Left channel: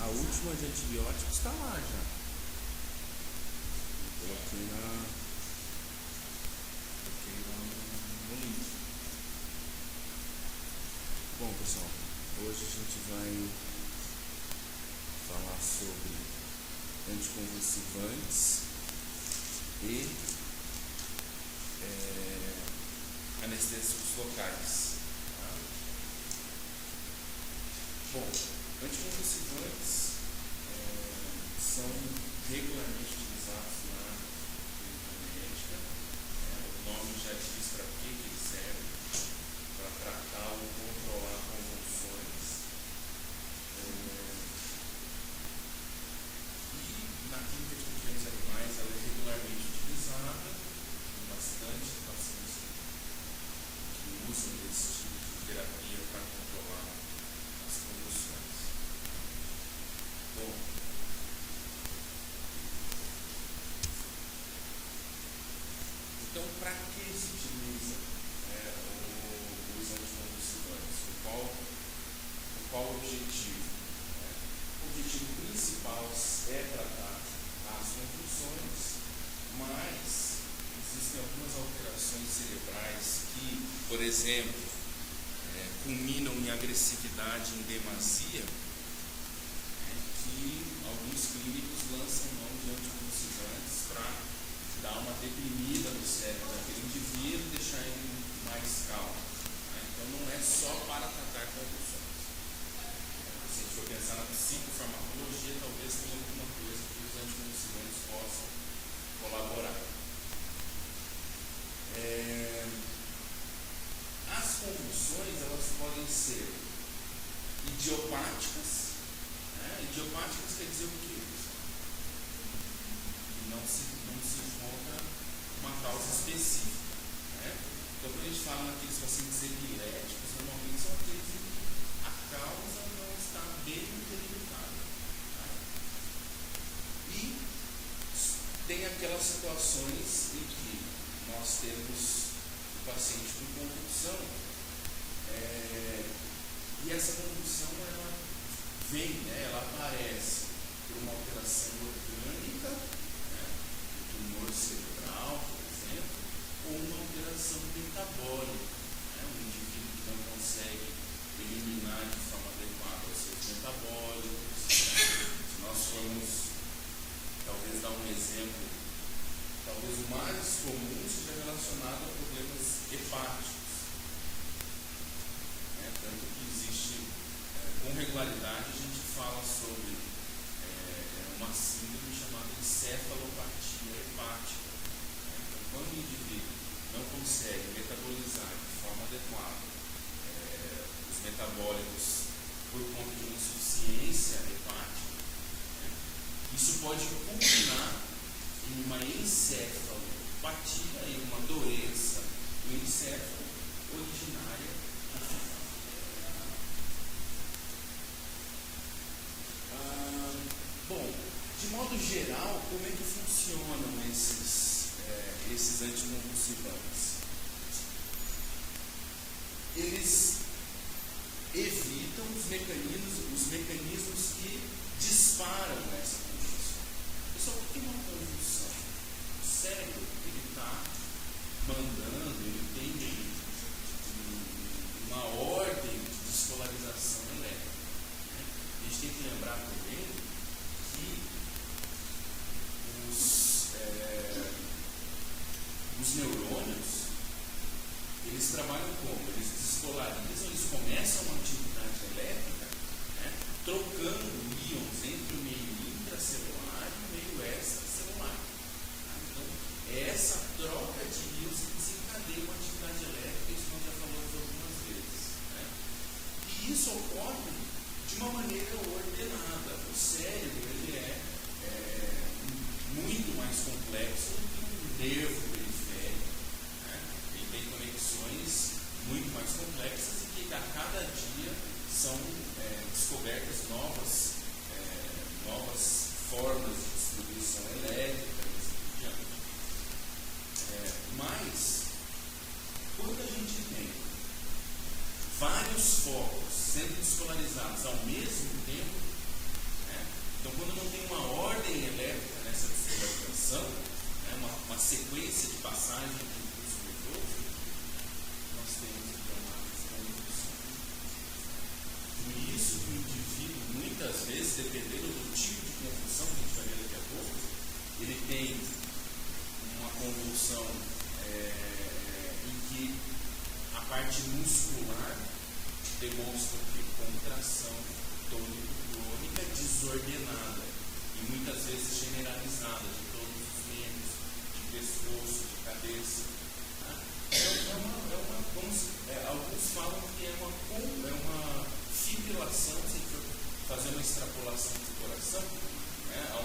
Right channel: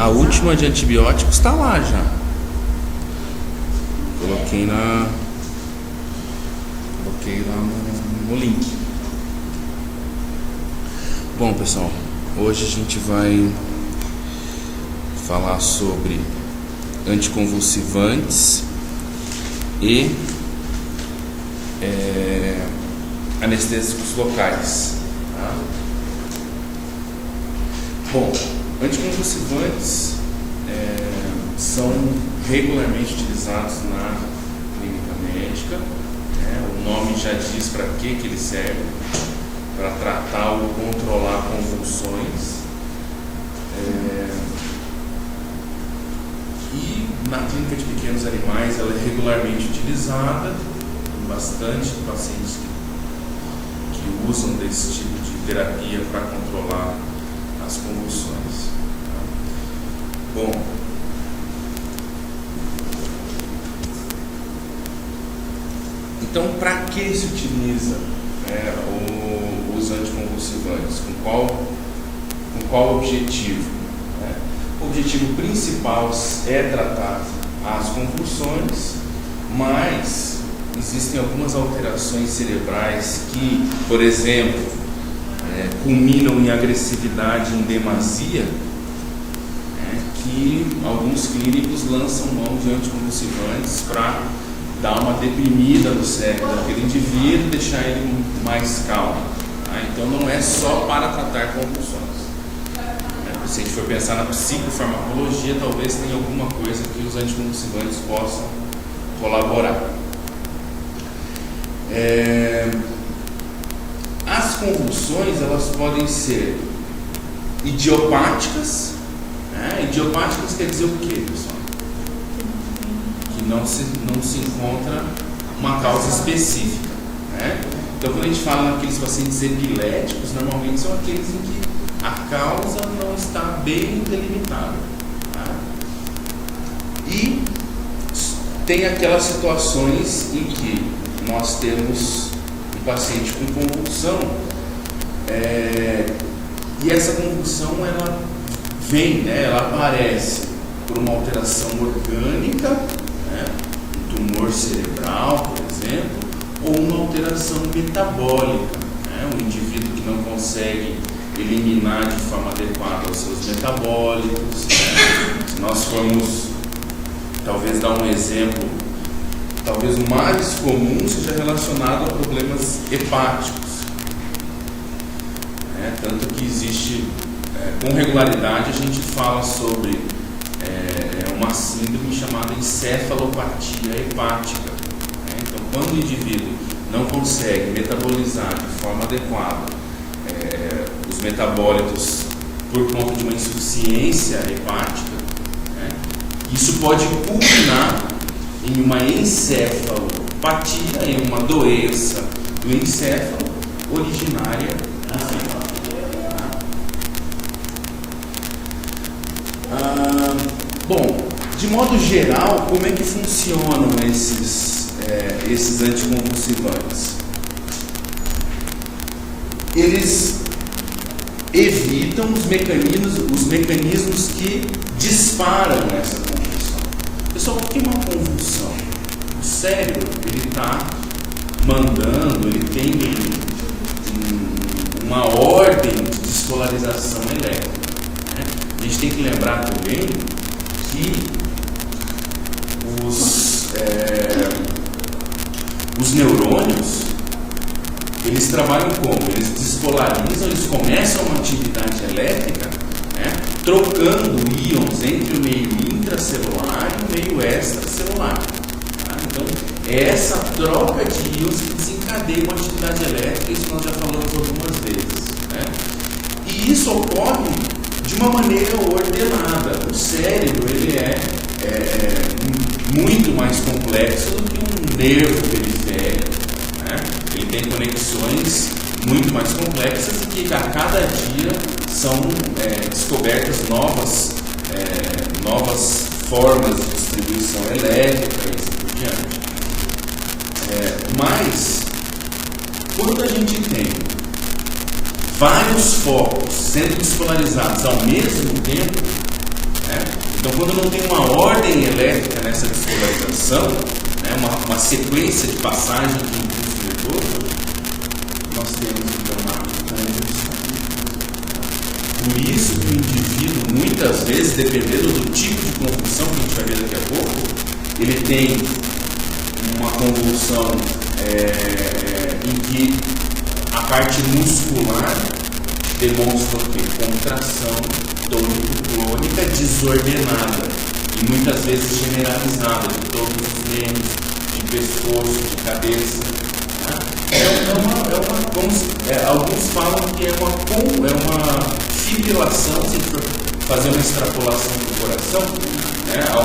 A última de antibióticos está lá já. Coloquei lá no link. Bom, pessoal, hoje a gente vai falar sobre anticonvulsivantes e anestésicos locais, tá? Bom, anticonvulsivantes são regularmente utilizados na clínica médica, né? O nome já diz para que eles servem: para tratar ou controlar convulsões. E na clínica de pequenos animais ela é regularmente utilizada, tem bastante pacientes que usam desse tipo de terapia para controlar as convulsões. Bom, então para que se utiliza os anticonvulsivantes? Com qual objetivo? O objetivo principal é tratar as convulsões, mas existem algumas alterações cerebrais que, por exemplo, culminam em agressividade em demasia, que alguns clínicos lançam mão de anticonvulsivantes para dar uma deprimida no cérebro daquele indivíduo e deixar ele mais calmo. Então não é só para tratar convulsões. Se a gente for pensar na psicofarmacologia, talvez tenha alguma coisa que os anticonvulsivantes possam colaborar. As convulsões, elas podem ser idiopáticas. Idiopáticas quer dizer o quê, pessoal? Que não se encontra uma causa específica, Então, quando a gente fala naqueles pacientes epiléticos, normalmente são aqueles em que a causa não está bem delimitada, E tem aquelas situações em que nós temos um paciente com convulsão, e essa convulsão ela vem, ela aparece por uma alteração orgânica, um tumor cerebral, por exemplo, ou uma alteração metabólica, um indivíduo que não consegue eliminar de forma adequada os seus metabólicos. Se nós formos talvez dar um exemplo, talvez o mais comum seja relacionado a problemas hepáticos, tanto que existe, com regularidade a gente fala sobre uma síndrome chamada encefalopatia hepática. Então, quando o indivíduo não consegue metabolizar de forma adequada os metabólitos por conta de uma insuficiência hepática, isso pode culminar em uma encefalopatia, em uma doença do encéfalo originária do fígado. Bom, de modo geral, como é que funcionam esses anticonvulsivantes? Eles evitam os mecanismos que disparam essa convulsão. Pessoal, o que é uma convulsão? O cérebro, ele está mandando, ele tem uma ordem de despolarização elétrica. A gente tem que lembrar também que os neurônios, eles trabalham como? Eles despolarizam, eles começam uma atividade elétrica, trocando íons entre o meio intracelular e o meio extracelular. Então, é essa troca de íons que desencadeia uma atividade elétrica, isso nós já falamos algumas vezes. E isso ocorre de uma maneira ordenada. O cérebro, ele é muito mais complexo do que um nervo periférico, Ele tem conexões muito mais complexas e que a cada dia são descobertas novas formas de distribuição elétrica e assim por diante. Mas, quando a gente tem vários focos sendo despolarizados ao mesmo tempo, Então, quando não tem uma ordem elétrica nessa despolarização, né, uma sequência de passagem de impulso nervoso, nós temos então uma convulsão. Por isso que o indivíduo, muitas vezes, dependendo do tipo de convulsão que a gente vai ver daqui a pouco, ele tem uma convulsão em que a parte muscular demonstra o quê? Contração tônico-clônica desordenada e muitas vezes generalizada de todos os membros, de pescoço, de cabeça. Alguns falam que é uma fibrilação, se a gente for fazer uma extrapolação do coração,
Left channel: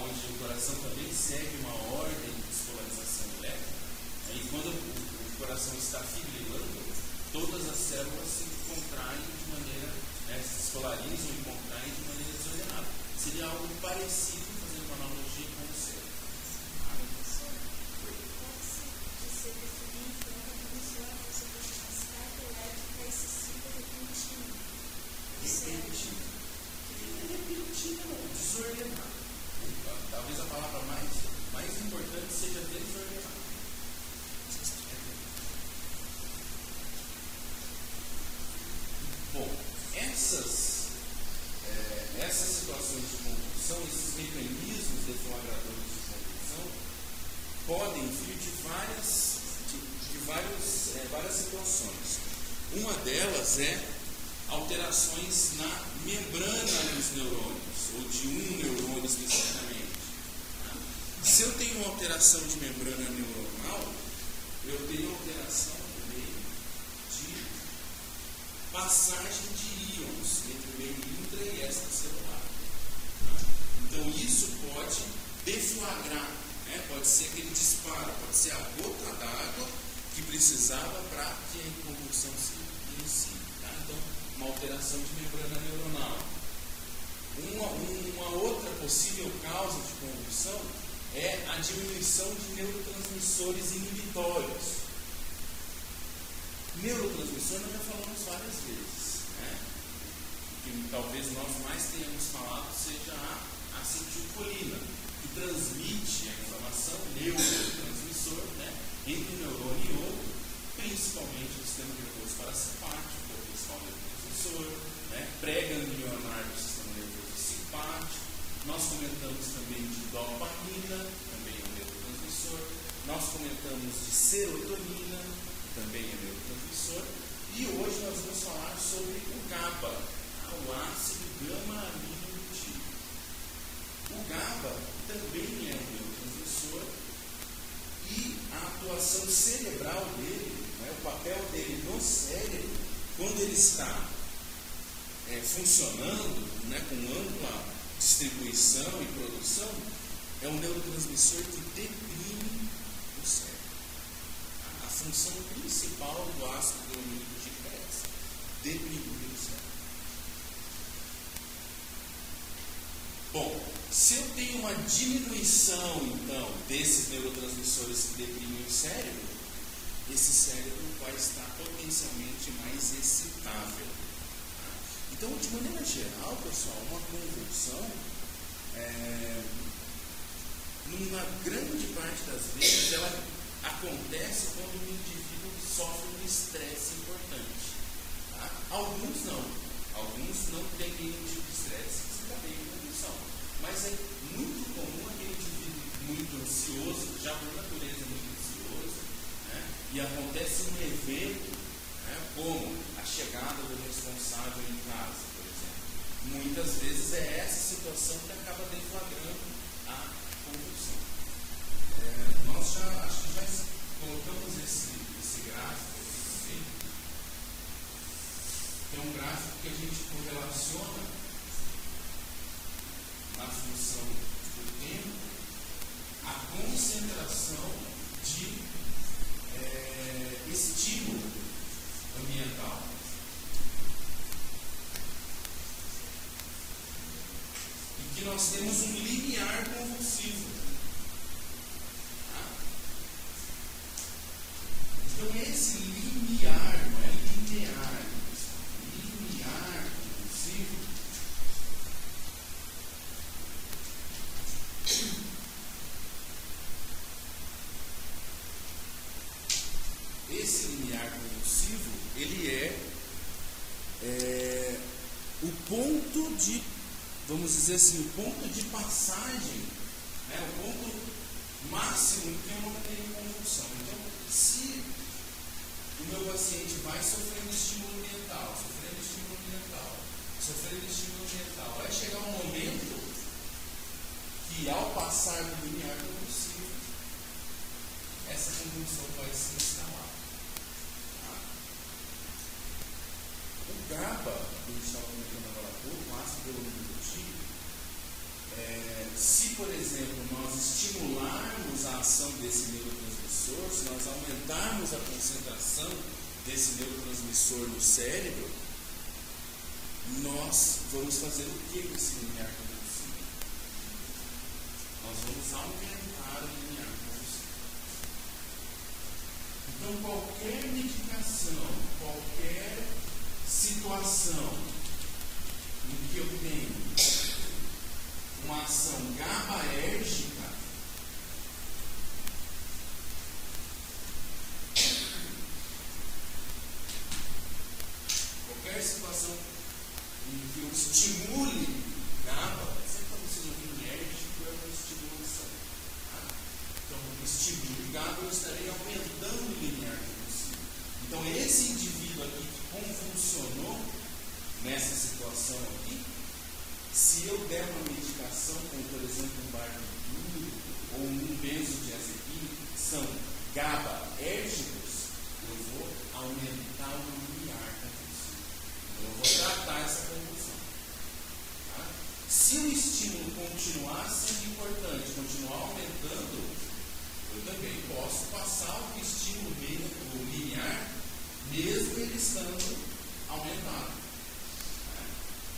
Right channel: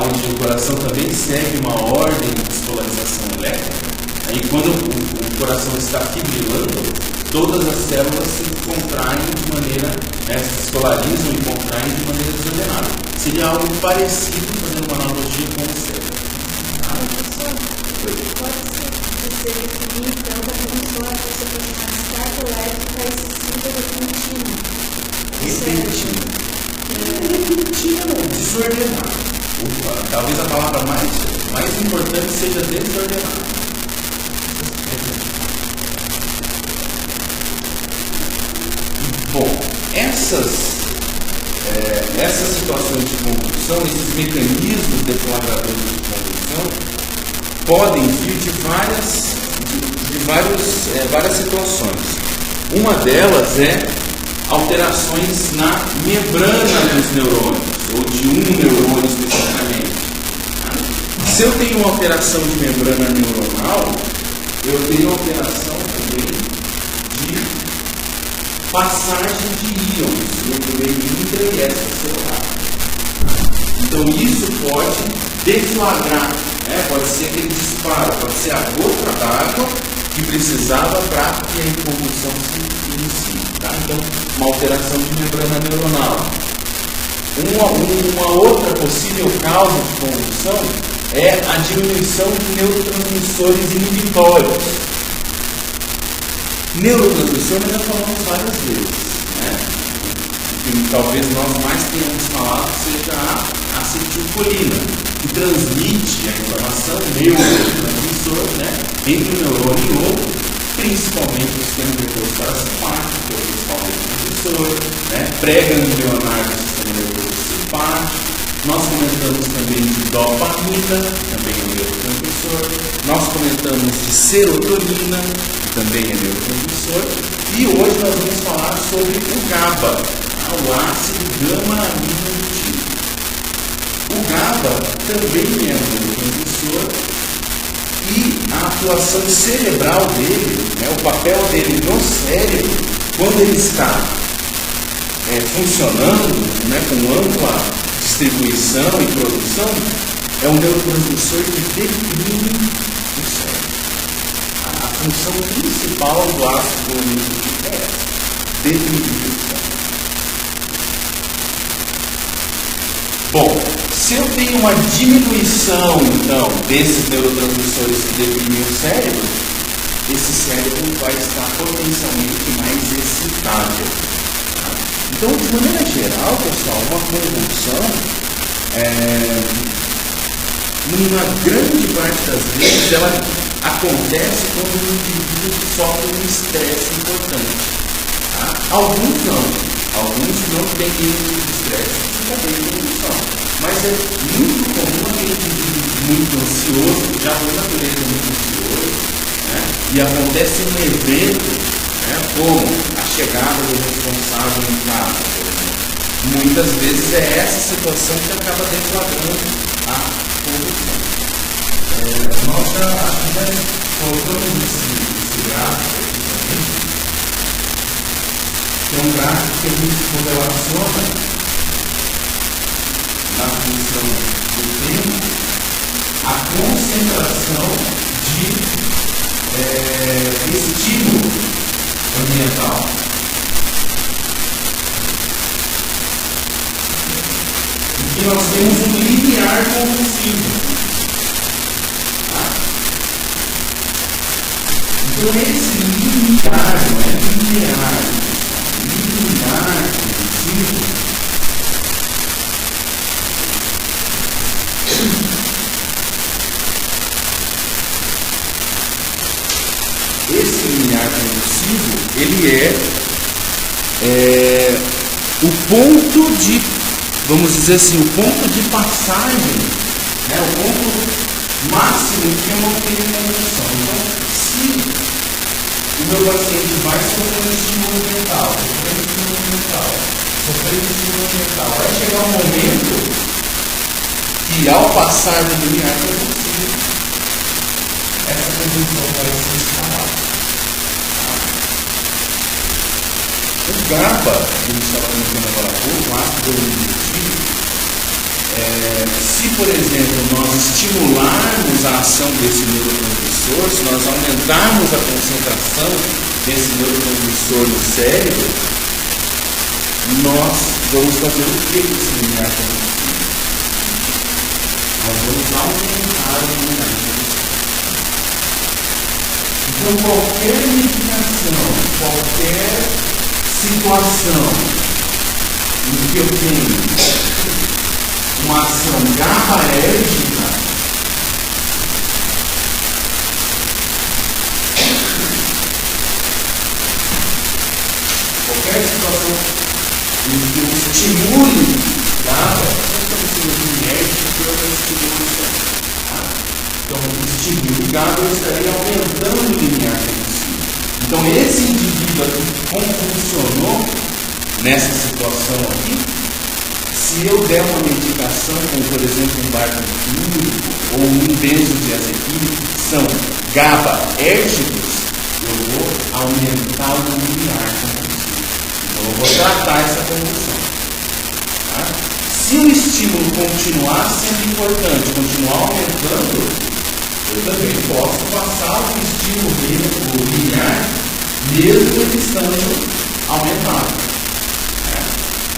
onde o coração também segue uma ordem de despolarização elétrica. Aí quando o coração está fibrilando, todas as células se contraem de maneira, se despolarizam e contraem de maneira desordenada. Seria algo parecido, fazendo uma analogia com o cérebro. Pode ser você definir então da função que você pode chamar de descarga elétrica e síntese contínua. Repentino, desordenado. Talvez a palavra mais importante seja desordenado. Bom, essas situações de convulsão, esses mecanismos deflagradores de convulsão, podem vir de várias situações. Uma delas é alterações na membrana dos neurônios, ou de um neurônio especificamente. Se eu tenho uma alteração de membrana neuronal, eu tenho alteração também de passagem de íons entre o intra e extracelular. Então isso pode deflagrar, pode ser aquele disparo, pode ser a gota d'água que precisava para que a convulsão se inicie. Então, uma alteração de membrana neuronal. Uma outra possível causa de convulsão é a diminuição de neurotransmissores inibitórios. Neurotransmissor nós já falamos várias vezes. O que talvez nós mais tenhamos falado seja a acetilcolina, que transmite a informação neurotransmissor entre um neurônio e outro, principalmente o sistema nervoso parasimpático, que é o principal neurotransmissor, pré-ganglionar do sistema nervoso simpático. Nós comentamos também de dopamina, que também é neurotransmissor. Nós comentamos de serotonina, que também é neurotransmissor. E hoje nós vamos falar sobre o GABA, o ácido gama-aminobutírico. O GABA também é um neurotransmissor e a atuação cerebral dele, o papel dele no cérebro, quando ele está funcionando com ampla distribuição e produção, é um neurotransmissor que deprime o cérebro. A função principal do ácido gama-aminobutírico é essa: deprimir o cérebro. Bom, se eu tenho uma diminuição, então, desses neurotransmissores que deprimem o cérebro, esse cérebro vai estar potencialmente mais excitável. Então, de maneira geral, pessoal, uma convulsão, numa grande parte das vezes, ela acontece quando o indivíduo sofre um estresse importante. Alguns não têm nenhum estresse e também convulsão. Mas é muito comum aquele indivíduo muito ansioso, já por natureza muito ansioso, e acontece um evento, como a chegada do responsável em casa, por exemplo. Muitas vezes é essa situação que acaba deflagrando a convulsão. Nós já colocamos esse gráfico aqui também, que é um gráfico que a gente correlaciona na função do tempo a concentração de estímulo ambiental. E nós temos um limiar convulsivo. Então esse limiar, não é linear, limiar convulsivo, o ponto de, vamos dizer assim, o ponto de passagem, né, o ponto máximo que eu não tenho condição. Então, se o meu paciente vai sofrendo estímulo mental, vai chegar um momento que, ao passar do limiar convulsivo, essa convulsão vai ser instalada. O GABA, que a gente estava comentando agora há pouco, o ácido aminoglicídico, se, por exemplo, nós estimularmos a ação desse neurotransmissor, se nós aumentarmos a concentração desse neurotransmissor no cérebro, nós vamos fazer o que com esse limiar convulsivo? Nós vamos aumentar o limiar convulsivo. Então, qualquer medicação, qualquer situação em que eu tenho uma ação GABAérgica, qualquer situação em que eu estimule GABA, então, o estímulo GABA, eu estaria aumentando o limiar convulsivo. Então, esse indivíduo aqui que convulsionou nessa situação aqui, se eu der uma medicação, como por exemplo um barbitúrico ou um benzodiazepínico, que são GABAérgicos, eu vou aumentar o limiar convulsivo. Então, eu vou tratar essa convulsão. Tá? Se o estímulo continuar sendo importante, continuar aumentando, eu também posso passar o estímulo limiar, mesmo ele estando aumentado.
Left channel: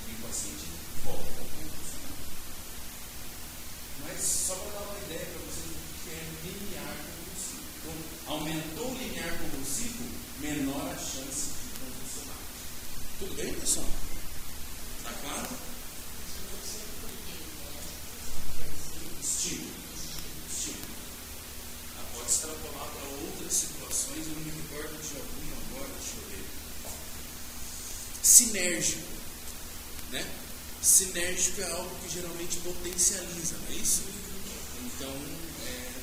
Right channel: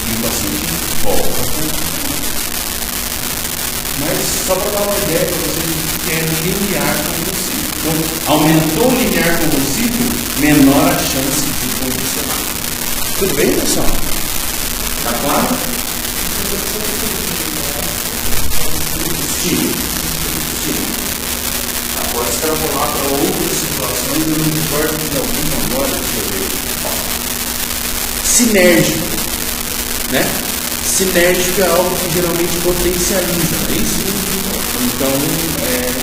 E o paciente volta a funcionar. Mas só para dar uma ideia para vocês do que é limiar convulsivo. Então, aumentou o limiar convulsivo, menor a chance de convulsionar. Tudo bem, pessoal? Está claro? Estímulo. Pode extrapolar para outras situações, eu não me importo de alguma agora, deixa eu ver. Sinérgico, né? Sinérgico é algo que geralmente potencializa, não é isso? Então,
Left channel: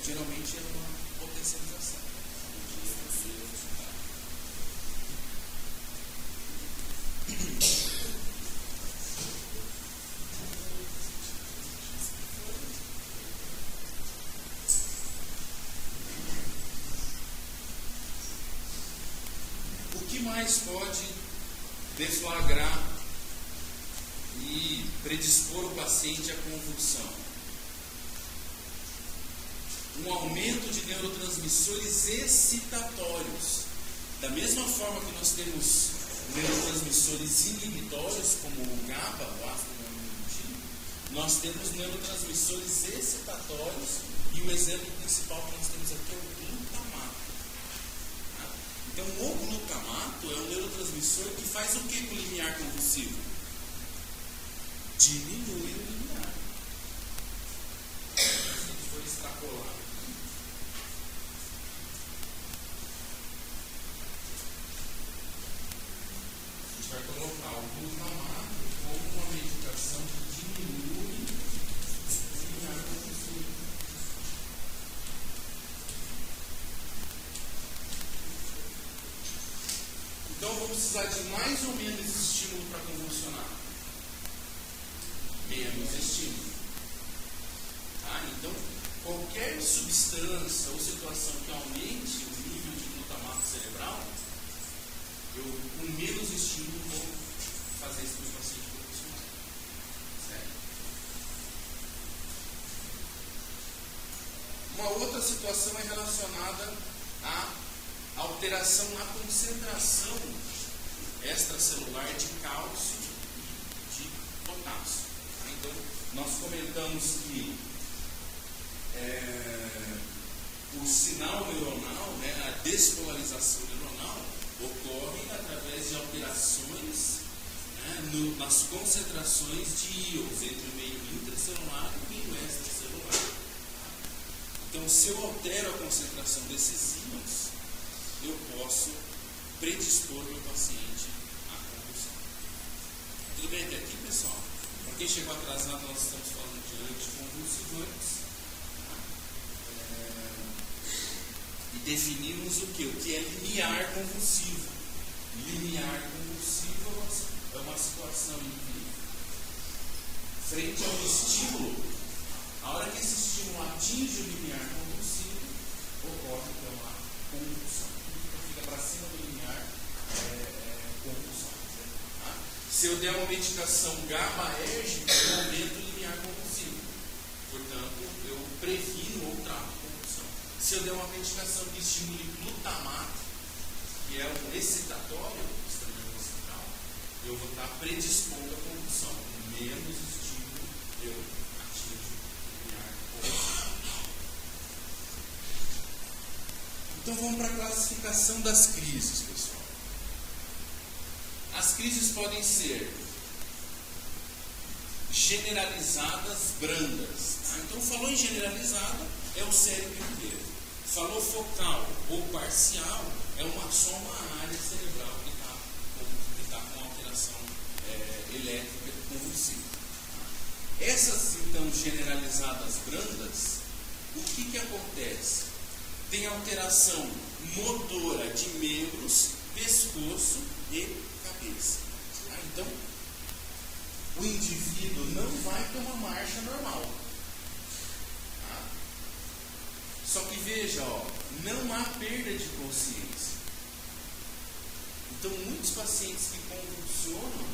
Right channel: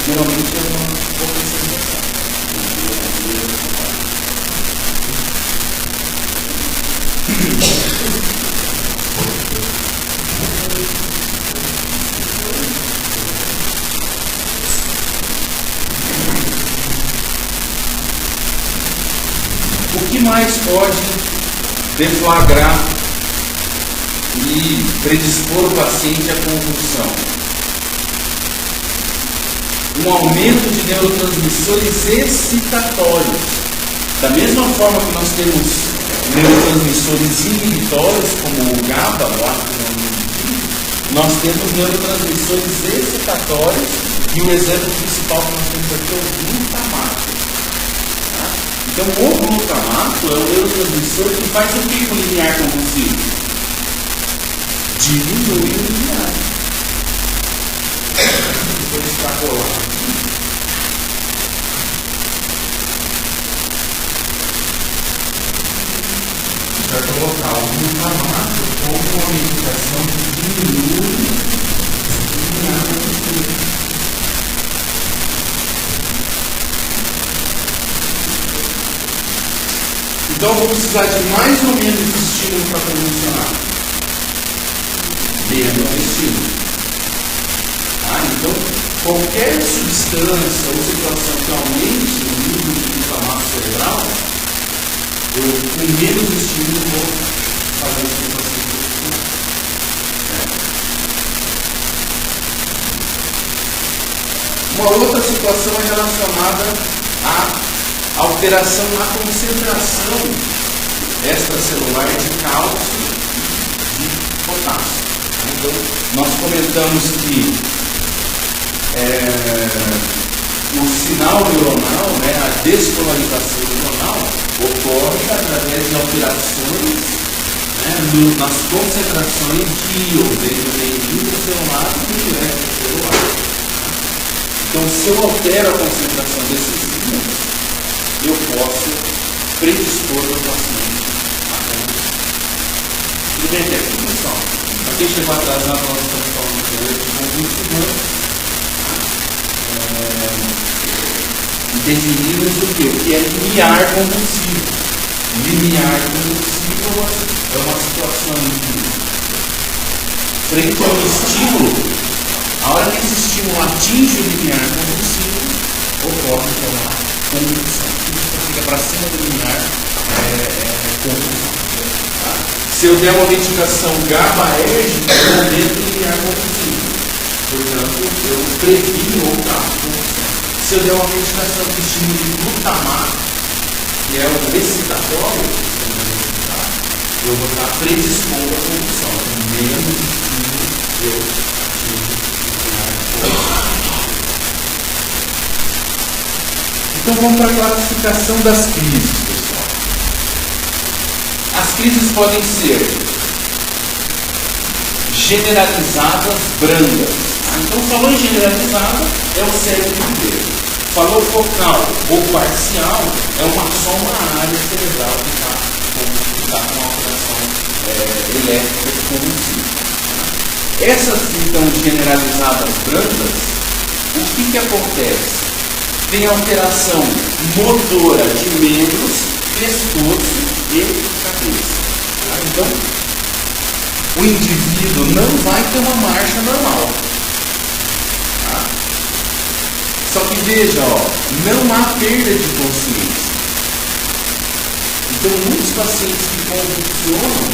geralmente é uma potencialização. O que mais pode deflagrar e predispor o paciente à convulsão? Um aumento de neurotransmissores excitatórios. Da mesma forma que nós temos neurotransmissores inibitórios, como o GABA, o ácido aminoglicídico, nós temos neurotransmissores excitatórios e o exemplo principal que nós temos aqui é o glutamato. Então, o glutamato é um neurotransmissor que faz o que com o limiar convulsivo? Diminui o limiar. Vou extrapolar aqui. Vai colocar o glutamato como uma medicação que diminui o limiar convulsivo. Então, eu vou precisar de mais ou menos estímulo para convulsionar. Menos estímulo. Então, qualquer substância ou situação que aumente o nível de glutamato cerebral, eu, com menos estímulo, vou fazer isso com o paciente convulsionar. Uma outra situação é relacionada a alteração na concentração extracelular de cálcio e de potássio. Então, nós comentamos que o sinal neuronal, a despolarização neuronal, ocorre através de alterações nas concentrações de íons, desde o meio intracelular e o extracelular. Então, se eu altero a concentração desses íons, eu posso predispor o paciente a convulsão. Tudo bem até aqui, pessoal? Para quem chegou atrasado, nós estamos falando de combustível. Definimos o que é limiar combustível. Limiar combustível é uma situação em que, frente a um estímulo, a hora que esse estímulo atinge o limiar combustível, ocorre então a combustão. Tudo que fica para cima do limiar combustão. Tá? Se eu der uma medicação GABAérgica, eu aumento o limiar combustível. Portanto, eu previno ou trato combustão. Se eu der uma medicação que estimule glutamato, que é um excitatório, eu vou estar predispondo à combustão. Menos estímulo eu atingo o limiar. Então vamos para a classificação das crises, pessoal. As crises podem ser generalizadas, brandas. Então, falou em generalizada, é o cérebro inteiro. Falou focal ou parcial, só uma área cerebral que está com uma alteração elétrica de combustível. Essas, então, generalizadas brandas, o que acontece? Tem alteração motora de membros, pescoço e cabeça. Então, o indivíduo não vai ter uma marcha normal. Só que veja, não há perda de consciência. Então, muitos pacientes que convulsionam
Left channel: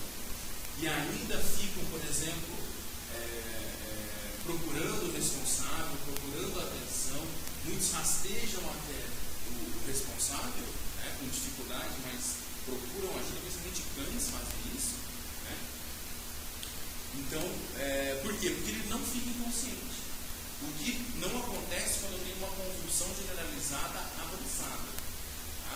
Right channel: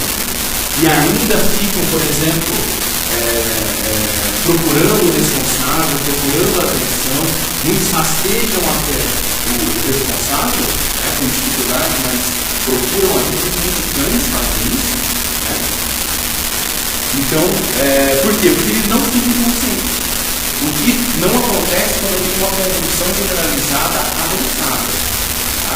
e ainda ficam, por exemplo, procurando o responsável, procurando a atenção, muitos rastejam até o responsável, com dificuldade, mas procuram a atenção, muitos cães fazem isso. Então, por quê? Porque ele não fica inconsciente. O que não acontece quando tem uma convulsão generalizada avançada. Tá?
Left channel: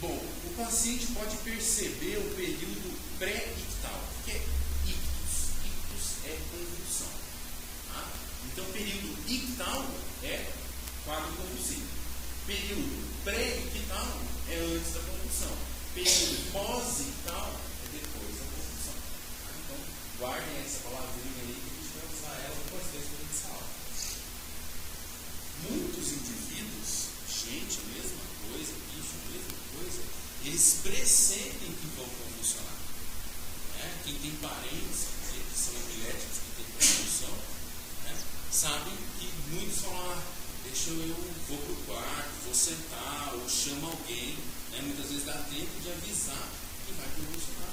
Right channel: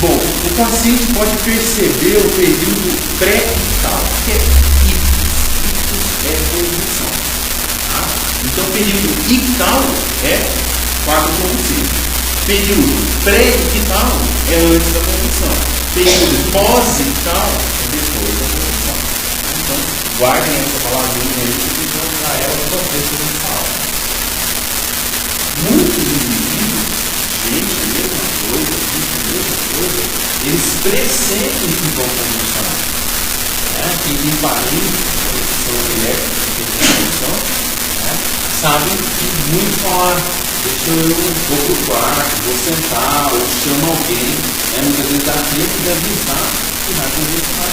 Bom, o paciente pode perceber o período pré-ictal. O que é ictus? Ictus é convulsão. Tá? Então, o período ictal é quadro convulsivo. Período pré-ictal é antes da convulsão. Período pós-ictal é depois da convulsão. Então, guardem essa palavrinha aí, porque vão usar ela toda vez que a gente fala. Muitos indivíduos, gente, a mesma coisa, eles pressentem que vão convulsionar. Quem tem parentes que são elétricos, que tem convulsão, sabem que muito falar, deixa eu vou pro quarto, vou sentar, ou chama alguém, muitas vezes dá tempo de avisar que vai convulsionar.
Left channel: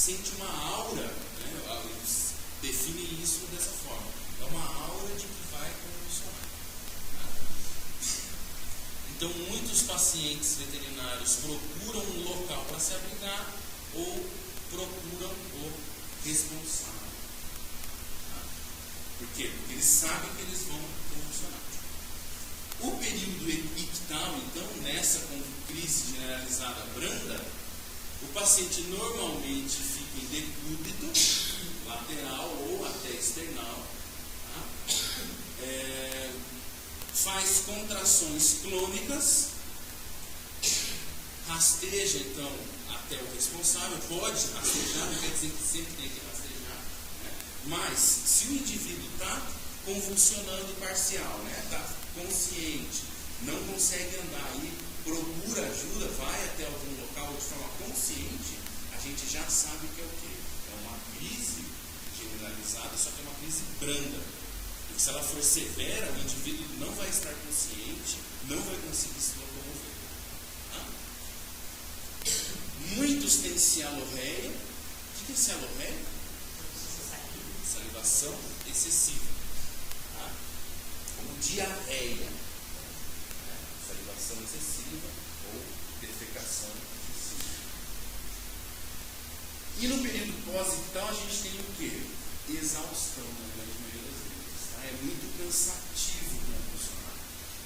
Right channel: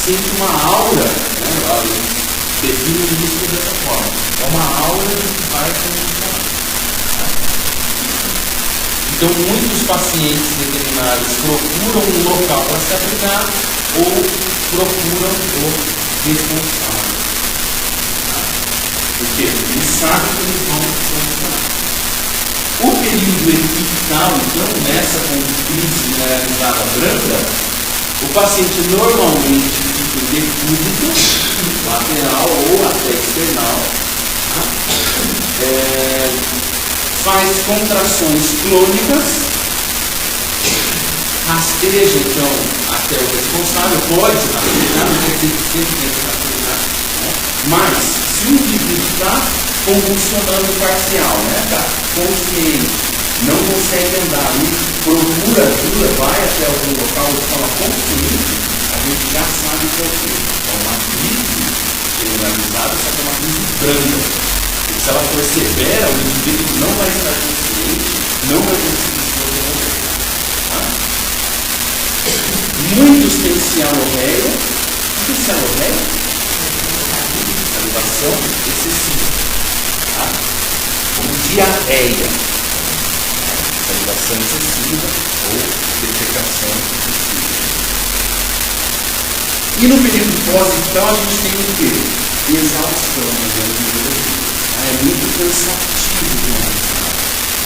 Sente uma aura, define isso dessa forma. É uma aura que vai convulsionar. Então, muitos pacientes veterinários procuram um local para se abrigar ou procuram o responsável. Porque eles sabem que eles vão convulsionar. O período epical, então, nessa crise generalizada branda, o paciente normalmente fica em decúbito, lateral ou até external, faz contrações clônicas, rasteja então até o responsável, pode rastejar, não quer dizer que sempre tem que rastejar, mas se o indivíduo está convulsionando parcial, está consciente, não consegue andar e procura ajuda, vai até algum local e fala consciente, a gente já sabe que é uma crise generalizada, só que é uma crise branda. Se ela for severa, o indivíduo não vai estar consciente, não vai conseguir se locomover. Muitos têm cianorreia. O que é cianorreia? Salivação excessiva. Como diarreia. Salivação excessiva ou defecação excessiva. E no período pós-ictal a gente tem o quê? Exaustão, é muito cansativo de analisar.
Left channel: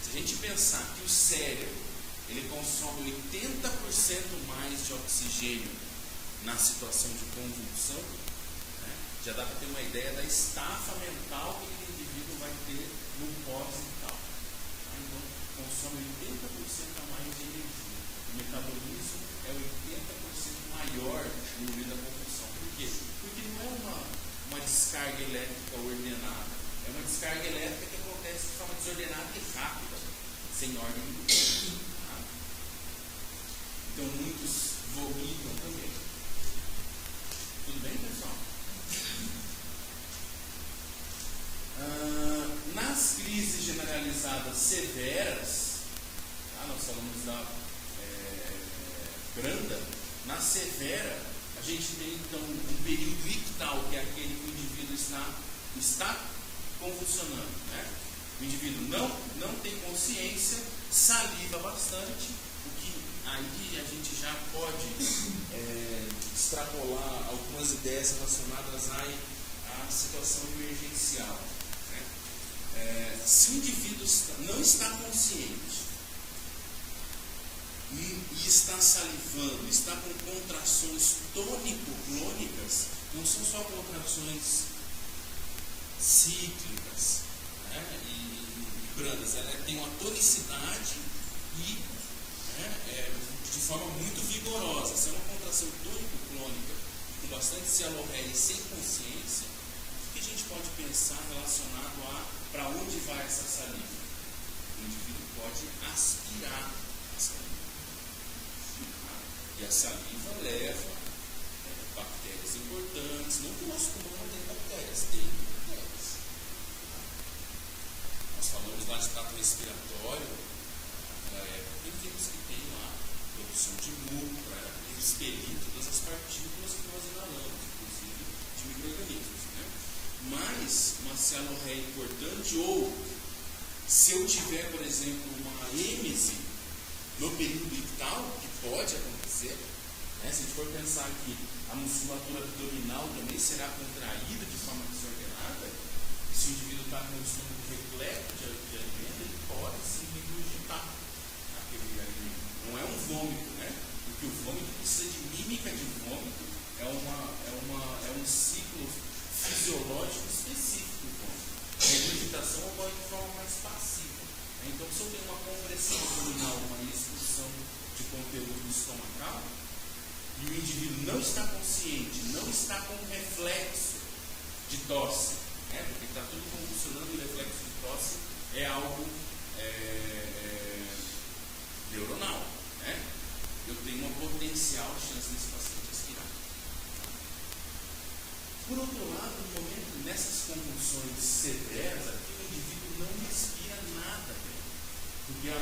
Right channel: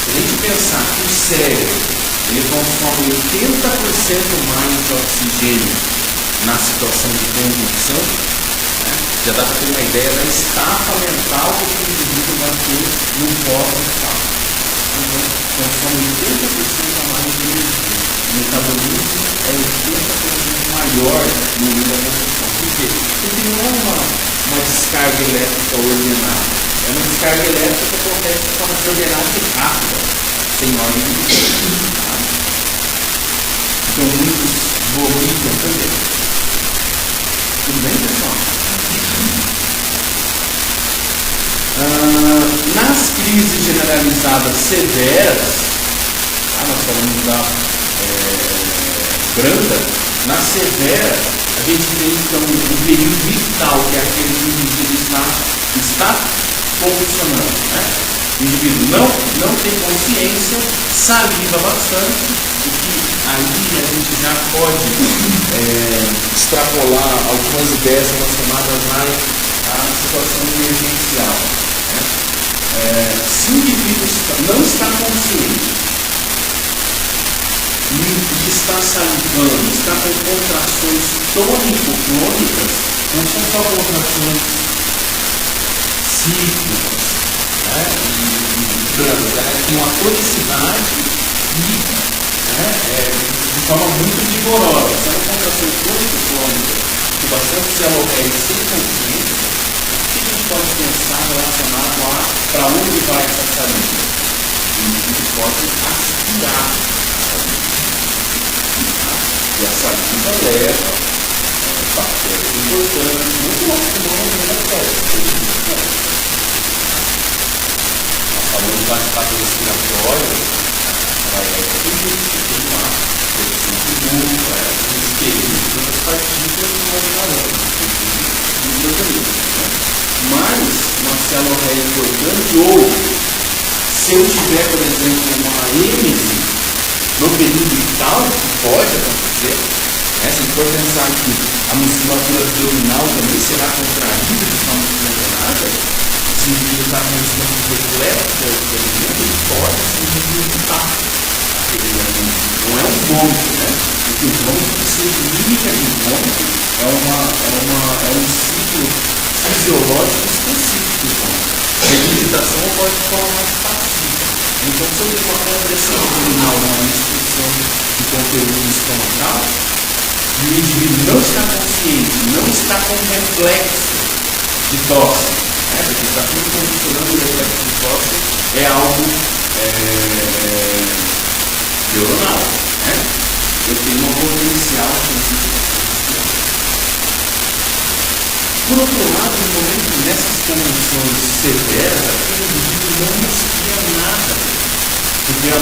Se a gente pensar que o cérebro ele consome 80% mais de oxigênio na situação de convulsão, já dá para ter uma ideia da estafa mental que o indivíduo vai ter no pós-ictal. Então, consome 80% a mais de energia. O metabolismo é 80% maior pior no meio da construção. Por quê? Porque não é uma descarga elétrica ordenada. É uma descarga elétrica que acontece de forma ordenada e rápida, sem ordem de tempo. Tá? Então muitos vomitam também. Tudo bem, pessoal? Nas crises generalizadas severas, nós falamos da branda, na severa, a gente tem então um período vital, que é aquele que o indivíduo está convulsionando. Né? O indivíduo não tem consciência, saliva bastante, o que aí a gente já pode extrapolar algumas ideias relacionadas à situação emergencial. Né? Se o indivíduo não está consciente e está salivando, está com contrações tônico-crônicas, não são só contrações cíclicas, né? Tem uma tonicidade e de forma muito vigorosa. Se é uma contração tônico-crônica de bastante celulose sem consciência, o que a gente pode pensar relacionado a para onde vai essa saliva? O indivíduo pode aspirar a saliva. E a saliva leva bactérias importantes, muito mais que não é bactérias. Nós falamos do bate-papo respiratório, vai tem uma produção de muco, espelhos, outras partículas que nós falamos, no organismo. Mas uma célula é importante, ou se eu tiver, por exemplo, uma êmese no período vital, que pode acontecer, se a gente for pensar que a musculatura abdominal também será contraída de forma desordenada, se o indivíduo está com um estômago repleto de alimento, ele pode simplesmente vital aquele alimento. Não é um vômito, né? Porque o vômito precisa de mímica de vômito, é um ciclo fisiológico específico do vômito. A reabilitação ocorre de forma mais passiva. Então, se eu tenho uma compressão abdominal, uma restrição de conteúdo estomacal, e o indivíduo não está consciente, não está com reflexo de tosse, porque está tudo condicionando o reflexo de tosse, é algo neuronal. Eu tenho um potencial científico. Por outro lado, no momento nessas condições severas, aquele indivíduo não respira nada, porque a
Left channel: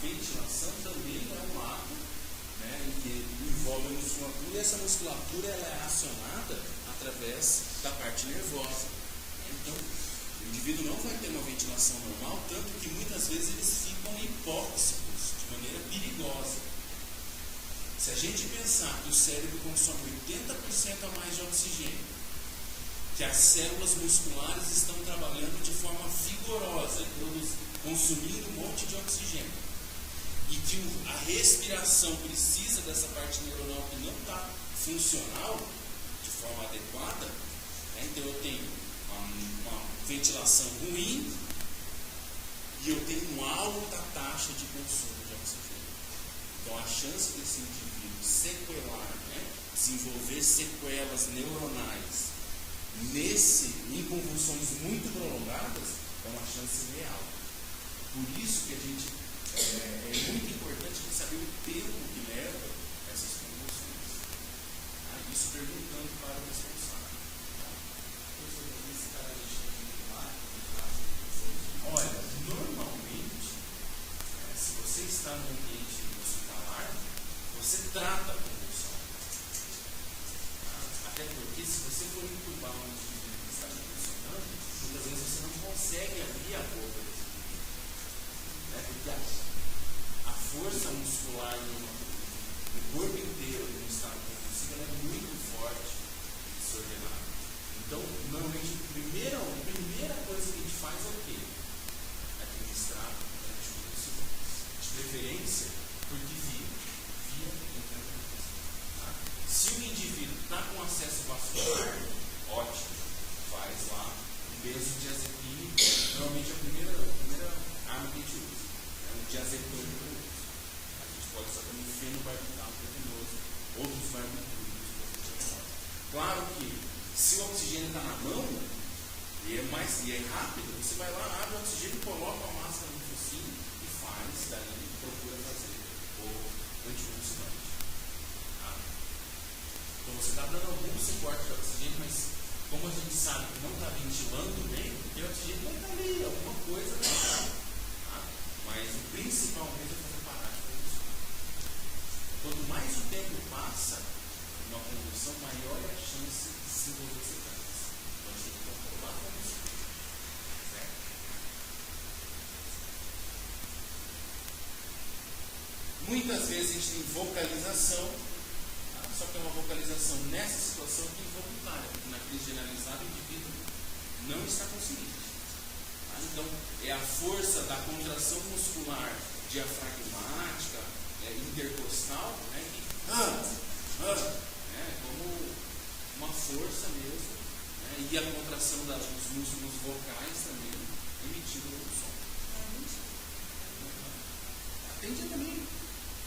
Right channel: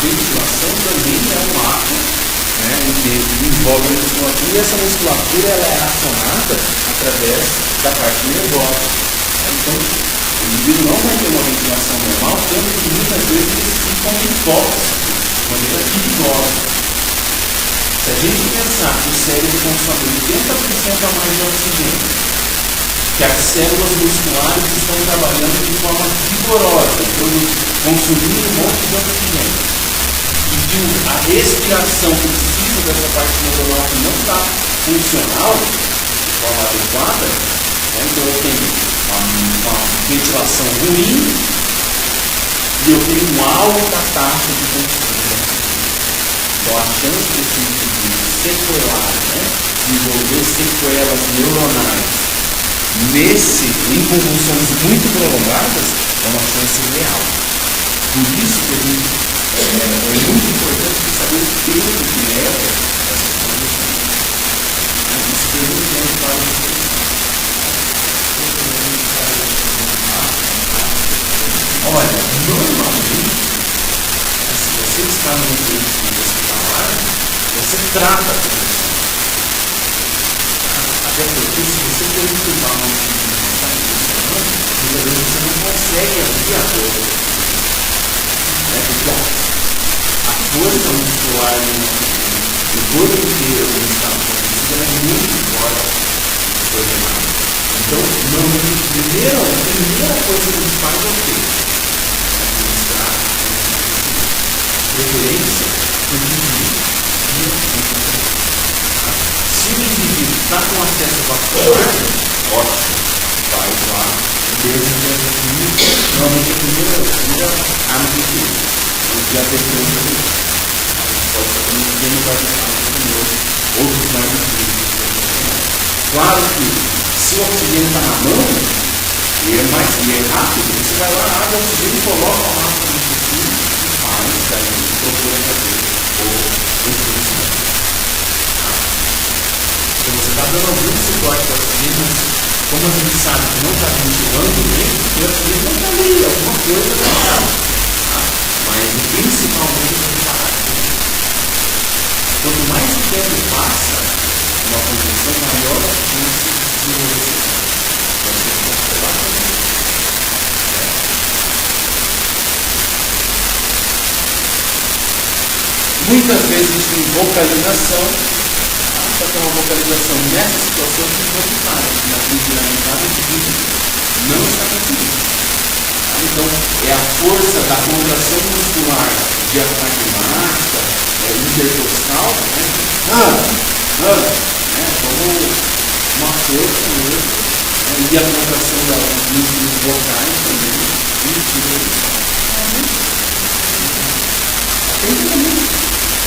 ventilação também é um ato que envolve a musculatura, e essa musculatura ela é acionada através da parte nervosa. Então, o indivíduo não vai ter uma ventilação normal, tanto que muitas vezes eles ficam hipóxitos, de maneira perigosa. Se a gente pensar que o cérebro consome 80% a mais de oxigênio, que as células musculares estão trabalhando de forma vigorosa, consumindo um monte de oxigênio, e que a respiração precisa dessa parte neuronal que não está funcional de forma adequada, então eu tenho uma ventilação ruim e eu tenho uma alta taxa de consumo. Então a chance desse indivíduo sequelar, desenvolver sequelas neuronais em convulsões muito prolongadas é uma chance real. Por isso que a gente é muito importante saber o tempo que leva essas convulsões. Isso que a gente tem para olha, normalmente, se você está no ambiente hospitalar, você trata a condição. Até porque se você for entubar uma instituição que está funcionando, muitas vezes você não consegue abrir a porta. Porque a força muscular do corpo inteiro do estado condição é muito forte e coordenada. Então, normalmente, a primeira coisa que a gente faz é o quê? Administrar preferência do indivíduo. Se o indivíduo está com acesso vascular, ótimo, vai lá, normalmente a primeira arma que utiliza. Já tem que pode ser também pequeno, vai ficar outros mais Claro que se o oxigênio está na mão, e é rápido, você vai lá, abre o oxigênio, coloca a máscara no focinho e faz, daí procura fazer o influenciamento. Então você está dando algum suporte para o oxigênio, mas como a gente sabe que não está ventilando bem, o oxigênio não está ali, alguma coisa não está. Mas principalmente o impacto. Quanto mais o tempo passa, uma condição maior a chance de desenvolver. Então você tem que observar também. Muitas vezes a gente tem vocalização, só que é uma vocalização nessa situação que não está, na funcionalidade de vídeo não está conseguindo. Então, é a força da contração muscular diafragmática, intercostal, como uma força mesmo, e a contração dos músculos vocais também, tem que também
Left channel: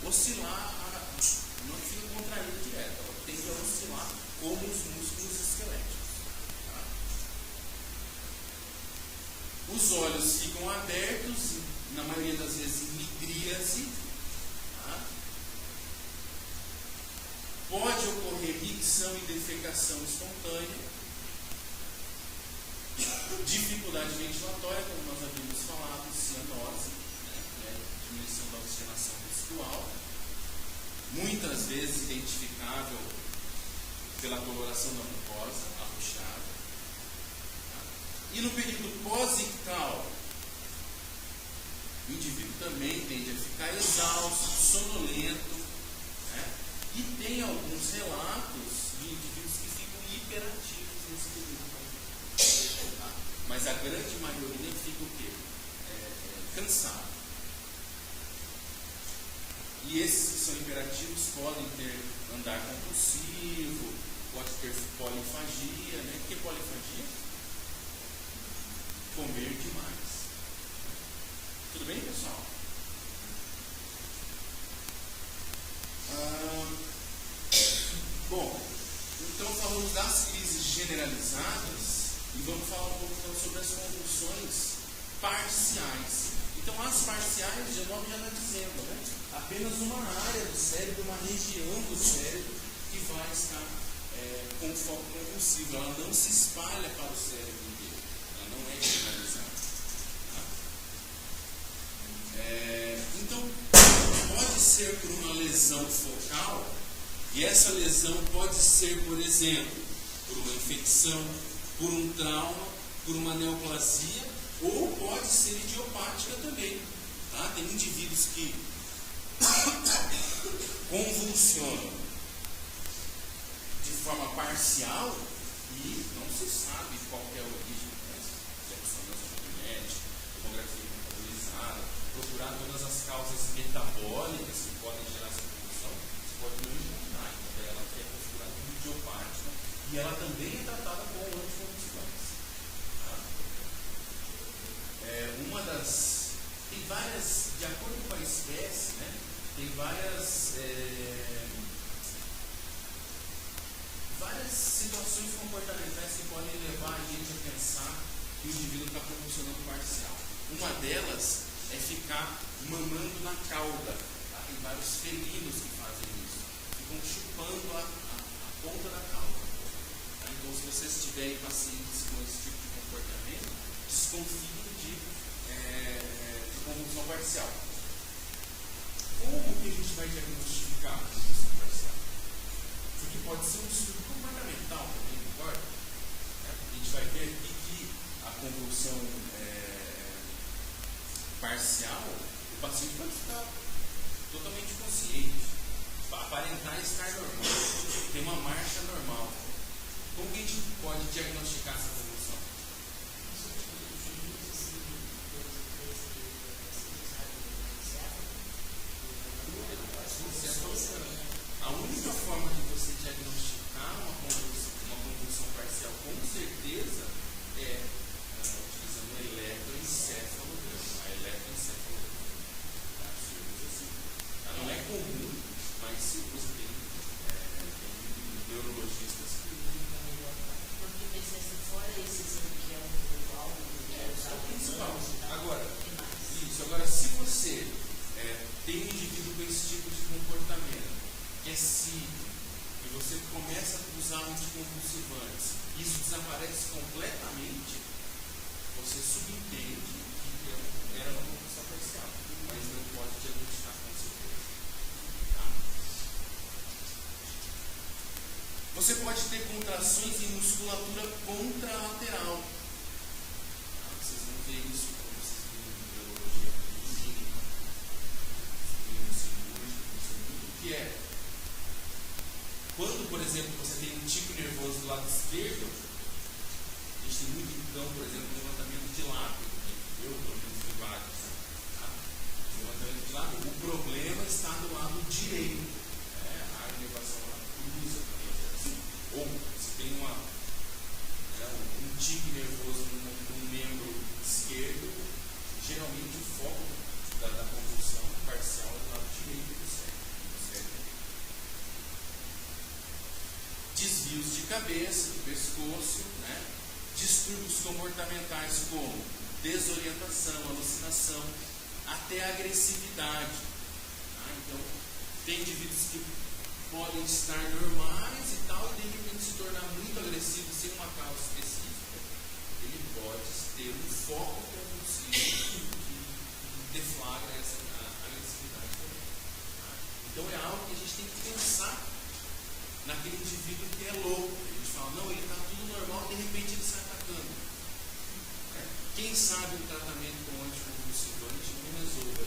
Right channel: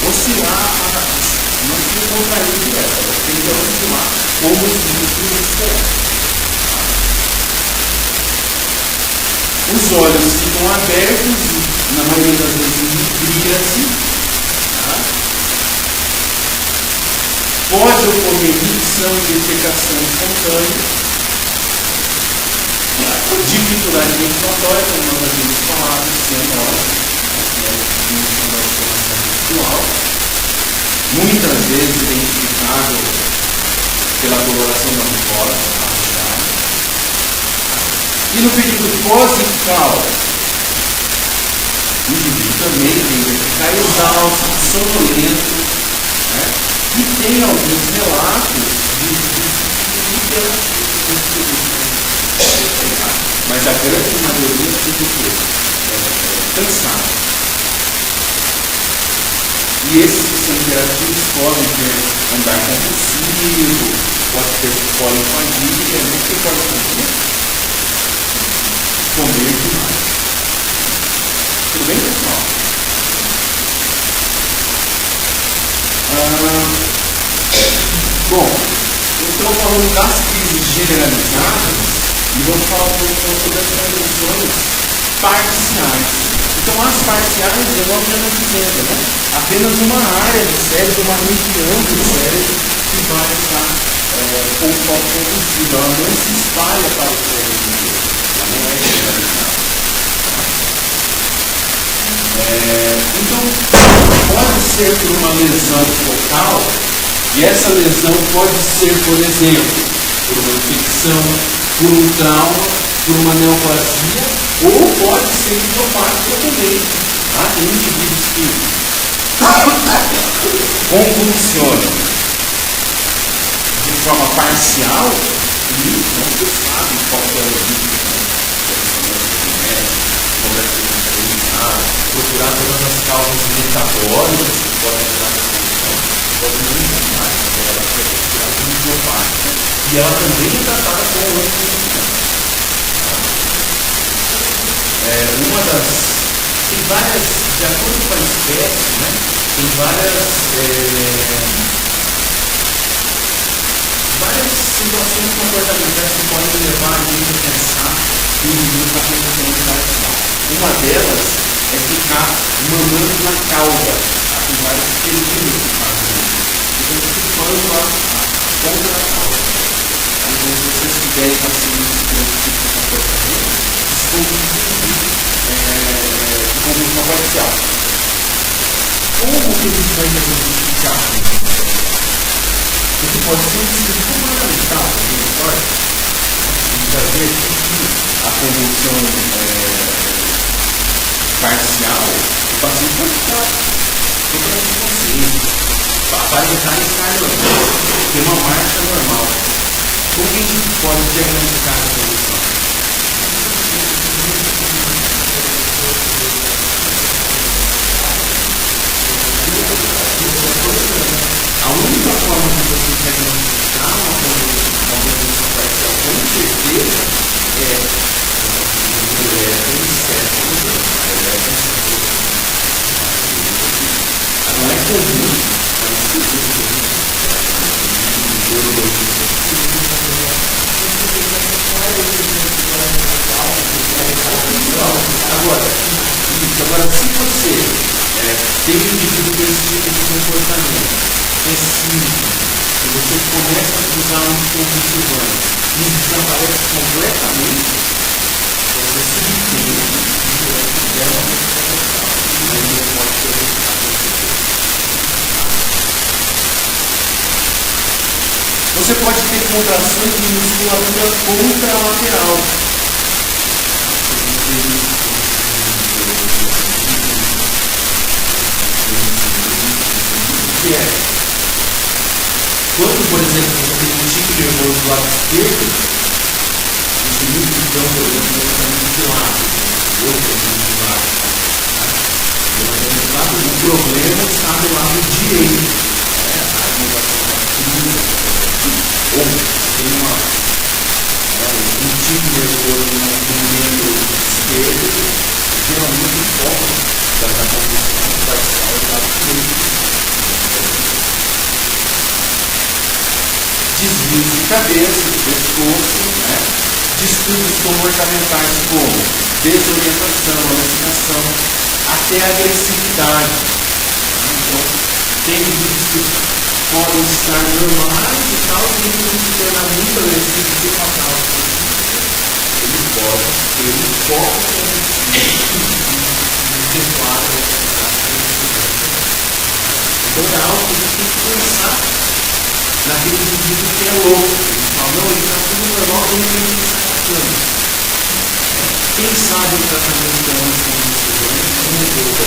oscilar, não se contrair direto, ela tem que oscilar como os músculos musculares. Os olhos ficam abertos, na maioria das vezes em tríase. Pode ocorrer micção e defecação espontânea. Dificuldade ventilatória, como nós havíamos falado, cianose, visual. Muitas vezes identificado pela coloração da mucosa. E no período pós-ictal, o indivíduo também tende a ficar exausto, sonolento, e tem alguns relatos de mas a grande maioria fica o quê? Cansado. E esses que são interativos podem ter andar compulsivo, pode ter polifagia, o que pode acontecer? Comer demais. Tudo bem, pessoal? Bom, eu estou falando das crises generalizadas e vou falar um pouco sobre as convulsões parciais. Então, as parciais, o nome já está dizendo, né? Apenas uma área do cérebro, uma região do cérebro que vai estar com o foco convulsivo. Ela não se espalha para o cérebro inteiro. Não é generalizado. Então, pode ser por uma lesão focal, e essa lesão pode ser, por exemplo, por uma infecção, por um trauma, por uma neoplasia, ou pode ser idiopática também. Tem indivíduos que convulsionam de forma parcial e não se sabe qual é o risco. Procurar todas as causas metabólicas que podem gerar essa condição, pode não encontrar, ela vai procurar como idiopática e ela também é tratada como anticonvulsivante. Tem várias, de acordo com a espécie, né, tem várias situações comportamentais que podem levar a gente a pensar que o indivíduo está com condição parcial. Uma delas é ficar mamando na cauda. Tem vários felinos que fazem isso. Então, chupando a ponta da cauda. Então, se vocês tiverem pacientes com esse tipo de comportamento, desconfiem de convulsão parcial. Como que a gente vai identificar? Porque pode ser um síntoma fundamental, a gente vai ver que a convulsão parcial, o paciente vai ficar totalmente consciente, vai entrar em estar normal, ter uma marcha normal. Como que a gente pode diagnosticar a convulsão? A única forma de você diagnosticar uma convulsão parcial com certeza não é comum, mas se você Agora, se você tem um indivíduo com esse tipo de comportamento, é simples, e você começa a usar um consultivante e desaparece completamente, você subentende que é uma medicação, mas não pode ser Você pode ter contrações de musculatura contralateral. Que é quando, por exemplo, você tem um tipo nervoso do lado esquerdo, esse músculo, por exemplo, de lado, outro de lado. O problema está do lado direito. Ou tem um tipo nervoso no membro esquerdo, geralmente o foco da condução vai estar do lado direito. Desvios de cabeça, de pescoço, distúrbios comportamentais como desorientação, alucinação, até agressividade. Então, tem indivíduos que podem estar normais e tal, e não se tornar muito agressivos e fatal. Ele pode ter um foco de quadro. Então é algo que a gente tem que pensar naquele indivíduo que é louco. Ele fala, não, ele está tudo normal, ele tem que estar tratando. Quem sabe o tratamento da anticonvulsivante não mudou da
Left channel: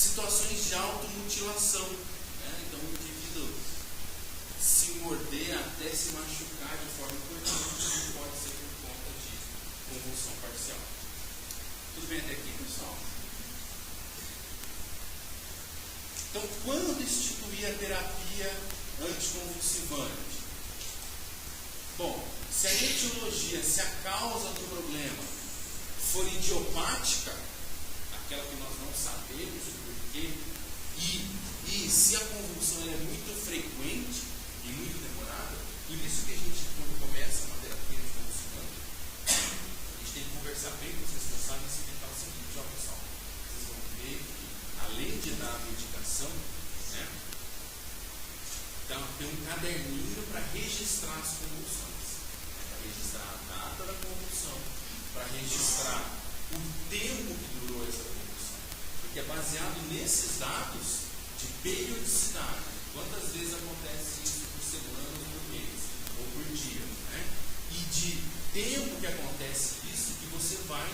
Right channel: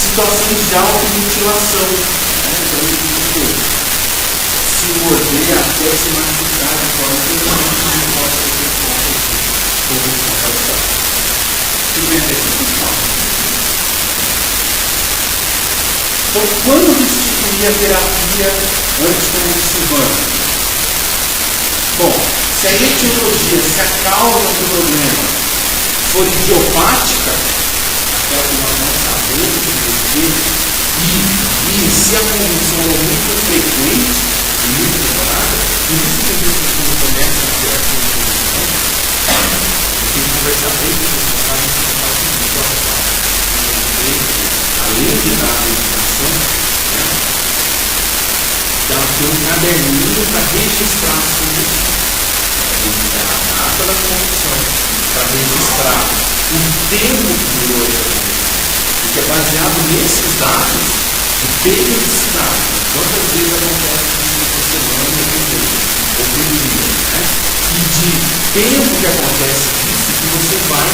situações de automutilação. Então, se morder até se machucar de forma que não pode ser convulsão. Então, quando instituir a terapia anticonvulsivante? Bom, se a etiologia, se a causa do problema for idiopática, aquela que nós não sabemos e se a convulsão é muito frequente e muito demorada, por isso que as pessoas quando começam a ter a convulsão, tem que conversar bem com os pais além de dar a medicação, ela tem um caderninho para registrar as convulsões. A data da convulsão, para registrar o tempo que durou essa convulsão. Porque é baseado nesses dados de periodicidade. Quantas vezes acontece isso por semana ou por dia. E de tempo que acontece isso, que você vai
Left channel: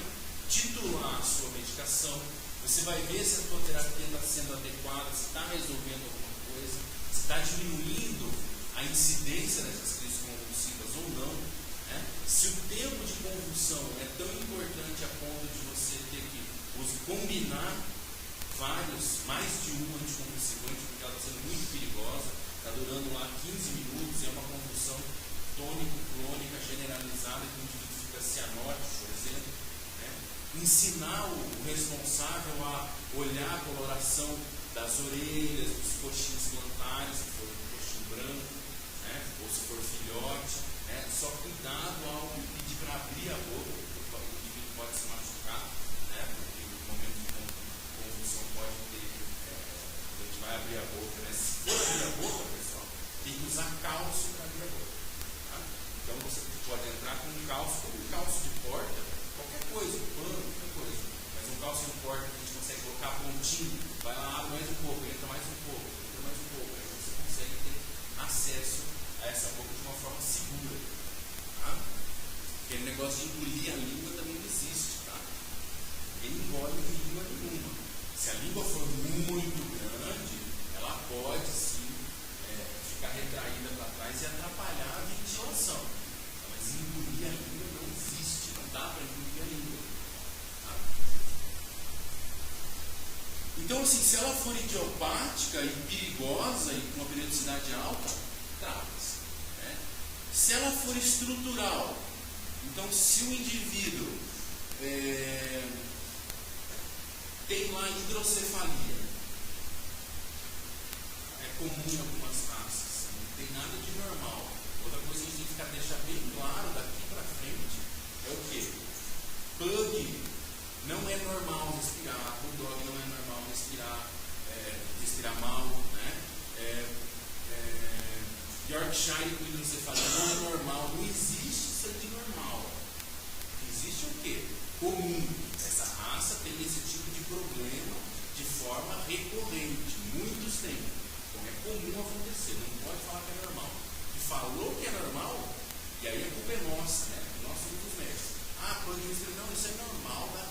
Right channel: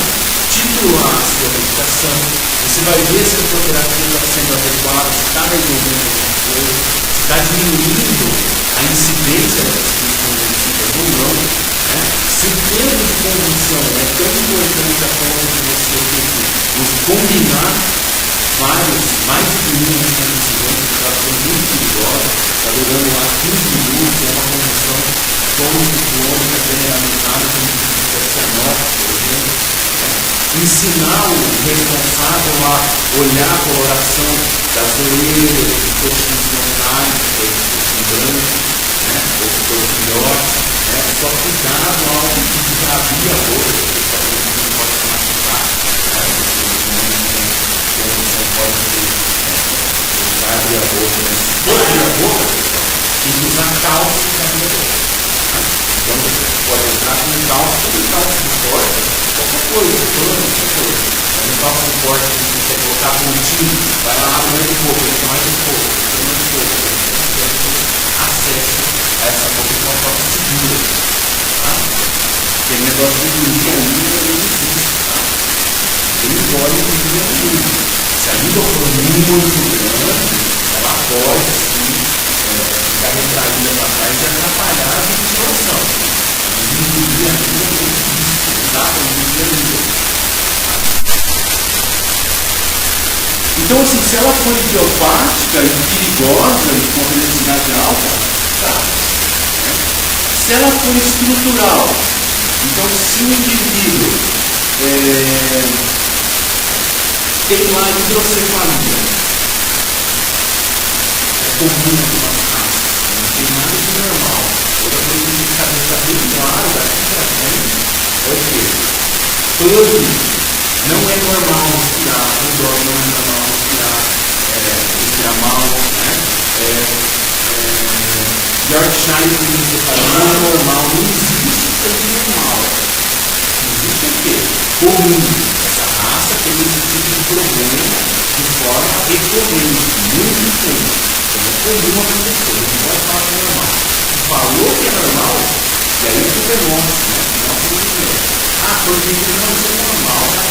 titular a sua medicação, você vai ver se a sua terapia está sendo adequada, se está resolvendo alguma coisa, se está diminuindo a incidência das convulsivas ou não. Se o tempo de convulsão é tão importante a ponto de você combinar mais de 1 minuto de convulsão, que está sendo muito perigosa, está durando lá 15 minutos, é uma convulsão tônico-clônica generalizada, como se por exemplo. Ensinar o responsável a olhar a coloração das orelhas, dos coxins frontais, dos coxins brancos, ou se for filhotes, só cuidado ao abrir a boca, porque não pode se machucar, não pode abrir a boca, se for abrir a boca, tem que usar calça para abrir a boca. Então você pode entrar com calça de corda, qualquer coisa, qualquer coisa. Mas no calça de corda, se você colocar pontinho, vai lá, abre um pouco, mais um pouco, mais um pouco. Acesso a essa boca de uma forma segura. Tem negócio de dormir a língua é difícil. Ele pode dormir a língua. Se a língua for muito grande, ela pode sim ficar retraída para trás e atrapalhar a ventilação. Dormir a língua é muito difícil. Não dá para dormir a língua. Então, assim, se ela for idiopática e perigosa e com velocidade alta, tá. Se ela for estrutural, então se o indivíduo tem uma hidrocefalia, é comum algumas raças, não tem nada de normal, toda coisa de cabeça bem claro daqui para frente é o quê? Todos. Não é normal respirar, não é normal respirar mal, né? Yorkshire você fala, não é normal, não existe sangue normal. Existe o quê? Comum. Essa raça tem esse tipo de problema de forma recorrente, muito tempo. Então é comum acontecer, não pode falar que é normal. Falou que é normal, e aí tudo é nosso, né? Nosso movimento. Ah, porque não, isso é normal, né?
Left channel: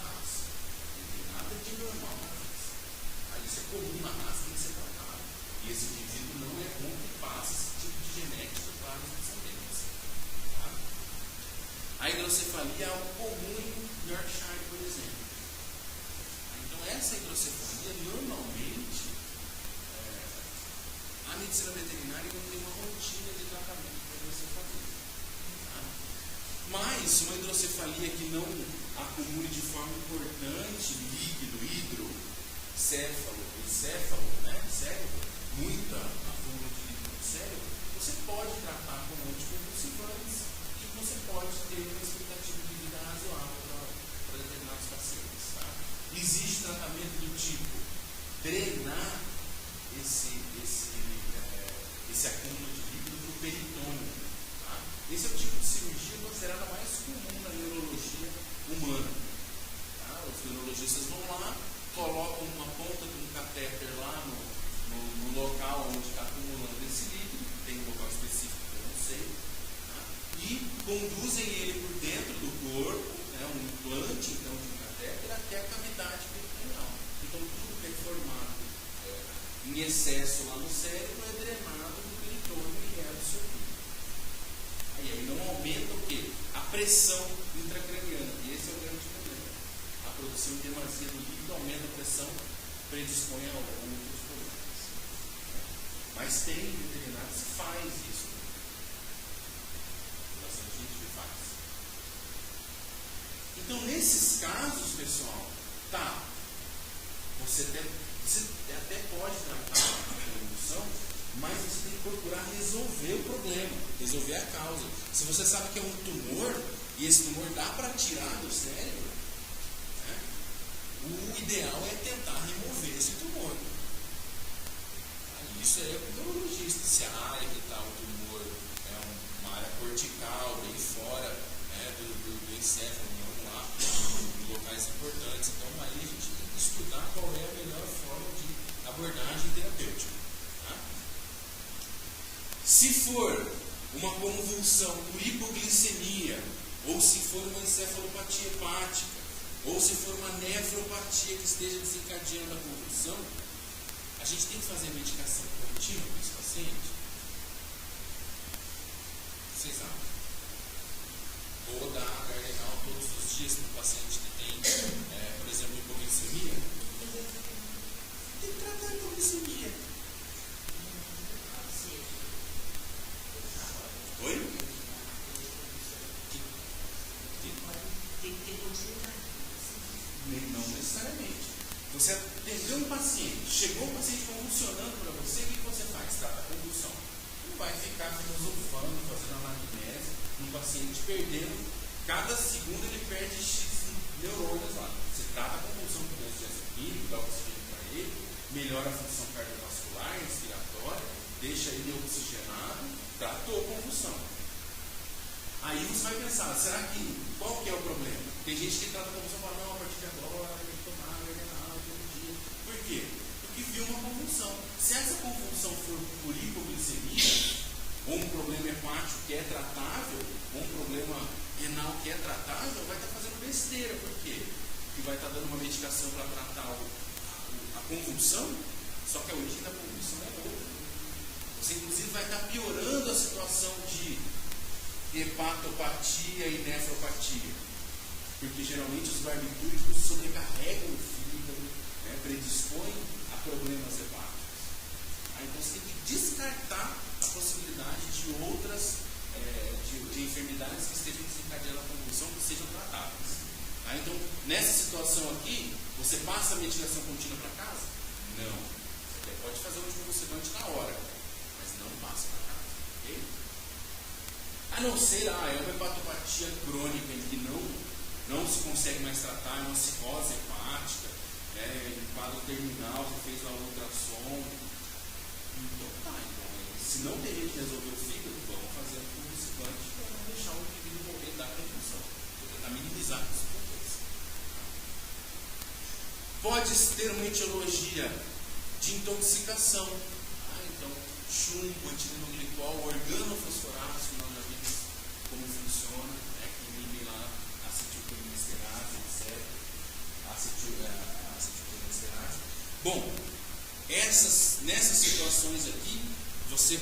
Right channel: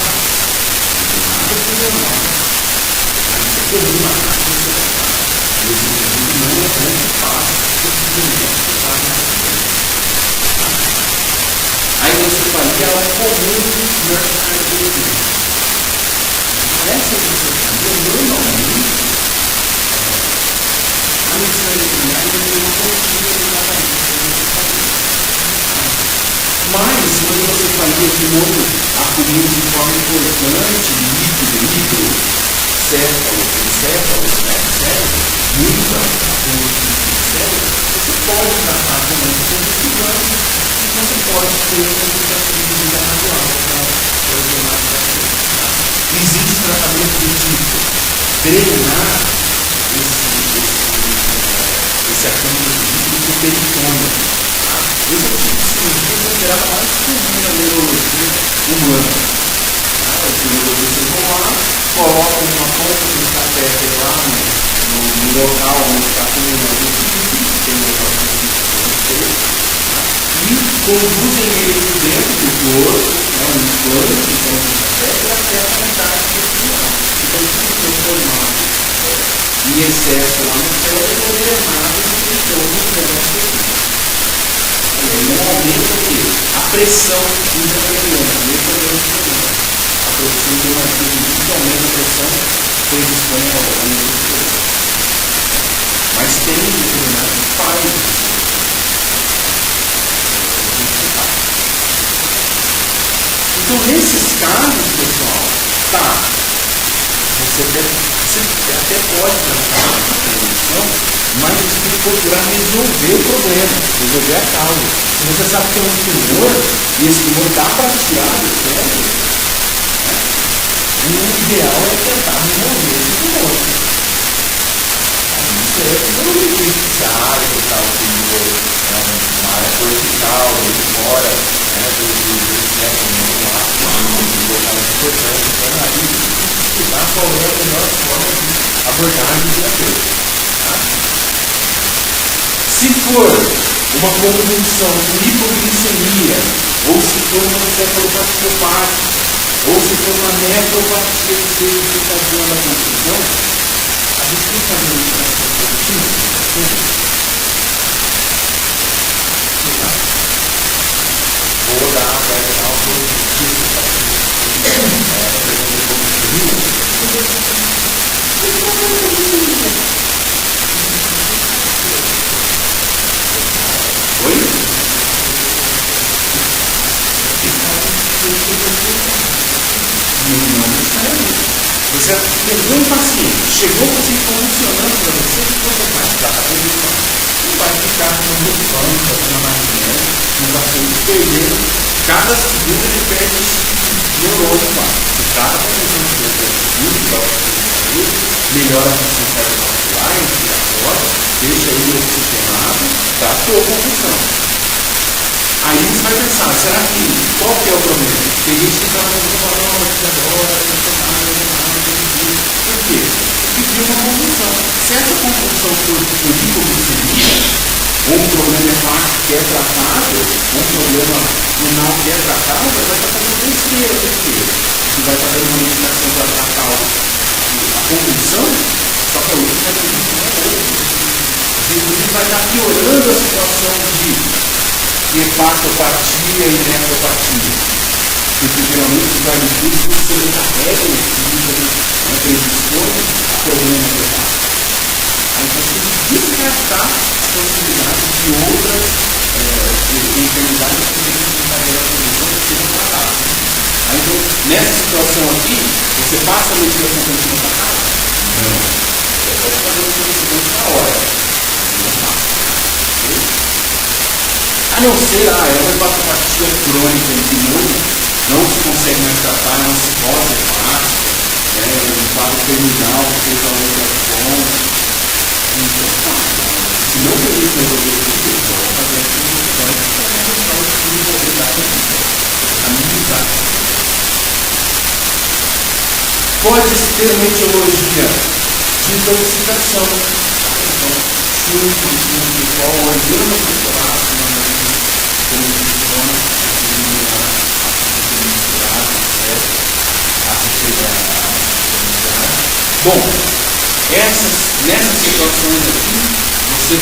Nada que é normal. Isso é comum na raça. Esse indivíduo não é bom que faça esse movimento que faz na frente. Aí você fala que ela é comum no Yorkshire. Essa disciplina, normalmente, a medicina veterinária não confia exatamente. Mas, quando você fazia de novo a comida de forma importante, líquido, encéfalo, muita a comida de cérebro, você pode tratar também com investigando, e você pode ter uma medida razoável para ordenar a paciente. Existe tratamento do tipo drenar esse acúmulo de líquido do peritônio. Esse é o tipo de cirurgia considerada mais comum na neurologia humana. Os neurologistas vão lá, colocam uma ponta de catéter lá no local onde está acumulando o líquido, tem um local e conduzem ele por dentro do corpo, um implante, então até a metade intestinal. Então, tudo que é formado em excesso lá no cérebro é drenado esse peritônio no intestino. Normalmente o quê? A pressão intracraniana, a pressão de uma que aumenta a pressão predispõe ao intestino. Mas tem determinado que faz isso. Então, nesses casos, pessoal, você até pode tratar a prevenção, mas você tem que procurar resolver o problema, resolver a causa. Se você sabe que é um tumor, e esse tumor dá para tirar do cérebro, o ideal é tentar remover esse tumor. Isso é tudo se a área que está o tumor é uma área cortical, ele fora do cérebro, um local importante, então aí estudar qual é a melhor forma de abordagem terapêutica. Se for uma convulsão com hipoglicemia, ou se for uma encefalopatia hepática, ou se for uma nefropatia que esteja desencadeando a convulsão, a gente tem que fazer uma interação positiva. Vou dar um positivo para Oi? Não necessariamente. Você pegou um paciente, chegou o paciente convulsionando para você, o que você faz? Dá para acreditar. Não vai ficar no banco, fazendo magnésia, no paciente perdendo. Cada segundo ele perde esse neurônio lá. O cara está pensando que melhora a função cardiovascular, respiratória, deixa ele oxigenado, tratou a convulsão. Aí você vai pensar, será que qual que é o problema? Tem gente que está falando agora, por quê? Porque tem uma convulsão. Se essa convulsão for por hipoglicemia, ou um problema hepático que é tratável, ou um problema renal que é tratável, vai estar fazendo besteira, por quê? Você vai estar dando uma medicação para tratar a convulsão, só que a outra vai ter inclusive vai estar piorando a situação de hepatopatia e nefropatia. Porque geralmente os barbecudos sobrecarregam o fígado, predispõe a problemas hepáticos. Aí você tem que descartar a possibilidade de outras enfermidades que têm que carregar a condição que sejam tratadas. Aí, então, nessa situação aqui, você passa a medicação para cima da casa? Não. Você pode fazer o conhecimento na hora. Não passa. A não ser, é uma hepatopatia crônica de novo, não se consegue mais tratar, não se pode hepática, um quadro terminal que seja outra fonte. Então, se não permite resolver isso, vamos fazer a solução para deixar o estudo a minimizar. Pode-se ter uma etiologia de intoxicação. Então, simples, qual organo muscular, como funciona, bom, nessas situações aqui, você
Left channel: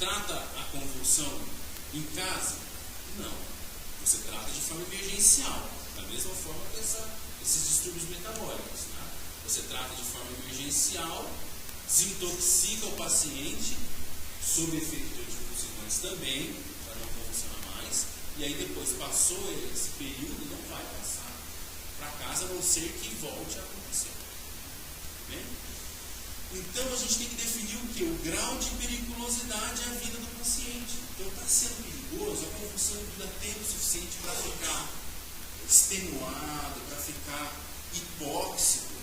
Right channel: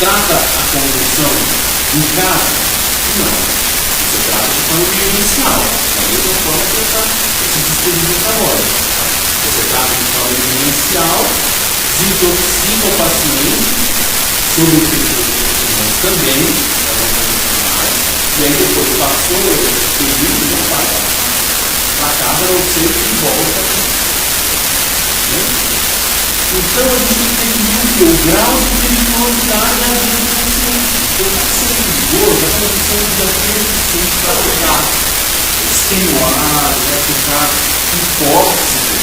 trata a condução em casa? Não. Você trata de forma emergencial. Da mesma forma que eu esses estudos metabólicos. Você trata de forma emergencial, desintoxica o paciente, sob o efeito dos também, e aí depois passou esse período, não vai para casa, não sei que volta. Então a gente tem que entender o grau de periculosidade da vida do paciente. Então está sendo idoso, a condição de desafio para ficar extenuado, vai ficar hipóxico.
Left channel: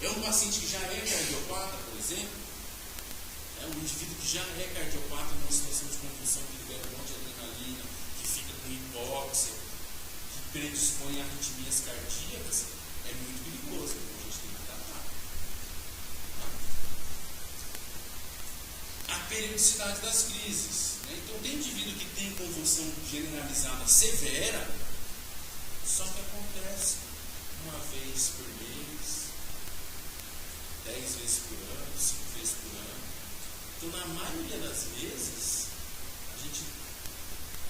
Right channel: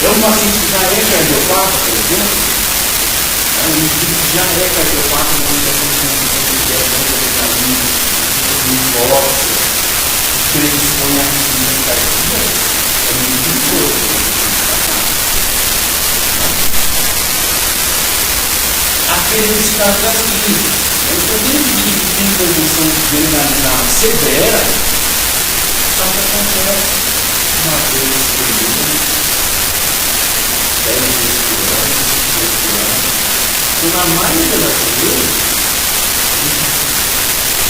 É um paciente que já é cardiopata, por exemplo. Um indivíduo que já é cardiopata, não tem condição de hipóxico, predispõe a risco cardíaco. É muito perigoso. Aqueles casos das crises. Então, dentro de que tem intervenção generalizada severa, só que acontece uma vez por dia, 10 vezes por ano, 5 vezes por ano. Então, na maioria das vezes,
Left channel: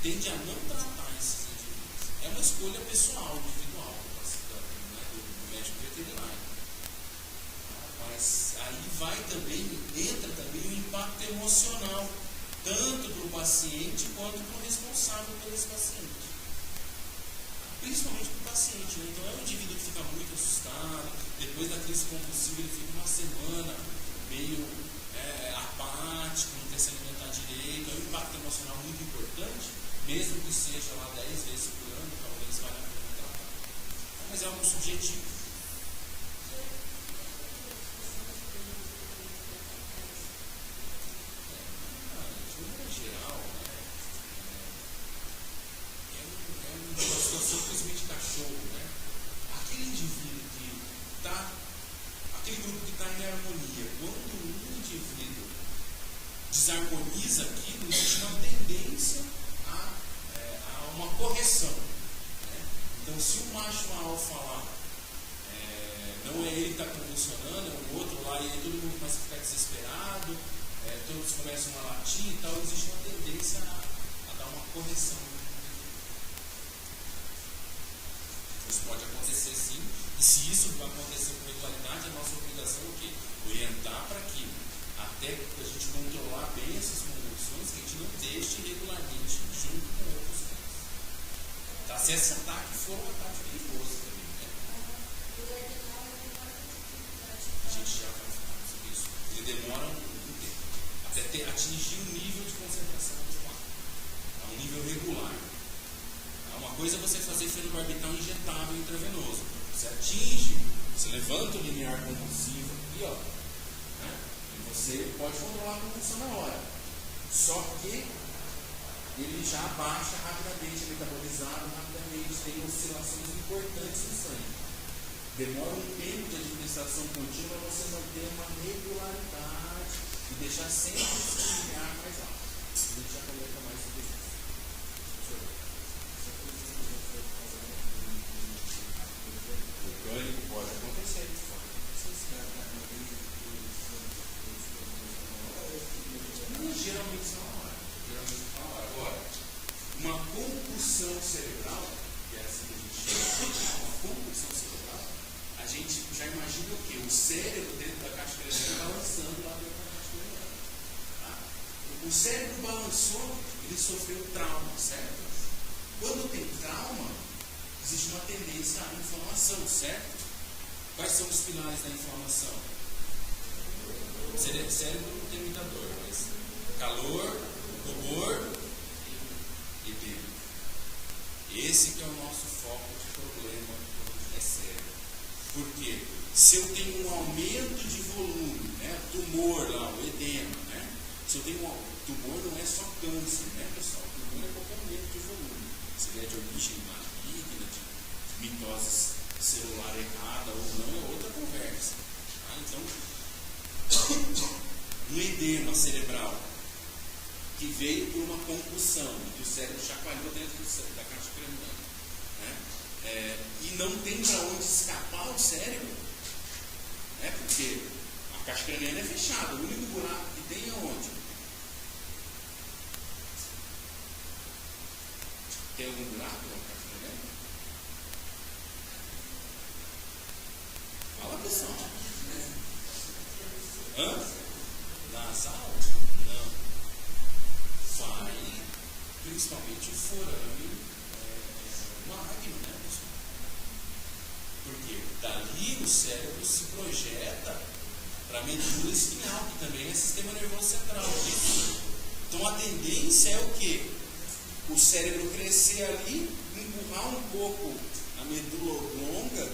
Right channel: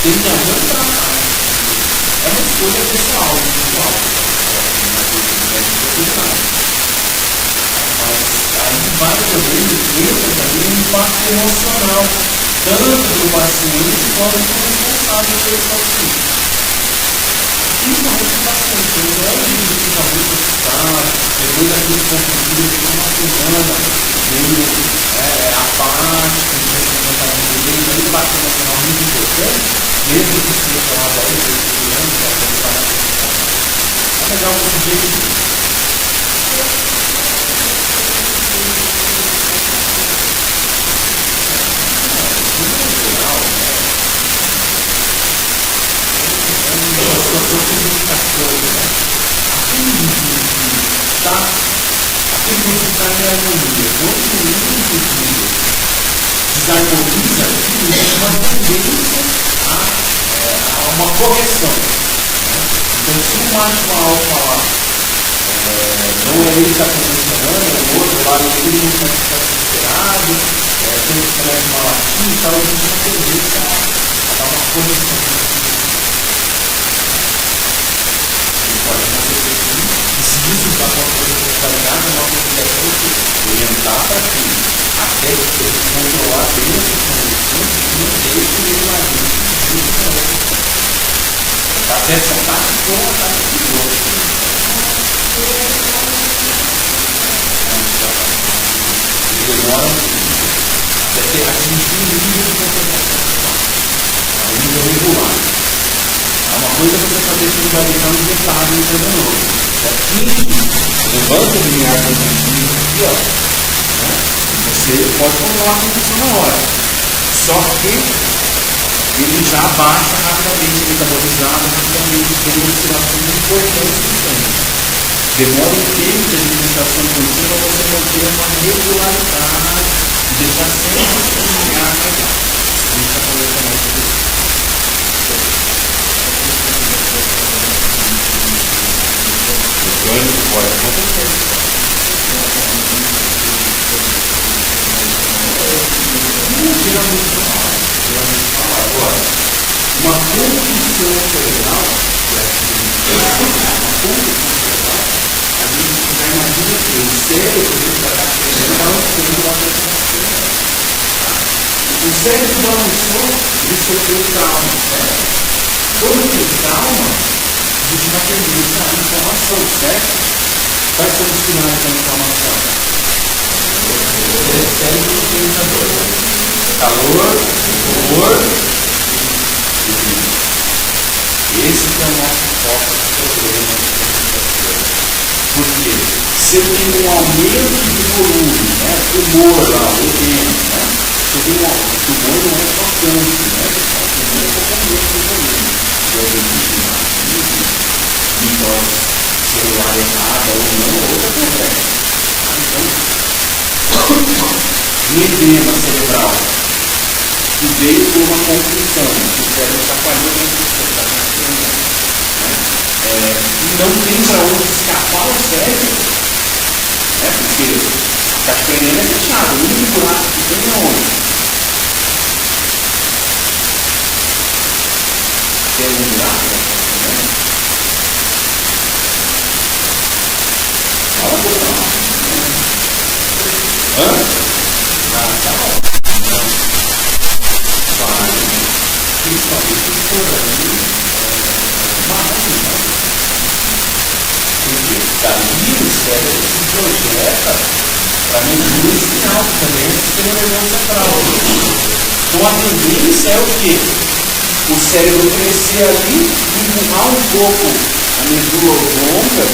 tem que não tratar. É uma escolha pessoal, individual. Mas aí vai também um impacto emocional, tanto do paciente quanto do responsável pelo paciente. Principalmente o paciente, ele não é um indivíduo que está muito assustado, depois daquele confundido de uma semana, meio apático, ele impacto emocional muito importante, mesmo que seja lá 10 vezes por ano, é legal o objetivo. Aquele que está em harmonia, quando o indivíduo desarmoniza aquilo, existe uma tendência a uma correção. Então, se um macho alfa lá não é ele que está funcionando, o outro lá, ele não está desesperado, tem um estresse malativo, então existe uma tendência a dar uma correção. Pode acontecer sim, e se isso está acontecendo com qualidade, a nossa obrigação é orientar para que, até que controlar bem essas condições, não deixe ele lá dentro. Fazer essa parte com a parte de outro. Demora até ter atingir o nível de concentração, o nível regular. Uma coisa é você fazer que ele vai deixar um detalhe intravenoso. Levanta o limiar cognitivo aqui, ó. Você pode controlar a condição na hora. Só que ele já baixa rapidamente, metabolizado rapidamente, tem uma oscilação importante do sangue. Demora um tempo de administração contínua para você manter uma regularidade e deixar sempre o limiar legal. A gente está falando também sobre isso. Orgânico pode acontecer. Geralmente fala agora. Uma condição cerebral, a gente já imagina que o cérebro está balançando a pressão. O cérebro balançou, ele sofreu trauma, certo? Quando tem trauma, existe uma tendência à inflamação, certo? Quais são os sinais da inflamação? Cérebro pensador. Calor, dor, Esse que é o nosso foco do problema. Por quê? Se eu tenho um aumento de volume, né? Tumor lá, o edema, né? Se eu tenho tumor não é só câncer, né? O tumor é qualquer aumento de volume. Se eu tenho mitose celular errada ou não, é outra conversa. Então, um edema cerebral que veio por uma concussão, que o cérebro está falhando, e não tem para onde escapar o cérebro, né? Porque a caixa craniana é fechada, o único buraco que tem é onde? Tem algum buraco? Fala por não. Hã? Ah, tá bom. Não. Vai. Principalmente se for ali. Porque dali o cérebro se projeta para medula espinhal, que também é o sistema nervoso central. Então a tendência é o quê? O cérebro crescer ali, empurrar um pouco a medula oblonga,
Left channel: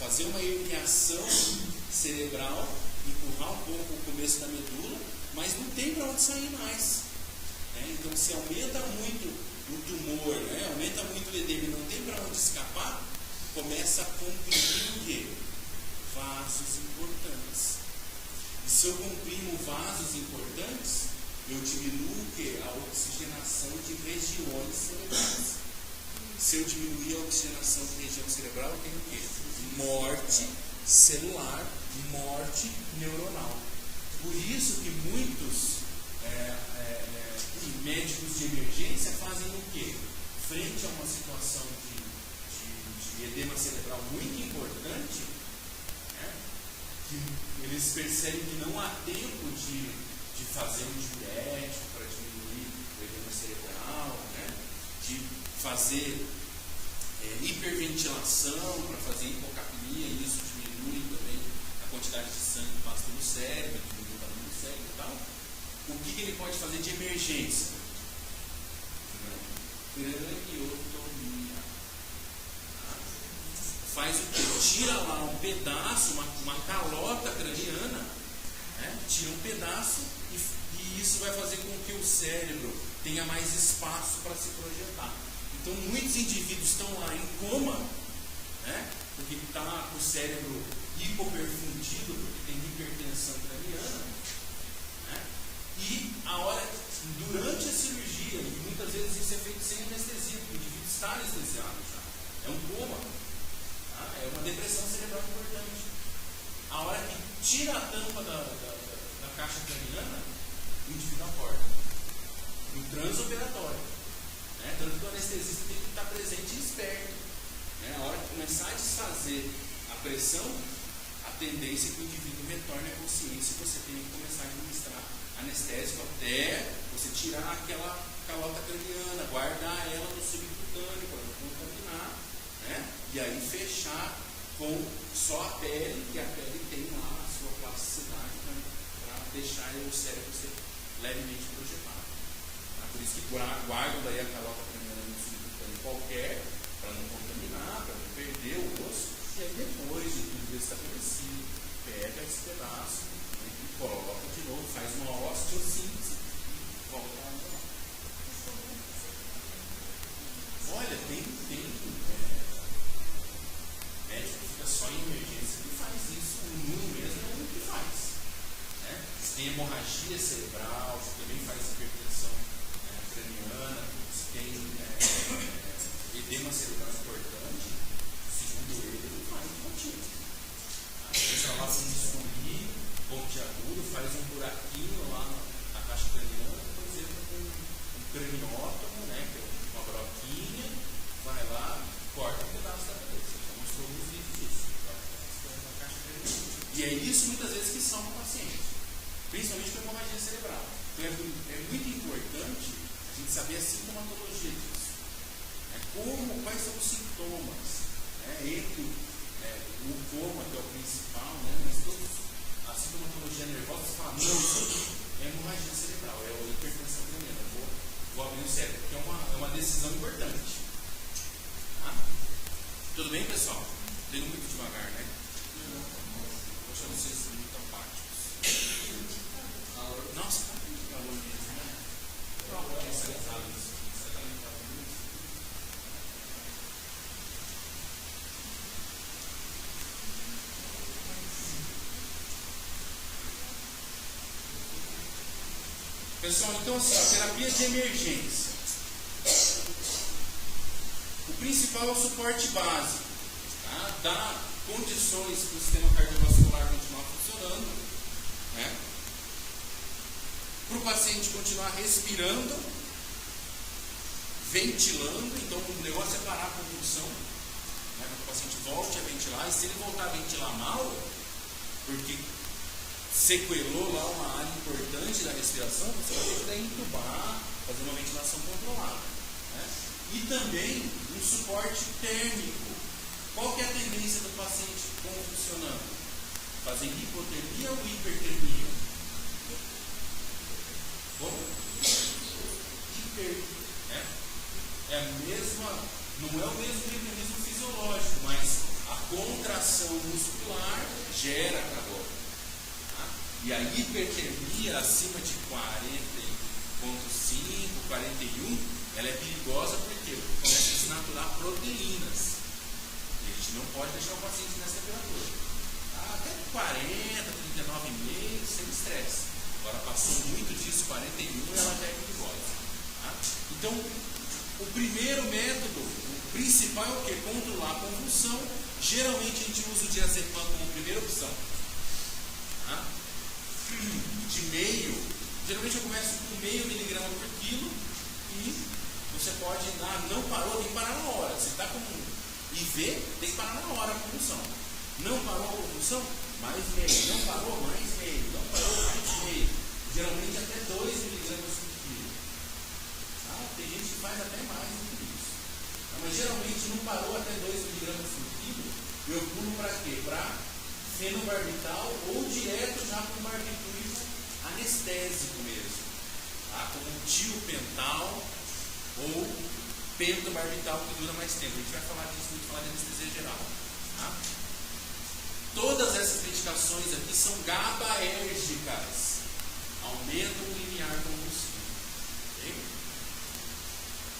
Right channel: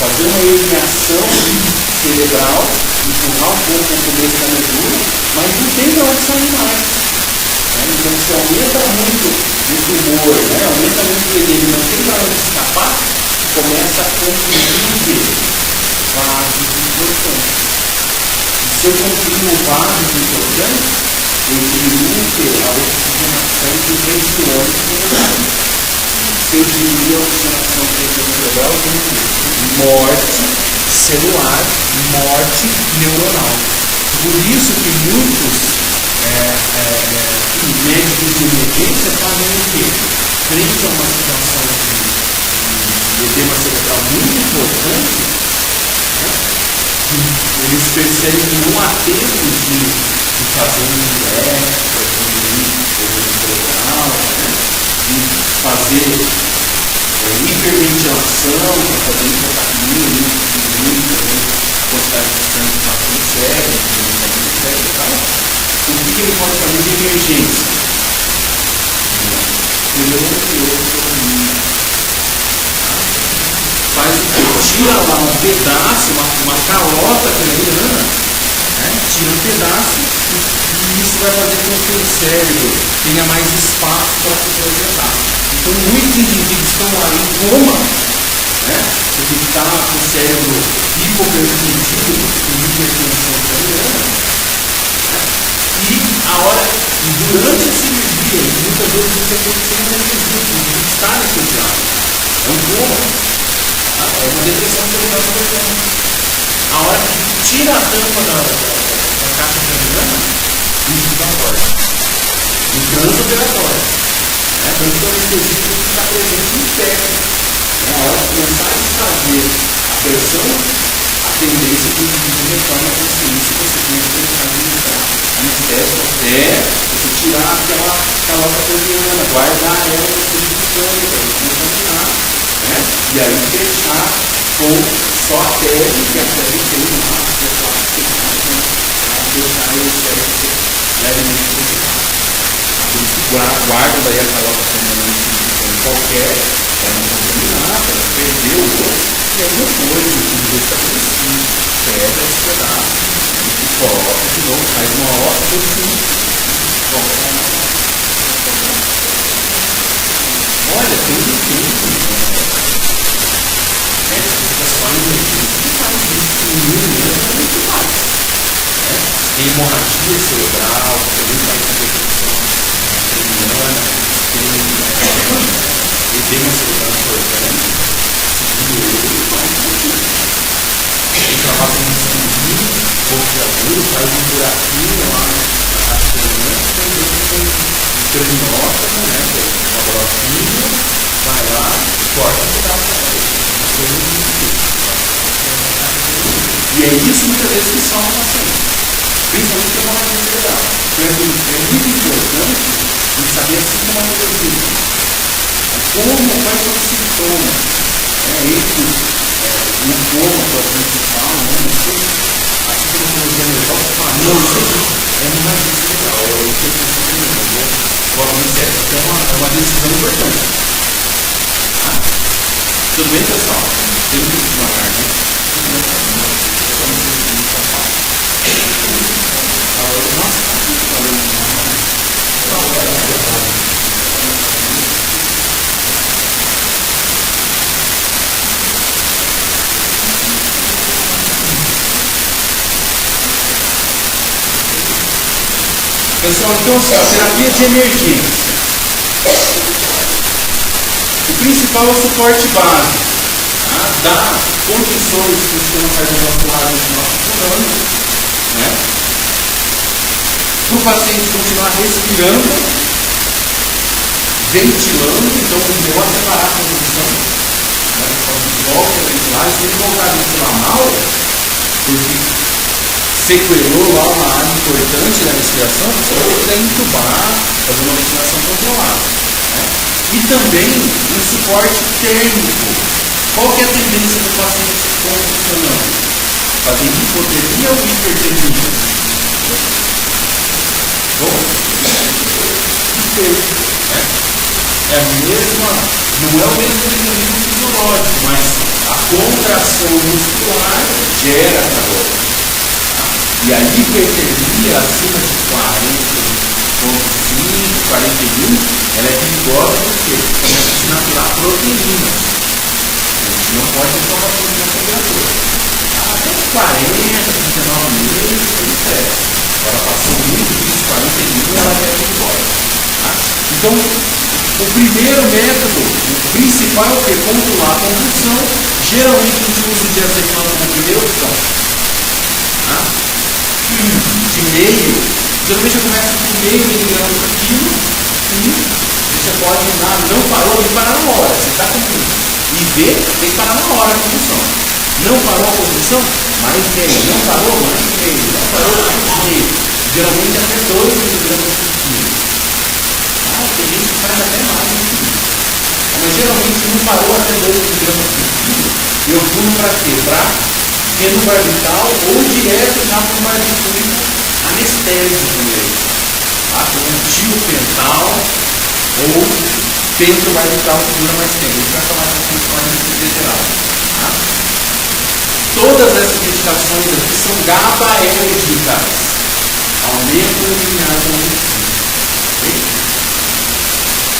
fazer uma eliminação cerebral, empurrar um pouco o começo da medula, mas não tem para onde sair mais. Então se aumenta muito o tumor, aumenta muito o edema, não tem para onde escapar, começa a comprimir vasos importantes. Se eu comprimo vasos importantes, eu diminuo a oxigenação dos regiões cerebrais. Se eu diminuir a oxigenação dos regiões cerebrais, eu tenho morte celular, morte neuronal. Por isso que muitos médicos de emergência fazem o quê? Frente a uma situação de edema cerebral muito importante, eles percebem que não há tempo de fazer um injeto, de cerebral, de fazer hiperventilação, para fazer hipotermia, quantidade de sangue que passa no cérebro, e tal. O que ele pode fazer de emergência? Faz o quê? Tira lá um pedaço, uma calota craniana, tira um pedaço e isso vai fazer com que o cérebro tenha mais espaço para se projetar. Então muitos indivíduos estão lá em coma, porque está com o cérebro hipoperfundido, com hipertensão craniana. E durante a cirurgia, muitas vezes isso acontece sem anestesia, porque está anestesiado. É um coma. É uma depressão cerebral progressiva. A hora que tira a tampa da caixa craniana, isso dá morte. No transoperatório. Tanto que o anestesista tem que estar presente em pé. A hora que começar a desfazer a pressão, a tendência é que o indivíduo retorne à consciência e você tem que começar a administrar anestésico até você tirar aquela calota craniana, guardar ela no centro de sangue, para não contaminar, e aí fechar com só a pele, que a pele tem lá, que é plástico, para deixar o cérebro levemente prejudicado. Guarda daí a calota craniana em qualquer, para não contaminar, para não perder o osso, e aí depois o tudo estabelecido, pega esse pedaço, coloca de novo, faz uma ótica e coloca. Olha, tem um tempo. Fica só em emergência que faz isso. O mesmo é muito mais. Tem hemorragia cerebral, também faz competição craniana, tem edema cerebral importante. Tem trabalho com cirurgia, confiador, faz um buraquinho lá na caixa craniana, tem cranótomo, que é um laboratório, vai lá, corta um pedaço da parede. E é isso muitas vezes que salva o paciente, principalmente para uma cerebral. Então é muito importante a gente saber a sintomatologia. Quais são os sintomas? Entre o coma, que é o principal, a sintomatologia nervosa fala, não, é uma cerebral, é uma decisão importante. Tudo bem, pessoal? Tem que ir devagar, né? Pessoal, então assim, a terapia de emergência. O principal é o suporte básico. Tá? Dá condições para o sistema cardiovascular continuar funcionando, né? Para o paciente continuar respirando, ventilando, então o melhor é separar a condição. Né? Volta a ventilar, se ele voltar a ventilar mal, porque sequelou lá uma área importante da respiração, você vai precisar entubar, fazer uma ventilação controlada. Né? E também um suporte térmico. Qual que é a tendência do paciente convulsionando? Fazer hipotermia ou hipertermia? Bom, né? É a mesma, não é o mesmo mecanismo fisiológico, mas a contração muscular gera calor. E a hipertermia acima de 40,5, 41, ela é perigosa porque começa a desnaturar proteínas. A gente não pode tomar proteína temperatura. Até 40, 39 meses, tudo certo. Agora passou muito disso, 41, ela é perigosa. Tá? Então, o primeiro método, o principal é controlar a convulsão. Geralmente a gente usa o diazepam como primeira opção. Tá? De meio, geralmente eu começo com meio miligrama por quilo e você pode usar, não parou, tem que parar na hora. Você está com IV, tem que parar na hora a convulsão. Não parou a convulsão, mais meio. Não parou, mais meio. Não parou, mais meio. Geralmente até 2 miligramas por quilo. Tem gente que faz até mais do que isso. Mas geralmente não parou até 2 miligramas por quilo. Eu pulo para quê? Para fenobarbital ou direto já para um barbitúrico anestésico mesmo. Tá? Com um tiopental ou pentobarbital que dura mais tempo. A gente vai falar sobre isso com anestesia geral. Tá? Todas essas medicações aqui são GABAérgicas. Aumentam o limiar do convulsivo. Okay?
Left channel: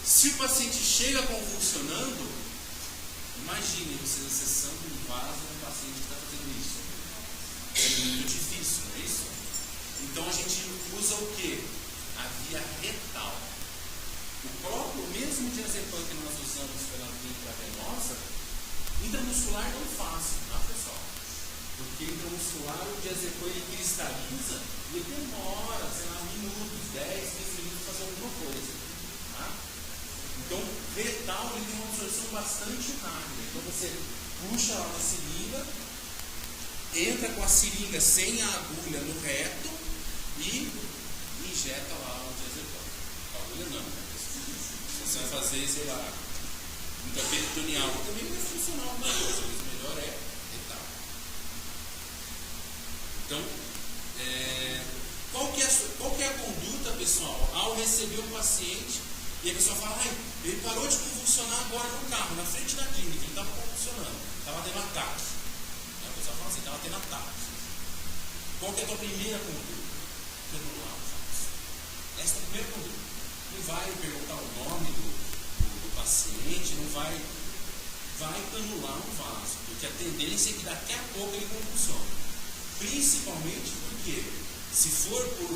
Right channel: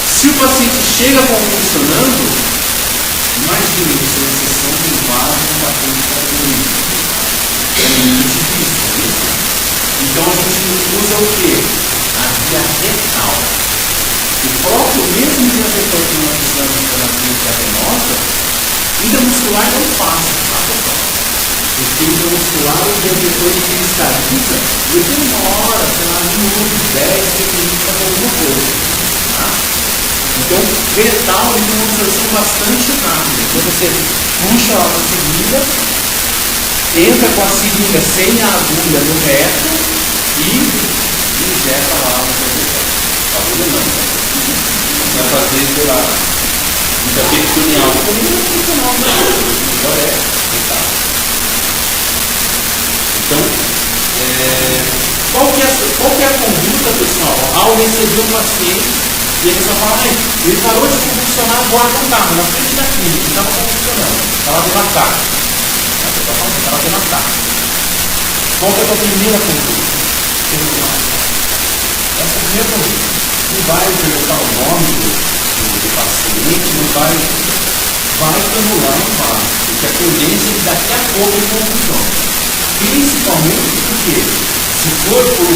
Se o paciente chega convulsionando, imagine isso, uma sessão de vaso com bastante carbonídrico. É muito difícil, né? Então a gente usa o quê? A via retal. O próprio mesmo diazepam que nós usamos na terapia venosa, intramuscular não passa, tá, pessoal? Porque intramuscular, o diazepam que ele estabiliza, ele demora, sei lá, minutos, 10, 15 minutos para fazer alguma coisa. Tá? Então, retal é uma absorção bastante rápida. Então, você puxa a seringa, entra com a seringa sem a agulha no reto e injeta lá no reto. Agulha não, né? Vai fazer, sei lá, muita peritoneal. Peritoneal não é, melhor é retal. Então, qual que é a conduta, pessoal, ao receber um paciente? E ele só fala, ele parou de convulsionar agora no carro, na frente da clínica, estava convulsionando, estava tendo ataque. Estava tendo ataque. Qual que é a tua primeira conduta? Essa é a primeira conduta. Não vai perguntar o nome do paciente, não vai estimular o vaso, porque a tendência é que daqui a pouco ele convulsiona. Principalmente porque, se for por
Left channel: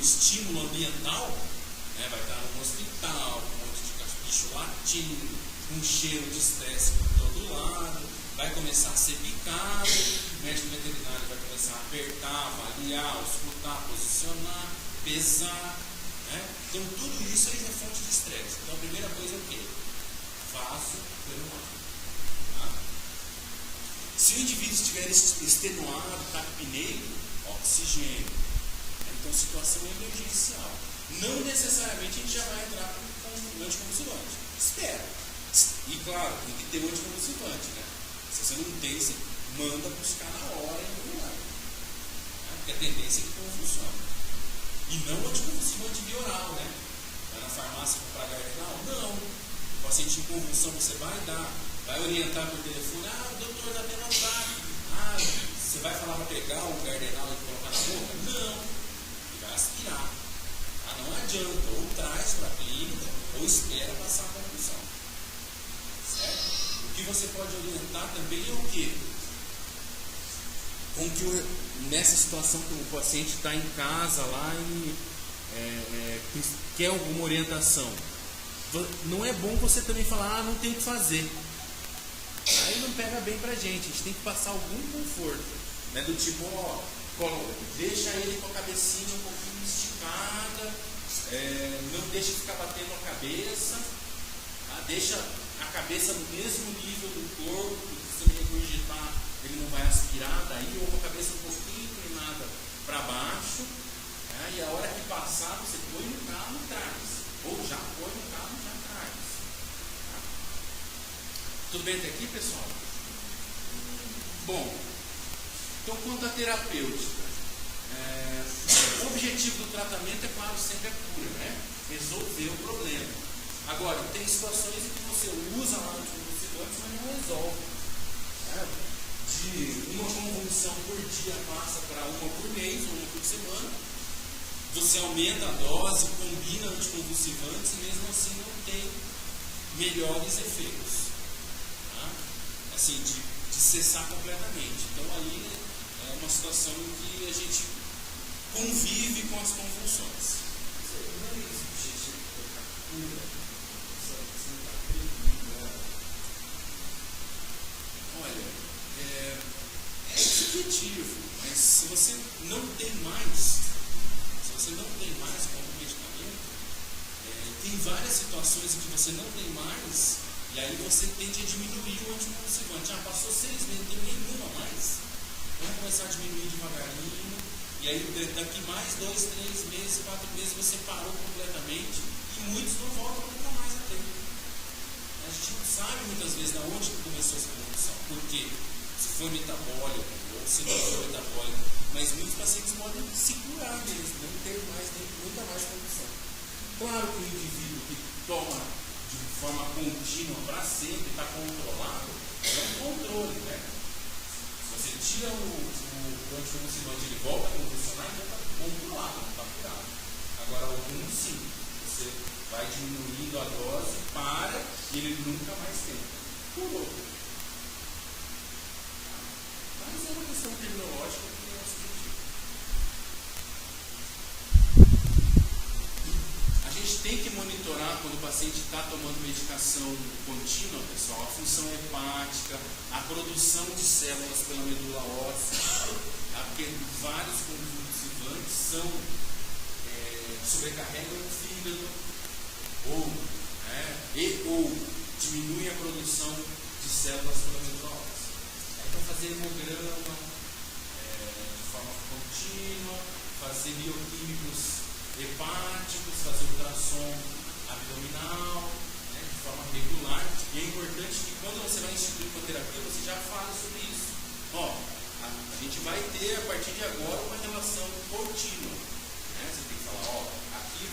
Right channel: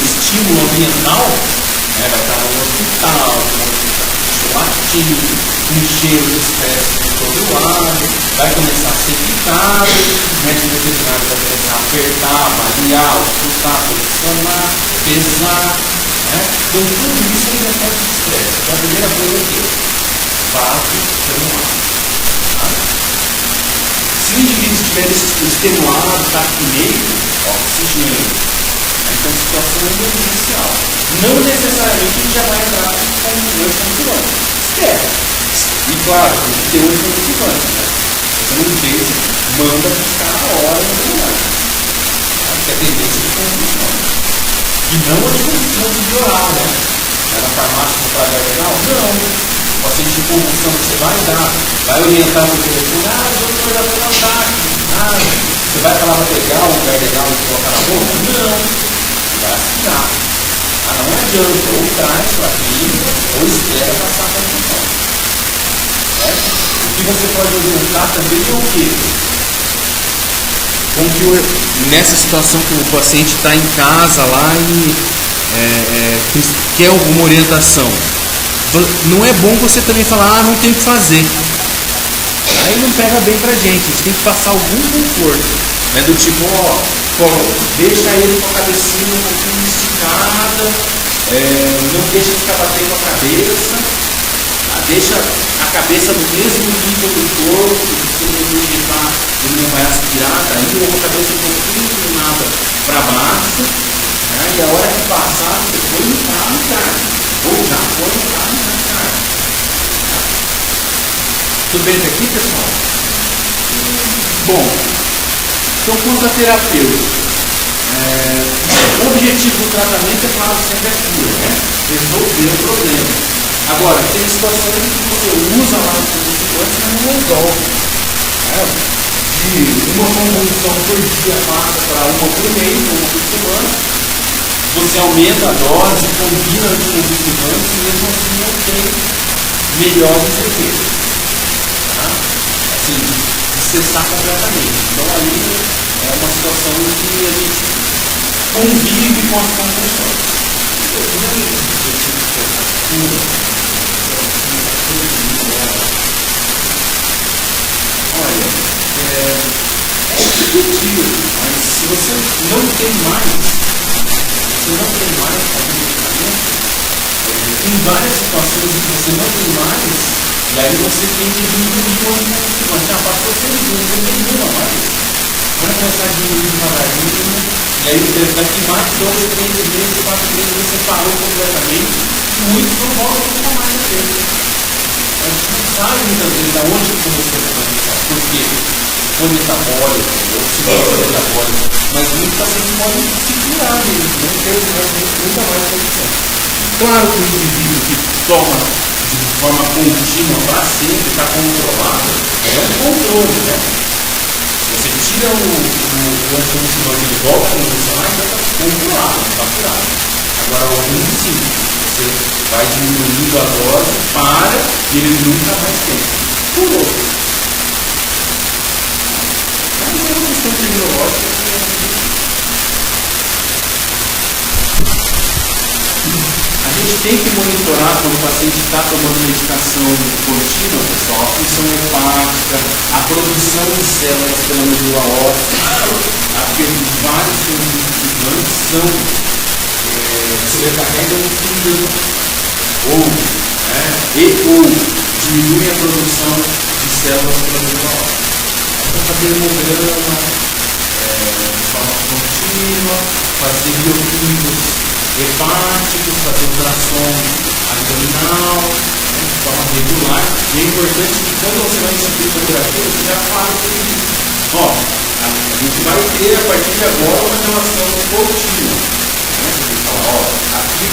estímulo ambiental, vai estar no hospital, latindo, com cheiro de estresse por todo lado, vai começar a ser picado, o médico veterinário vai começar a apertar, avaliar, auscultar, posicionar, pesar. Né? Então, tudo isso é um de estresse. Então, a primeira coisa é o quê? Vaso extenuado. Tá? Se o indivíduo estiver extenuado, está apneio, oxigênio. Então, situação emergencial. Não necessariamente ele já vai entrar com um anticonvulsivante. Espera. E claro, tem que ter um anticonvulsivante. Né? Você não fez, manda buscar a hora no lugar. Porque a tendência de convulsão. E não anticonvulsivante de oral, né? É na farmácia comprar geral? Não. paciente de convulsão, você vai orientar o telefone, doutor, já tem um ataque. Você vai falar para pegar o cardegal e colocar na boca? Não, você vai aspirar. Não adianta, ou traz para a clínica, ou espera passar a convulsão. Certo? O que você pode orientar também é o quê? Com que nessa situação que o paciente está em casa lá e quer alguma orientação, não é bom você também falar, não tem o que fazer. Aí não pega bem pra gente, a gente tem que passar algum conforto, né? Do tipo, deixa ele com a cabecinha um pouquinho esticada, não deixa ficar batendo a cabeça, deixa a cabeça no mesmo nível do corpo, se ele não vai aspirar, daí ou a cabeça um pouquinho inclinada para baixo, né? E a hora que passar, você põe no carro e carga, ou já põe no carro e já carga. Tudo bem até aqui, pessoal? Bom, então quanto a terapêutica, o objetivo do tratamento é, claro, sempre a cura, né? Resolver o problema. Agora, tem situações que você usa lá no consultório, mas não resolve. De uma convulsão por dia passa para uma por mês, uma por semana. Você aumenta a dose, combina os convulsivantes e mesmo assim não tem melhores efeitos. Assim, de cessar completamente. Então ali é uma situação em que a gente convive com as convulsões. Olha, é discutível, mas se você não tem mais medicamento, tem várias situações em que você não tem mais, e aí você tem que diminuir o convulsivante. Passou 6 meses, não tem nenhuma mais. Vai começar a diminuir devagarinho, e aí daqui mais 12, 13 meses, 4 meses, você parou completamente, e muitos não voltam nunca mais a ter. A gente não sabe muitas vezes de onde começou a convulsão, porque foi metabólico, ou se não foi metabólico, mas muitos pacientes podem se curar mesmo, não ter nunca mais convulsão. Claro que o indivíduo que toma de forma contínua para sempre, está controlado, é um controle, né? Se você tira o anticonvulsivante e volta a convulsionar, então está controlado, está curado. Agora, algum sim, você vai diminuindo a dose, para e ele nunca mais tem. Curou. Mas é uma questão terminológica. A gente tem que monitorar quando o paciente está tomando medicação contínua, pessoal, a função hepática, a produção de células pela medula óssea, porque vários convulsivantes sobrecarregam o fígado ou diminuem a produção de células pela medula óssea. Então, fazer hemograma de forma contínua, fazer bioquímicos hepáticos, fazer ultrassom abdominal, de forma regular. E é importante que quando você vai instituir fotografia, você já fala o seguinte: a gente vai ter a partir de agora uma relação contínua. Você fala, aqui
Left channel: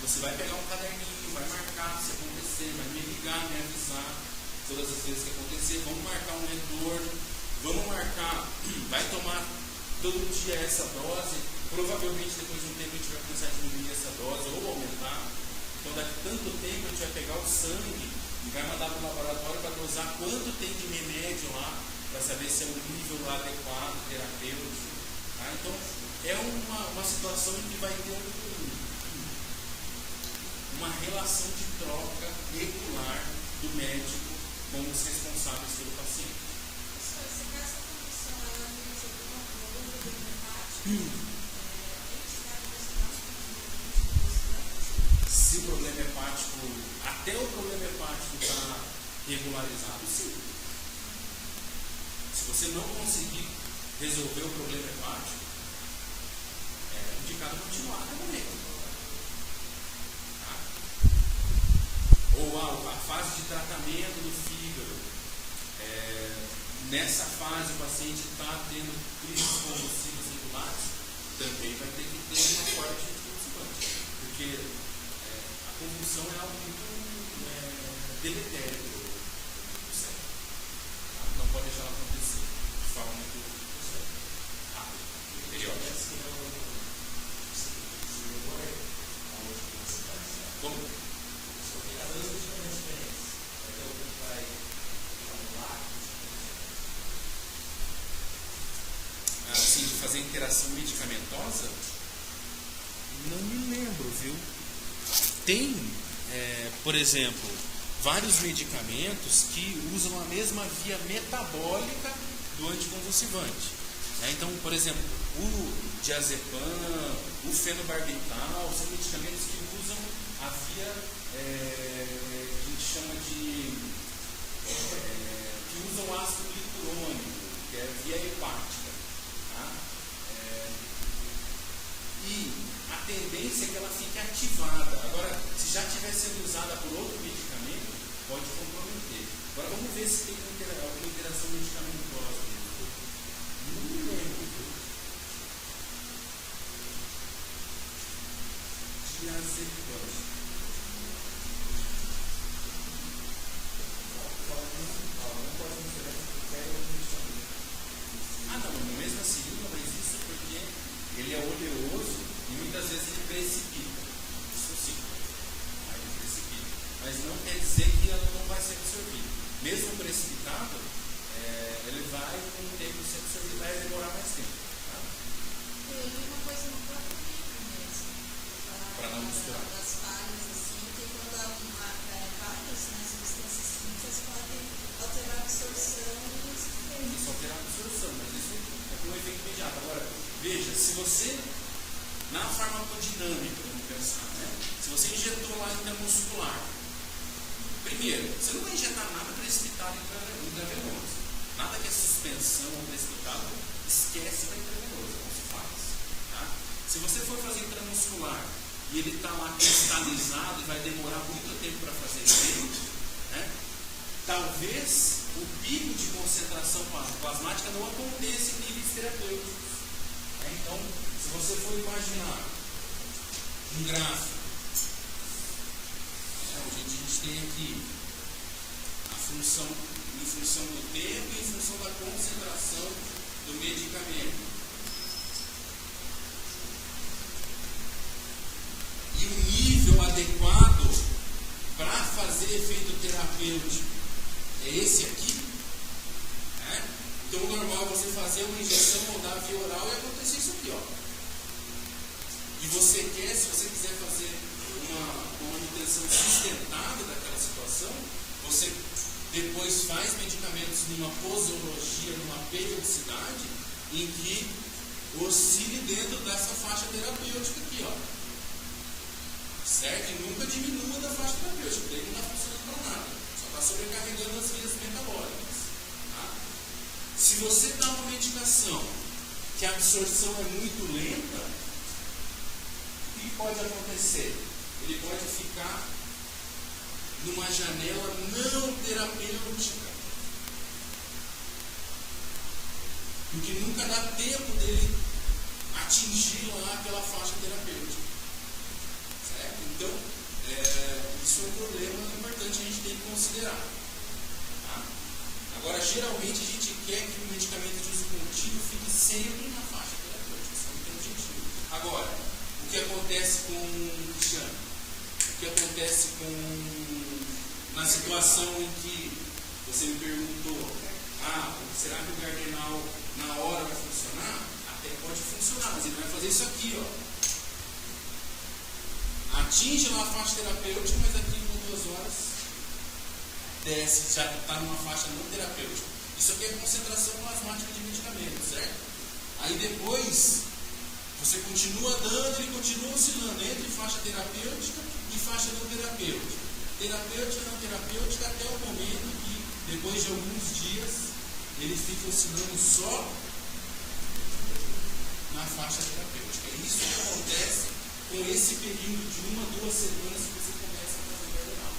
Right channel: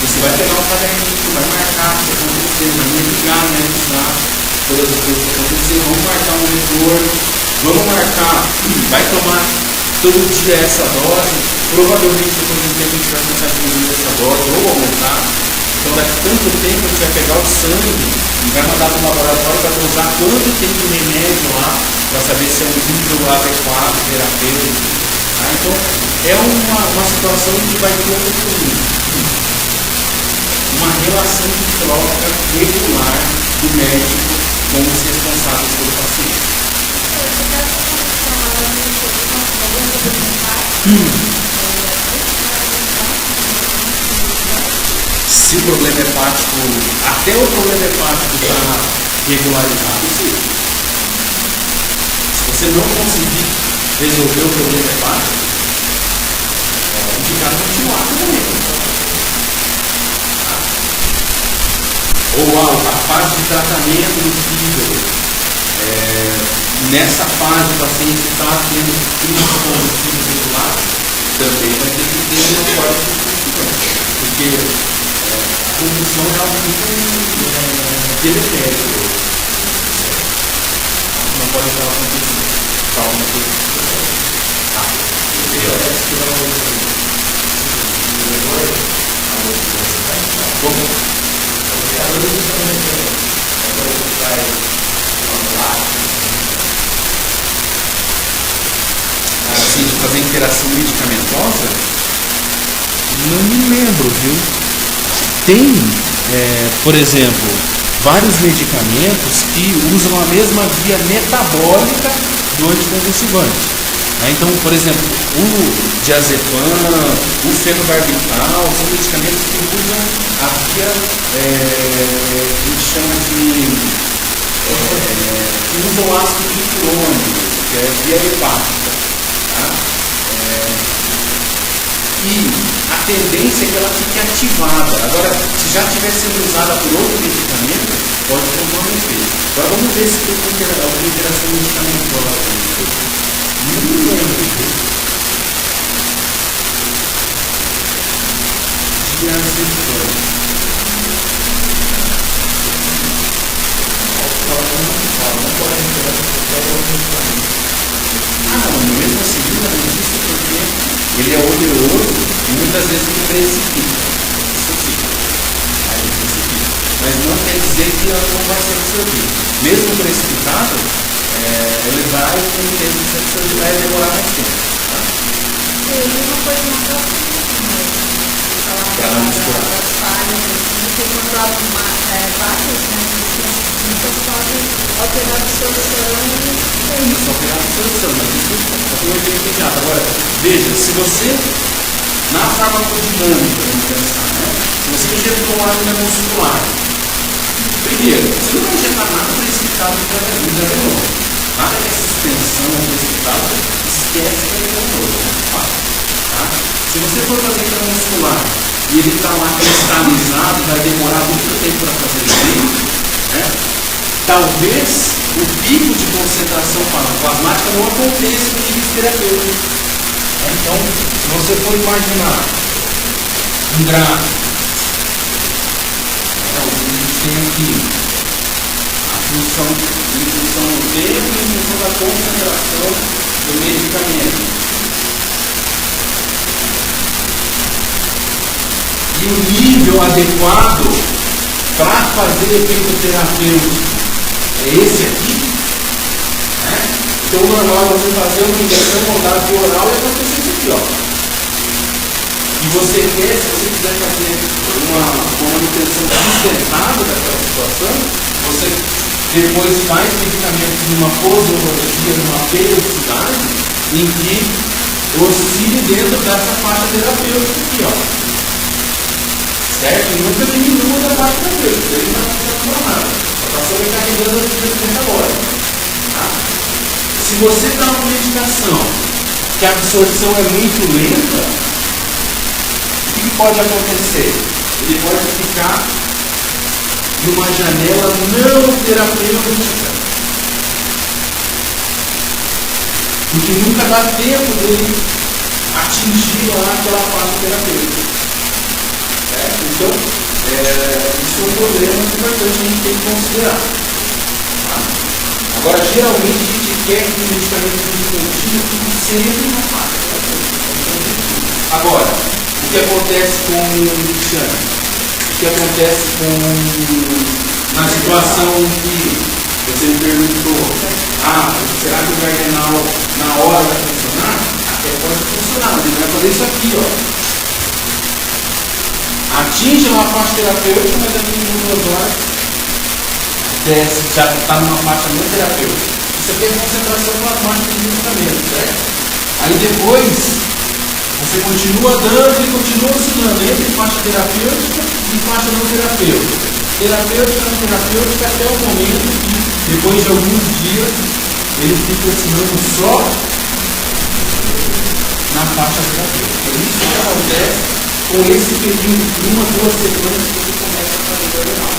você vai pegar um caderninho, vai marcar o que aconteceu, vai me ligar, avisar todas as coisas que aconteceram, vamos marcar um retorno, vamos marcar, vai tomar todo dia essa dose, provavelmente depois de um tempo a gente vai começar a diminuir essa dose ou aumentar. Então daqui a tanto tempo a gente vai pegar o sangue e vai mandar para o laboratório para usar quanto tem de remédio lá, para saber se é um nível adequado, terapêutico. Então é uma situação que vai ter uma relação de troca regular do médico com os responsáveis pelo paciente. Se o problema hepático, até o problema hepático está regularizado, sim. Se você não conseguir resolver o problema hepático, é indicar continuar também. Ou a fase de tratamento do fígado. Nessa fase o paciente está tendo crise convulsiva regular, também vai ter que ter uma forte convulsão, porque a convulsão é algo muito deletério. Não pode falar com isso. Calma, assim, de fazer interação medicamentosa? Não me lembro, viu? Tem, por exemplo, vários medicamentos que usam a mesma via metabólica do anticonvulsivante. Então, por exemplo, o diazepam, o fenobarbital, são medicamentos que usam a via que a gente chama de que usam o ácido glicurônico, que é a via hepática. Tá? E a tendência é que ela fique ativada. Agora, se já estiver sendo usada por outro medicamento, pode comprometer. Agora vamos ver se tem alguma interação medicamentosa. Não me lembro. Diazepam. Não, mesmo assim, não existe porque ele é oleoso e muitas vezes ele precipita. Isso sim. Aí ele precipita. Mas não quer dizer que ela não vai ser absorvida. Mesmo precipitado, ele vai com o tempo de ser absorvido, vai demorar mais tempo. Tá? E uma coisa na próxima. Para não misturar. Porque quando há vários, podem alterar a absorção. Isso, alterar a absorção, mas isso é um efeito imediato. Agora, veja, se você, na farmacodinâmica, vamos pensar, se você injetou uma amina muscular, primeiro, você não vai injetar nada precipitado no intravenous. Nada que é suspensão precipitada, esquece que é venenoso. Tá? Se você for fazer injeção muscular e ele está lá cristalizado, vai demorar muito tempo para fazer efeito, talvez o pico de concentração plasmática não aconteça em níveis terapêuticos. Então, se você for imaginar um gráfico, a gente tem aqui a função do tempo e a função da concentração do medicamento. E o nível adequado para fazer efeito terapêutico é esse aqui. Então, o normal é você fazer uma injeção moldada via oral e acontecer isso aqui. E você quer, se você quiser fazer uma manutenção sustentável daquela situação, você depois faz medicamentos numa posologia, numa periodicidade, em que oscile dentro dessa faixa terapêutica aqui. Certo? E nunca diminua da faixa terapêutica, ele não vai ficar nada. Só está sobrecarregando a vida metabólica. Tá? Se você dá uma medicação que a absorção é muito lenta, o que pode acontecer? Ele pode ficar numa janela não terapêutica. Porque nunca dá tempo dele atingir lá aquela faixa terapêutica. Certo? Então, isso é um problema importante que a gente tem que considerar. Tá? Agora, geralmente, a gente quer que o medicamento contínuo fique sempre na faixa terapêutica. Agora, o que acontece com o Cristiano? O que acontece na situação que você me perguntou, será que o Gardenal na hora vai funcionar? Até pode funcionar, mas ele vai fazer isso aqui, atinge lá a faixa terapêutica, mas daqui em 2 horas desce, já está numa faixa não terapêutica. Isso aqui é a concentração plasmática do medicamento, certo? Aí depois você continua dando e continua oscilando entre faixa terapêutica e faixa não terapêutica. Terapêutica, não terapêutica, até o momento que, depois de alguns dias, ele fica oscilando só na faixa terapêutica. É isso que acontece com esse período de 1 a 2 semanas que você começa a fazer Gardenal.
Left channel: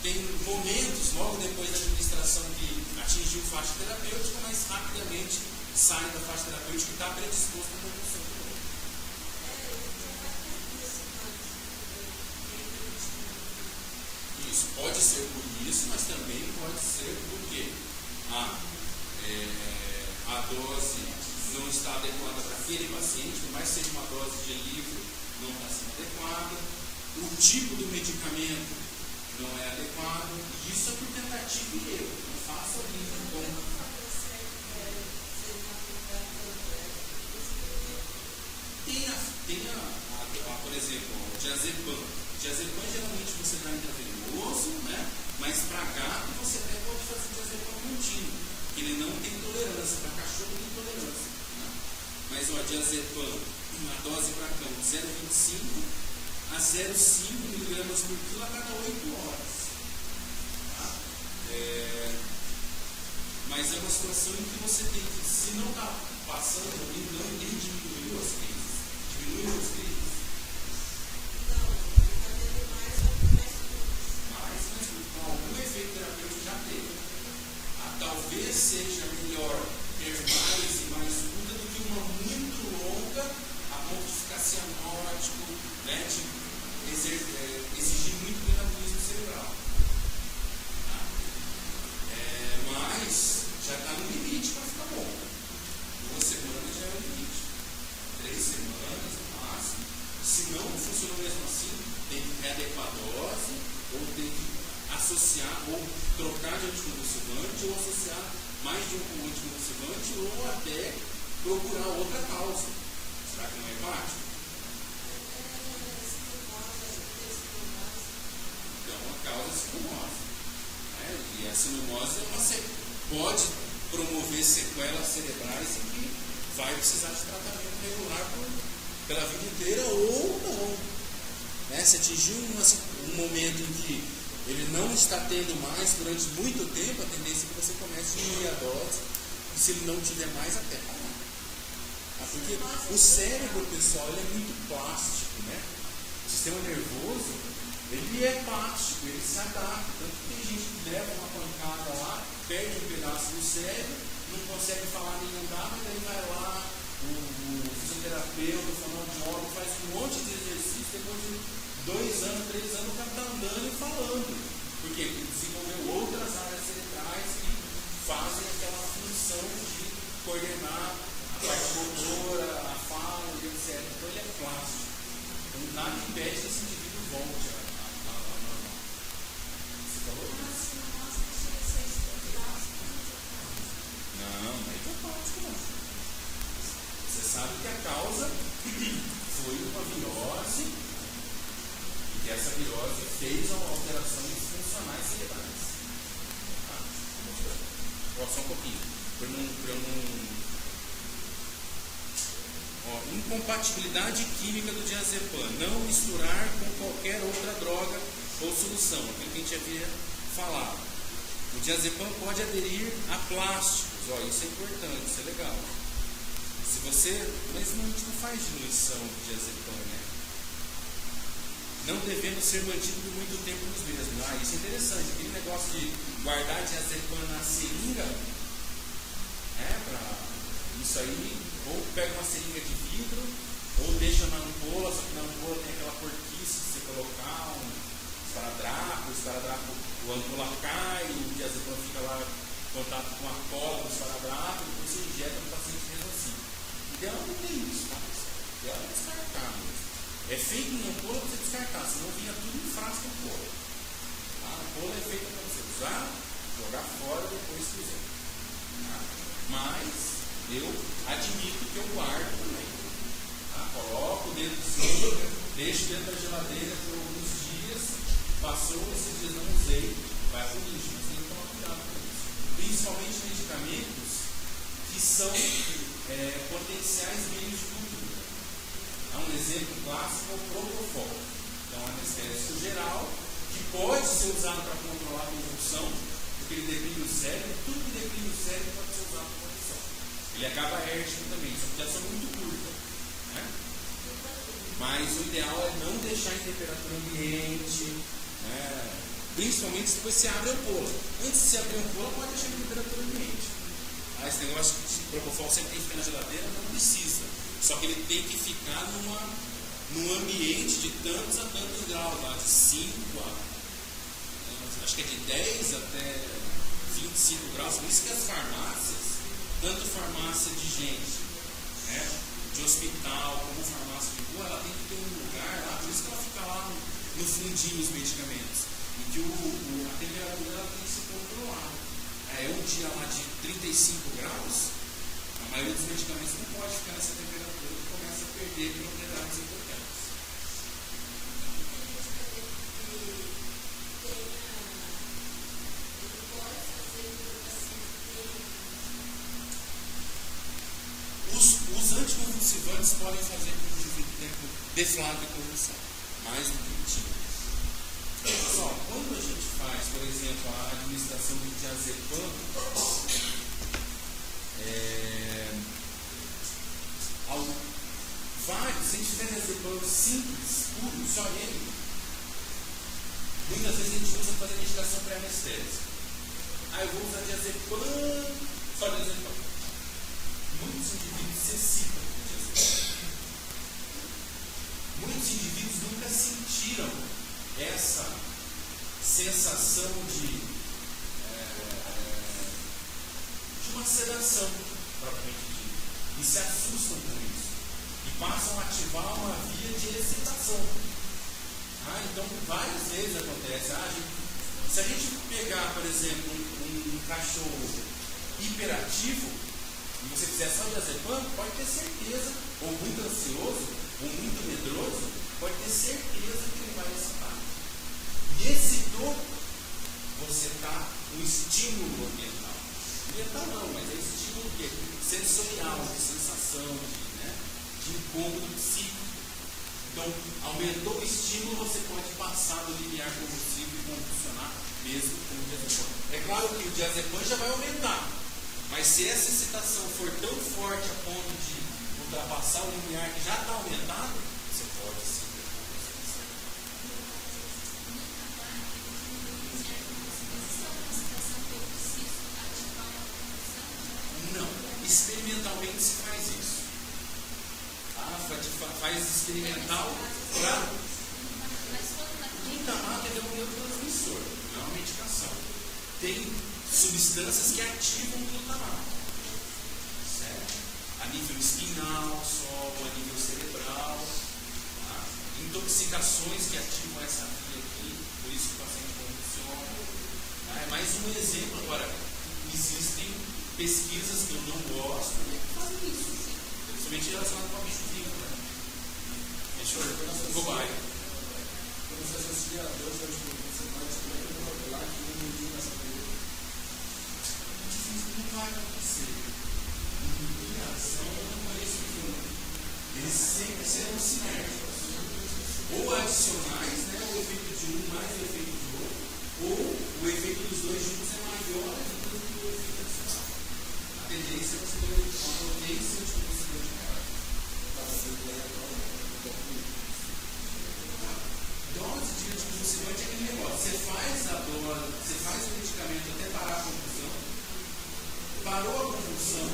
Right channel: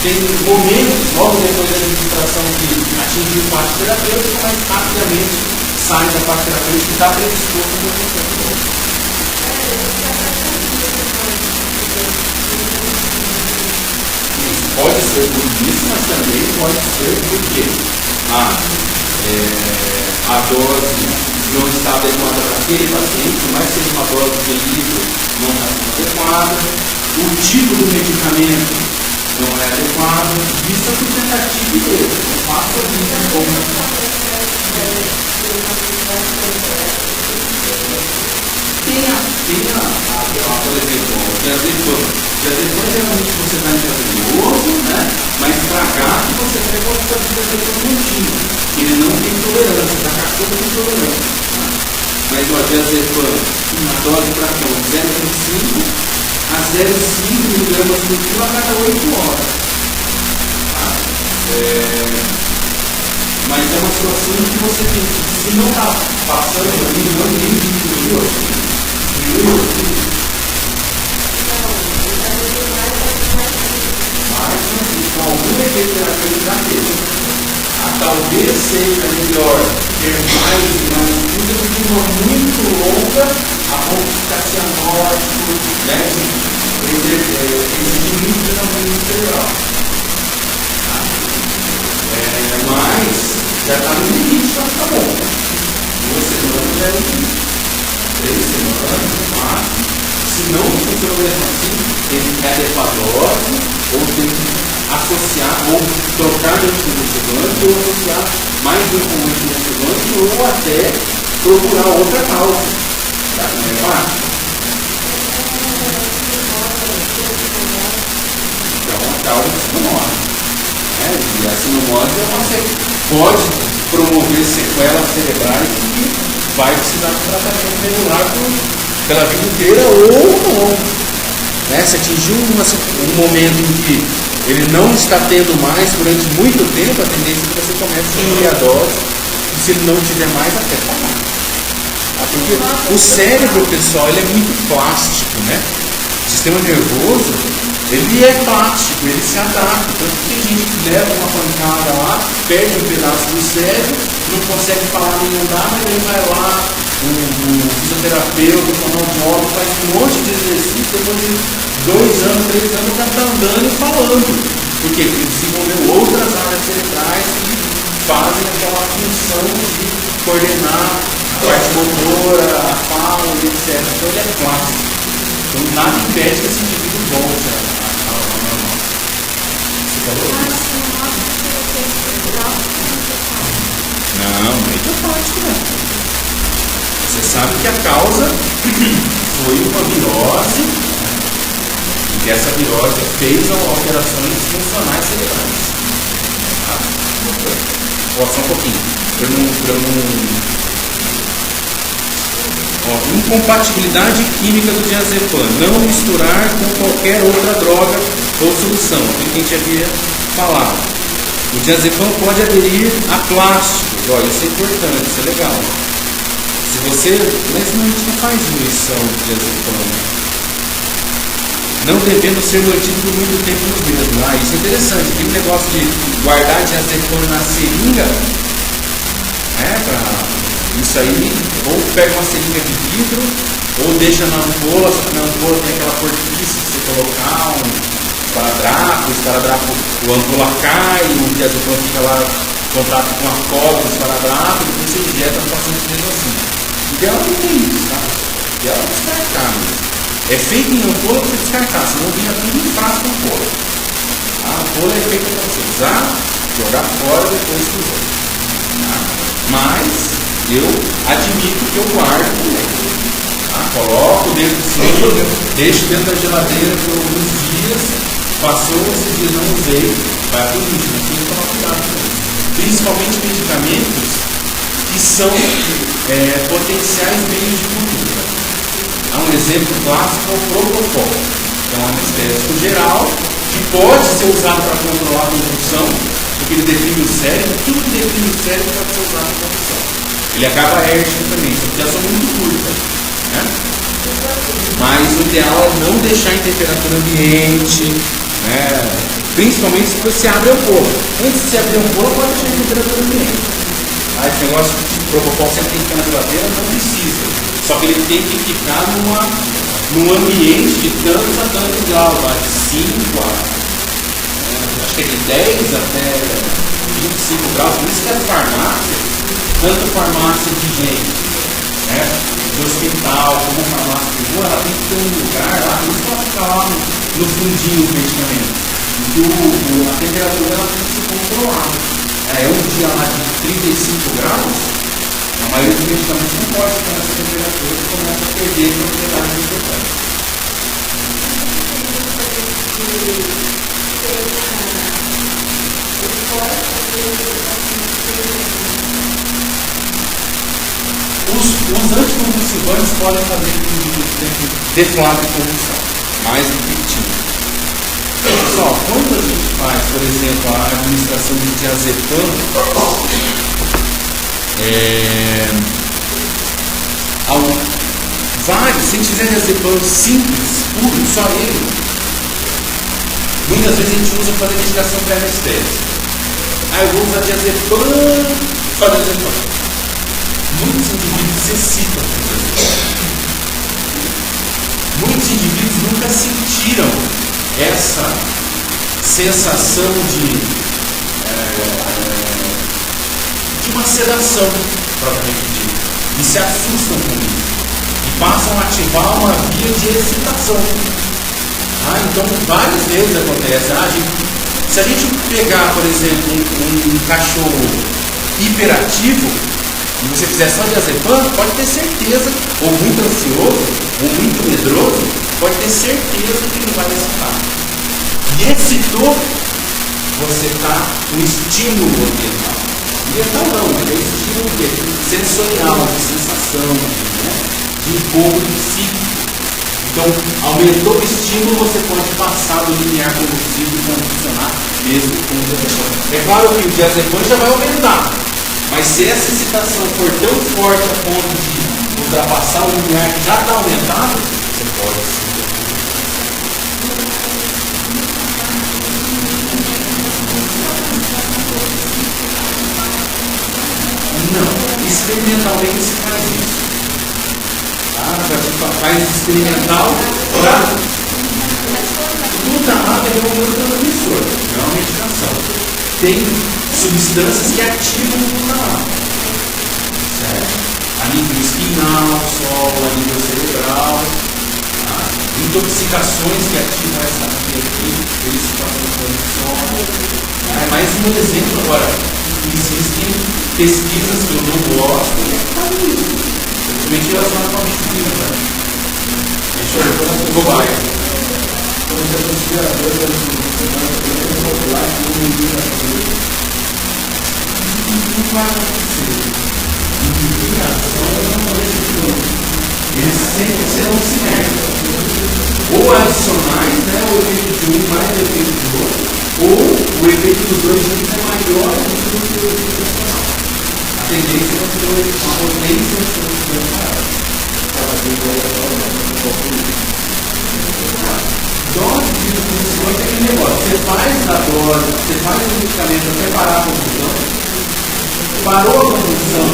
Tem momentos, logo depois da administração, que atingiu faixa terapêutica, mas rapidamente sai da faixa terapêutica e está predisposto a acontecer. Isso. Pode ser por isso, mas também pode ser porque a dose não está adequada para aquele paciente, por mais que seja uma dose de litro, não está sendo adequada, o tipo do medicamento não é adequado, isso é por tentativa e erro. O fato é que é bom. Por exemplo, o diazepam. Diazepam geralmente você dá intravenoso, né? Mas para gato você pode dar diazepam contínuo. Ele não tem tolerância, para cachorro tem tolerância. Tá? Mas o diazepam, uma dose para cão, 0,25 a 0,5 mg por quilo a cada 8 horas. Tá? Mas é uma situação em que você tem que, se não está passando ali, não tem que diminuir. Mas, com algum efeito terapêutico da mesa, talvez seja melhor ter mais coisa do que uma muito longa, a ponto de ficar cianótico, né? Exige muito treinamento cerebral. Mas já está no limite para ficar bom. 2 semanas já é o limite. 3 semanas, 4. Se não funciona mesmo assim, tem que adequar a dose, ou tem que associar, ou trocar de anticonvulsivante, ou associar mais de um anticonvulsivante, ou até procurar outra causa. Tá? Não é fácil? Então, a causa é a sinomose. E a sinomose pode promover sequelas cerebrais que vai precisar de tratamento regular pela vida inteira ou não. Né? Se atingir um momento em que ele não está tendo mais durante muito tempo, a tendência é que você comece a diminuir a dose, e se ele não tiver mais, até parar. Porque o cérebro, pessoal, ele é muito plástico, né? O sistema nervoso, ele é plástico, ele se adapta. Tanto que tem gente que leva uma pancada lá, perde um pedaço do cérebro, não consegue falar nem andar, mas ele vai lá, um fisioterapeuta, um fonoaudiólogo, faz um monte de exercício, depois de 2 anos, 3 anos, já está andando e falando. Por quê? Porque ele desenvolveu outras áreas cerebrais que fazem aquela função de coordenar a parte motora, a fala, etc. Então ele é plástico. Então nada impede que esse indivíduo volte ao normal. Você falou isso? Não, não é idiopático não. Você sabe que a causa foi uma virose, e que essa virose fez alterações funcionais cerebrais. Tá? Só um pouquinho. Incompatibilidade química do diazepam. Não misturar com qualquer outra droga ou solução. Aquilo que a gente havia falado. O diazepam pode aderir a plásticos. Olha, isso é importante, isso é legal. Se você, mas não, a gente não faz diluição de diazepam, não devendo ser mantido por muito tempo nos mesmos. Isso é interessante, aquele negócio de guardar diazepam na seringa, isso aí, ou pega uma seringa de vidro, ou deixa na ampola, só que na ampola tem aquela porquice que você colocar um esparadrapo, o ampola cai, o diazepam fica lá em contato com a cola do esparadrapo, depois você injeta no paciente mesmo assim. E ela não tem isso, tá? E ela é descartável. É feito em ampola para descartar, senão vira tudo em frasco ampola. A ampola é feita para você usar, jogar fora depois que usou. Tá? Mas eu admito que eu guardo também. Tá? Coloco dentro do cima, deixo dentro da geladeira por alguns dias, passou esses dias não usei, vai para o lixo, mas tem que tomar cuidado com isso. Principalmente medicamentos que são potenciais meios de cultura. Um exemplo clássico é o propofol, que é um anestésico geral que pode ser usado para controlar a convulsão, porque ele deprime o cérebro, tudo que deprime o cérebro pode ser usado para convulsão. Ele acaba értico também, só que já são muito curtas. Né? Mas o ideal é não deixar em temperatura ambiente, né? Principalmente se você abre a ampola. Antes de você abrir a ampola, pode deixar em temperatura ambiente. Esse negócio de propofol sempre tem que ficar na geladeira, não precisa. Só que ele tem que ficar num ambiente de tantos a tantos graus, de 5 a acho que é de 10 até 25 graus, por isso que as farmácias, tanto farmácia de gente, né, de hospital, como farmácia de rua, ela tem que ter um lugar lá, por isso que ela fica lá no fundinho do medicamento, porque a temperatura ela tem que ser controlada. É um dia lá de 35 graus, a maioria dos medicamentos não pode ficar nessa temperatura e começa a perder propriedades importantes. Os anticonvulsivantes podem fazer com que o indivíduo tenha deflado de convulsão, mais do que tinha. Pessoal, quando a gente faz, por exemplo, a administração de diazepam, se a gente fizer diazepam simples, puro, só ele, muitas vezes a gente usa para fazer medicação pré-anestésica. Eu vou usar diazepam, só diazepam. Muitos indivíduos se excitam com diazepam. Muitos indivíduos nunca sentiram essa sensação de uma sedação, propriamente dita, e se assustam com isso, e passam a ativar uma via de excitação. Então, várias vezes acontece. Se a gente pegar, por exemplo, um cachorro hiperativo, e você fizer só diazepam, pode ter certeza, ou muito ansioso, ou muito medroso, pode ter certeza que ele vai excitar. E excitou, você está no estímulo ambiental. Ambiental não, é estímulo sensorial, de sensação, de encontro psíquico. Então, aumentou o estímulo, você pode passar do limiar convulsivo e convulsionar mesmo com o diazepam. É claro que o diazepam já vai aumentar. Mas se essa excitação for tão forte a ponto de ultrapassar o limiar que já está aumentado, você pode sim. Não, experimentalmente se faz isso. Faz experimental para glutamado é um neurotransmissor, não é uma medicação. Tem substâncias que ativam o glutamato, certo? A nível espinal, solo, a nível cerebral, intoxicações que ativam essa via aqui, eles se transformam em solo. Mais um exemplo agora, existem pesquisas que eu não gosto, simplesmente relacionadas com a medicina, né? Deixa eu ver como cobaia. Quando você considera a dor não vai acontecer. Eles sempre serão sinérgicos. Ou adicionais, né? O efeito de um mais o efeito do outro, ou o efeito dos dois juntos é maior do que o efeito adicional. A tendência é ter uma potência separada. Dose de convulsões é aquele negócio. Você faz a dose, você faz o medicamento até parar a convulsão, parou a convulsão,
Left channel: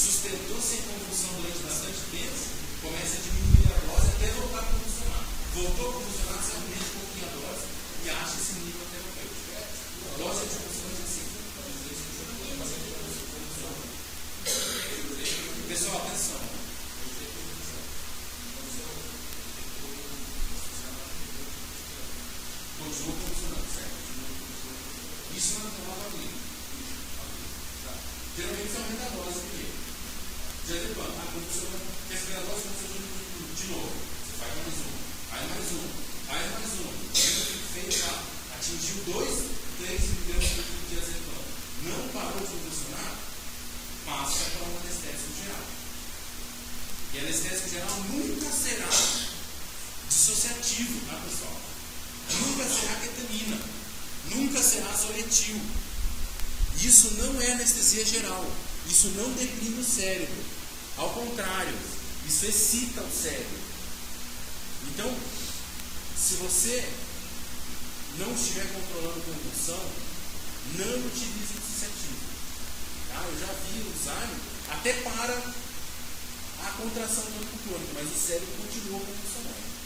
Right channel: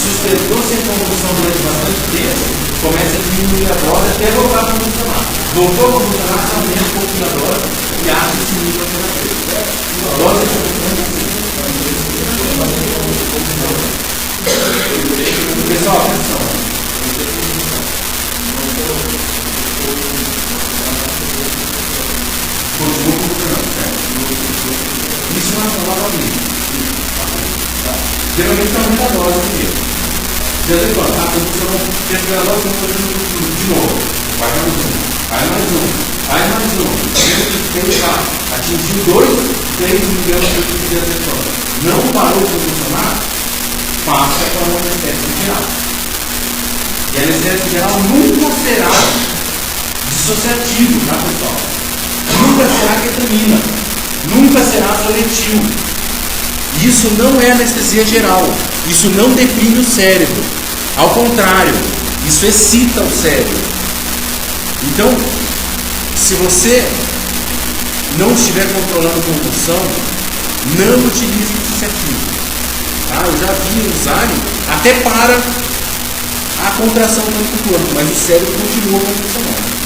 sustentou sem convulsão durante bastante tempo, começa a diminuir a dose até voltar a convulsionar. Voltou a convulsionar, você aumenta um pouquinho a dose e acha esse nível terapêutico. A dose de convulsão. Pessoal, atenção. Continua convulsionando, certo? Isso não é novamente. Geralmente aumenta a dose mesmo. De vez em quando, a convulsão tem a dose de novo. Vai mais um, vai mais um, vai mais um. Tem que atingiu 2, 3 miligramas de diazepam. Não parou de convulsionar, passa para uma anestésica geral. E a anestésica geral nunca será dissociativo, tá, pessoal? Nunca será ketamina, nunca será zoletil. Isso não é anestesia geral, isso não deprime o cérebro. Ao contrário, isso excita o cérebro. Então, se você não estiver controlando a convulsão, não utilize dissociativo. Eu já vi usarem até para a contração do corpo, mas o cérebro continua convulsionando.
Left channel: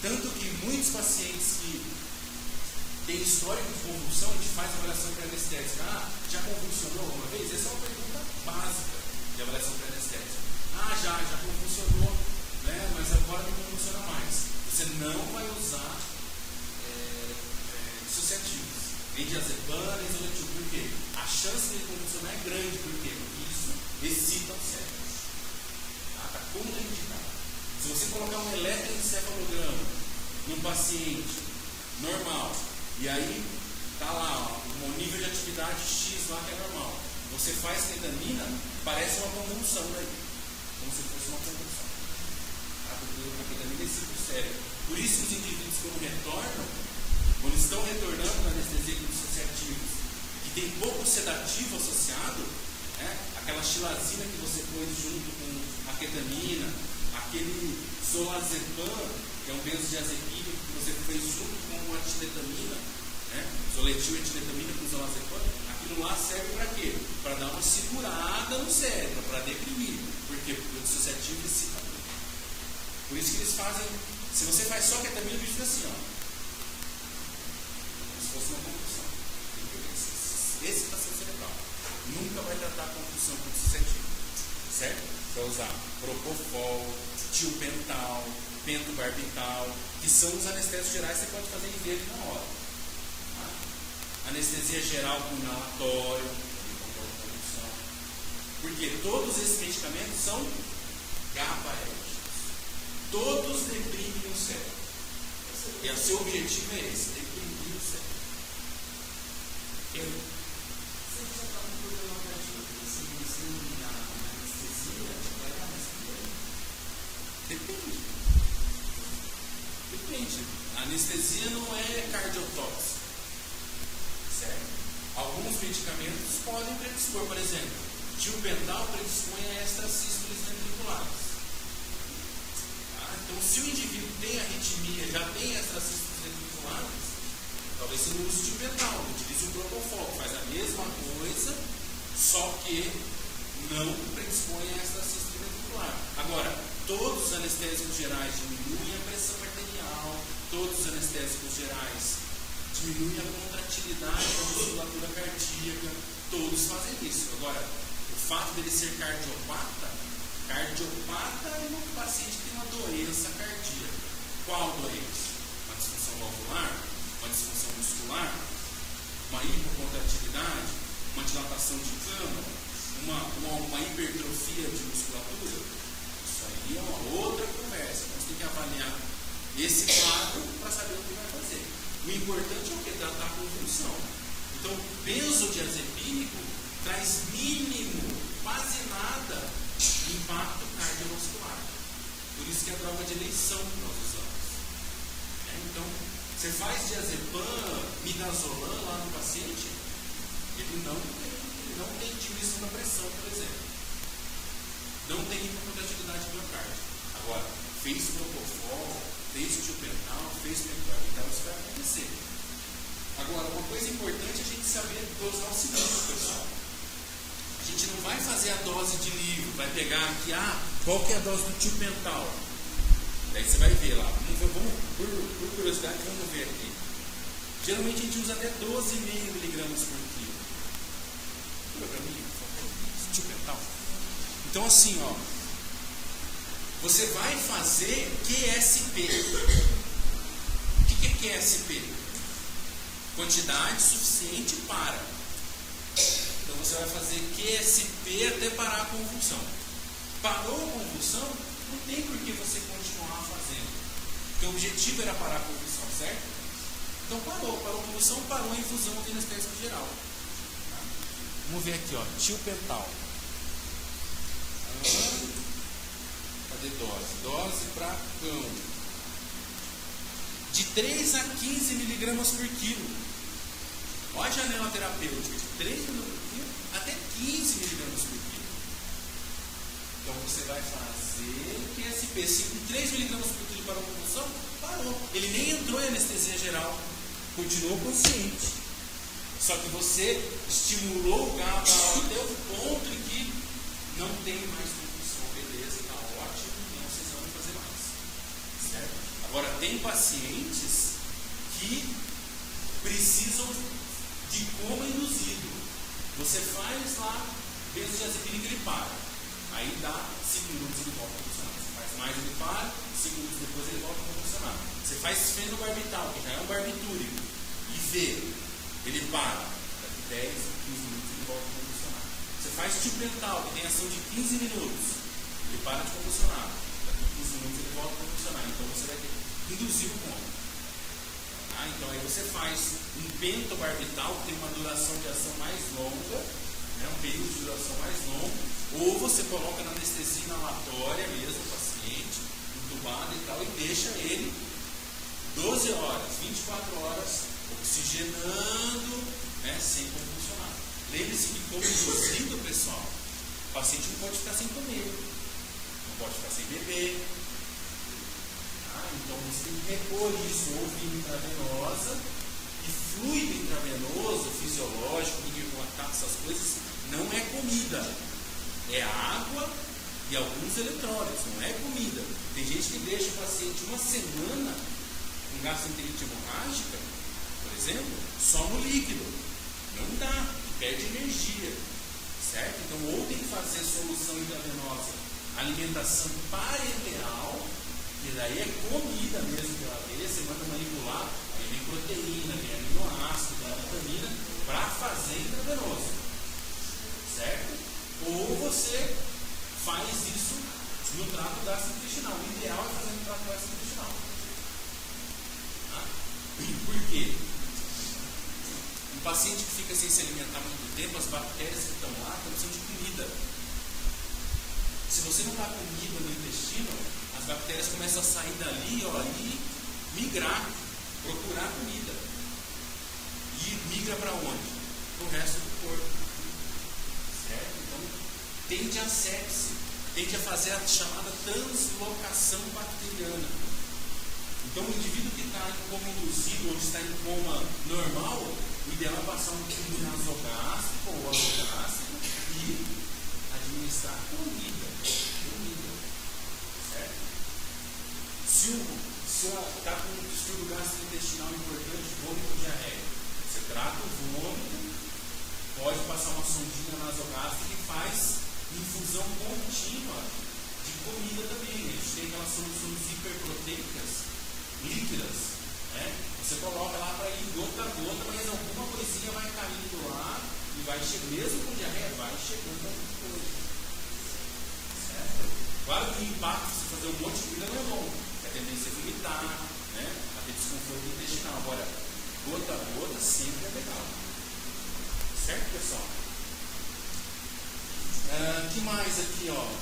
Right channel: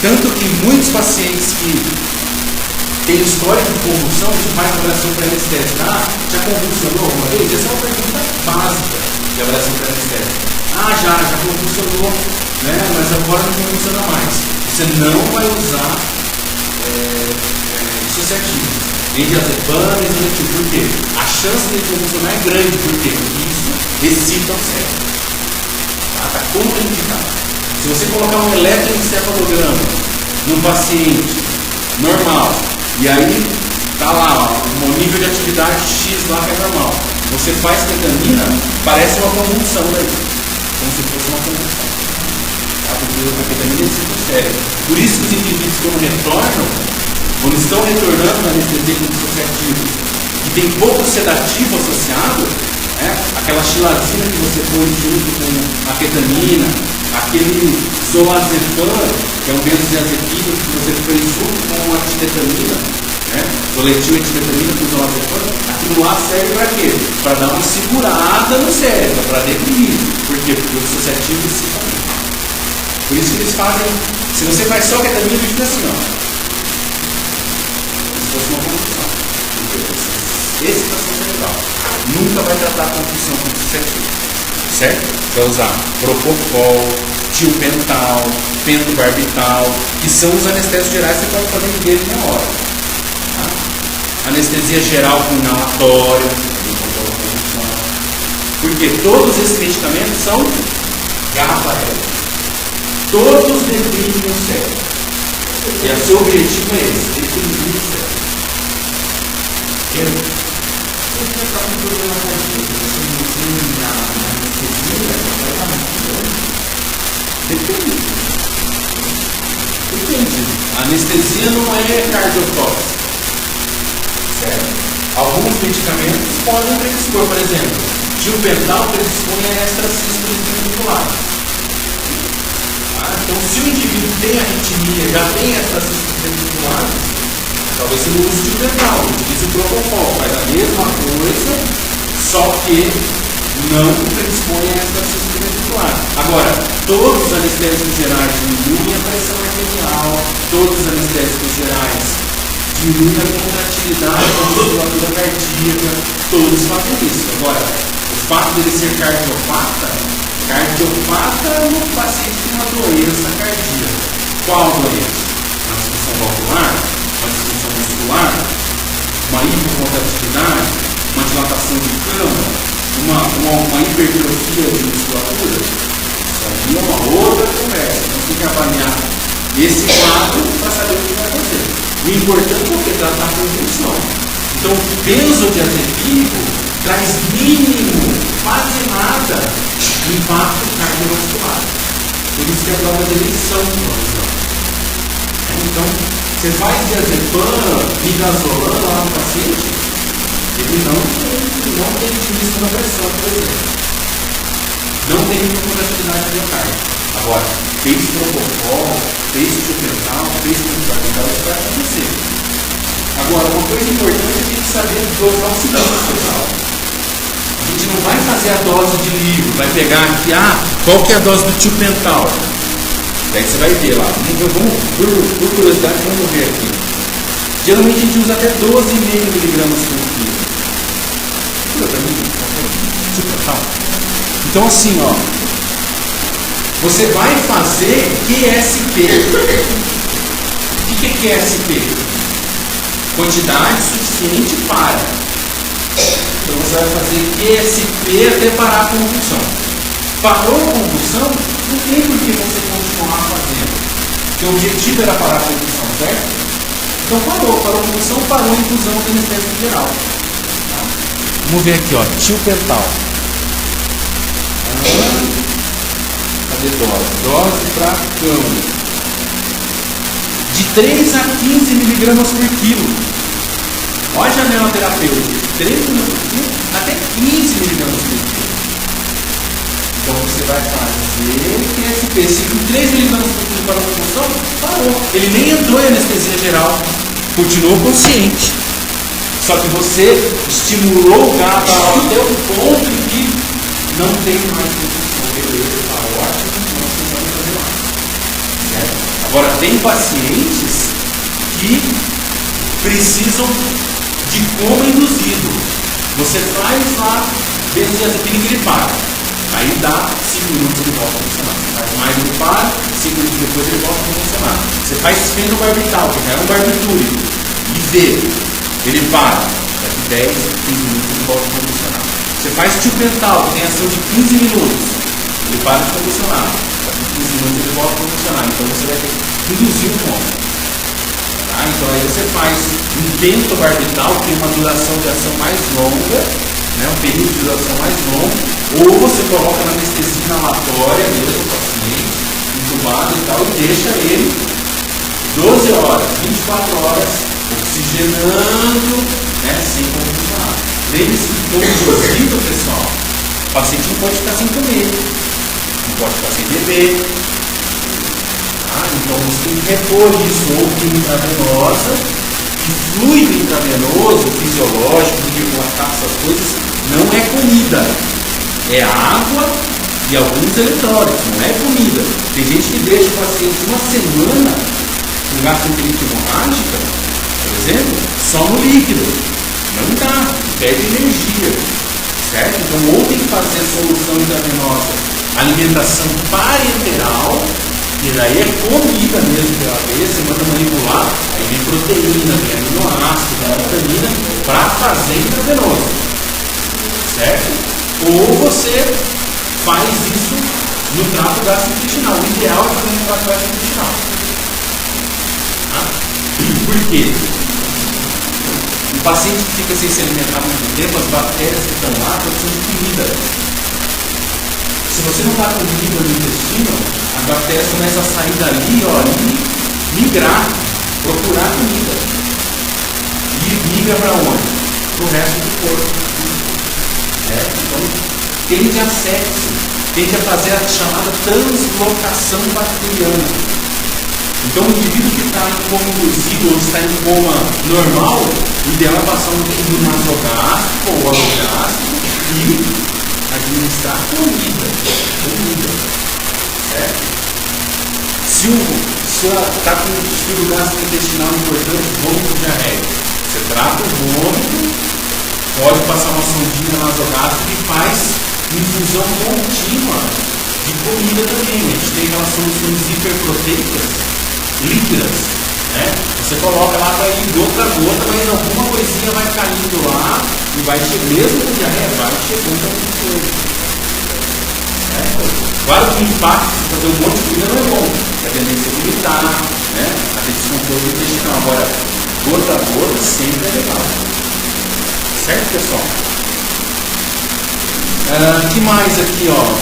Tanto que muitos pacientes que tem histórico de convulsão, de faz avaliação pré-anestésica. Já convulsionou alguma vez? Essa é uma pergunta básica de avaliação pré-anestésica. Já convulsionou, né? Mas agora não convulsiona mais. Você não vai usar dissociativo. Nem diazepam, nem diazepam. Por quê? A chance de convulsionar é grande. Por quê? Porque isso excita o cérebro. Está contraindicado. Se você colocar um eletroencefalograma num paciente normal, e aí está lá, o nível de atividade X lá que é normal, você faz ketamina, parece uma convulsão daí, como se fosse uma convulsão. Porque a ketamina excita o cérebro. Por isso que os indivíduos quando retornam, quando estão retornando na anestesia dissociativa, que tem pouco sedativo associado, aquela xilazina que você põe junto com a ketamina, aquele zolazepam, que é um benzodiazepínico que você põe junto com a titetamina, doletil e titetamina com zolazepam, aquilo lá serve para quê? Para dar uma segurada no cérebro, para deprimir. Por quê? Porque o dissociativo excita muito. Por isso que eles fazem, se você faz só ketamina, fica assim, ó. Como se fosse uma convulsão. Excitação cerebral. Nunca vai tratar a convulsão com dissociativo. Certo? Você vai usar propofol, tiopental, pentobarbital, que são os anestésicos gerais que você pode fazer em dele na hora. Tá? Anestesia geral com inalatório. Porque todos esses medicamentos são GABAéricos. Todos deprimem o cérebro. E o seu objetivo é esse, deprimir o cérebro. Se você está com problema cardíaco, você não tem na anestesia, vai estar muito bom. Depende. A anestesia não é cardiotóxica. Certo? Alguns medicamentos podem predispor, por exemplo, tiopental predispõe a extracístoles ventriculares. Então, se o indivíduo tem arritmia, já tem extracístoles ventriculares, talvez você não use tiopental, utilize o propofol, faz a mesma coisa, só que não predispõe a extracístole ventricular. Agora, todos os anestésicos gerais diminuem a pressão arterial, todos os anestésicos gerais diminuem a contratilidade da musculatura cardíaca, todos fazem isso. Agora, o fato dele ser cardiopata no paciente que tem uma doença cardíaca. Qual doença? Uma disfunção valvular, uma disfunção muscular, uma hipocontratividade, uma dilatação de cama, uma hipertrofia de musculatura. Isso aí é uma outra conversa. Então tem que avaliar esse quadro para saber o que vai fazer. O importante é tratar a convulsão. Então, o benzodiazepínico traz mínimo, quase nada, impacto cardiovascular. Por isso que é a prova de eleição. Então, você faz diazepam, midazolam lá no paciente, ele não tem diminuição da pressão, por exemplo. Não tem hipocontratividade miocárdica. Agora, fez propofol, fez tiopental, fez pentobarbital, isso vai acontecer. Agora, uma coisa importante é a gente saber dosar o seguinte, a gente não vai fazer a dose de livro, vai pegar aqui, qual que é a dose do tiopental? Daí você vai ver lá. Por curiosidade, vamos ver aqui. Geralmente a gente usa até 12,5 mg por quilo. Tiopental. Então assim, você vai fazer QSP. O que é QSP? Quantidade suficiente para. Então você vai fazer QSP até parar a convulsão. Parou a convulsão, não tem por que você continuar fazendo. Porque o objetivo era parar a convulsão, certo? Então parou a convulsão, parou a infusão do anestésico geral. Tá? Vamos ver aqui, tiopental. Cadê dose? Dose para cama. De 3 a 15 mg por quilo. Olha a janela terapêutica. De 3 mg por quilo até 15 mg por quilo. Então você vai fazer QSP. Se com 3 mg por quilo para a convulsão, parou. Ele nem entrou em anestesia geral. Continuou consciente. Só que você estimulou o GABA até o ponto em que não tem mais convulsão. Beleza, está ótimo, não precisamos fazer mais. Certo? Agora, tem pacientes que precisam de coma induzido. Você faz lá, benzodiazepina que ele para. Aí dá 5 minutos ele volta a funcionar. Você faz mais ele para, 5 minutos depois ele volta a funcionar. Você faz fenobarbital, que já é um barbitúrico, e vê, ele para. Daqui 10, 15 minutos ele volta a funcionar. Você faz tiopental, que tem ação de 15 minutos, ele para de funcionar. Daqui 15 minutos ele volta a funcionar. Então você vai ter que induzir o coma. Tá? Então aí você faz um pentobarbital, que tem uma duração de ação mais longa, né? Um período de duração mais longo, ou você coloca na anestesia inalatória mesmo o paciente, entubado e tal, e deixa ele 12 horas, 24 horas, oxigenando, né? Sem convulsionar. Lembre-se que todo induzido, pessoal, o paciente não pode ficar sem comer, não pode ficar sem beber. Então você tem que repor isso, ou via intravenosa, que fluido intravenoso, fisiológico, de relatar essas coisas, não é comida, é água e alguns eletrólitos, não é comida. Tem gente que deixa o paciente uma semana com gastroenterite hemorrágica, por exemplo, só no líquido. Não dá, perde energia, certo? Então ou tem que fazer solução intravenosa, alimentação parenteral, e daí é comida mesmo pela vez, você manda manipular, aí vem proteína, vem aminoácido, vem vitamina, para fazer intravenoso, certo? Ou você faz isso no trato gastrointestinal. O ideal é fazer no trato gastrointestinal. Tá? Por quê? O paciente que fica sem se alimentar muito tempo, as bactérias que estão lá estão precisando de comida. Se você não dá comida no intestino, as bactérias começam a sair dali, ó, e migrar, procurar comida. E migra para onde? Para o resto do corpo. Certo? Então, tende a sepse, tende a fazer a chamada translocação bacteriana. Então, o indivíduo que está em coma induzido ou está em coma normal, o ideal é passar um tempo nasogástrico ou orogástrico e administrar comida. Certo? Se está com um distúrbio gastrointestinal importante, vômito diarreico, você trata o vômito, pode passar uma sondinha nasogástrica e faz infusão contínua de comida também. A gente tem aquelas soluções hiperproteicas líquidas, né? Você coloca lá, vai ir gota a gota, mas alguma coisinha vai caindo lá e vai mesmo com diarreia, vai chegando alguma coisa. Certo? Claro que o impacto de fazer um monte de comida não é bom, a tendência a vomitar, né? A ter descontrole intestinal. Agora, gota a gota sempre é legal. Certo, pessoal? Que mais aqui, ó?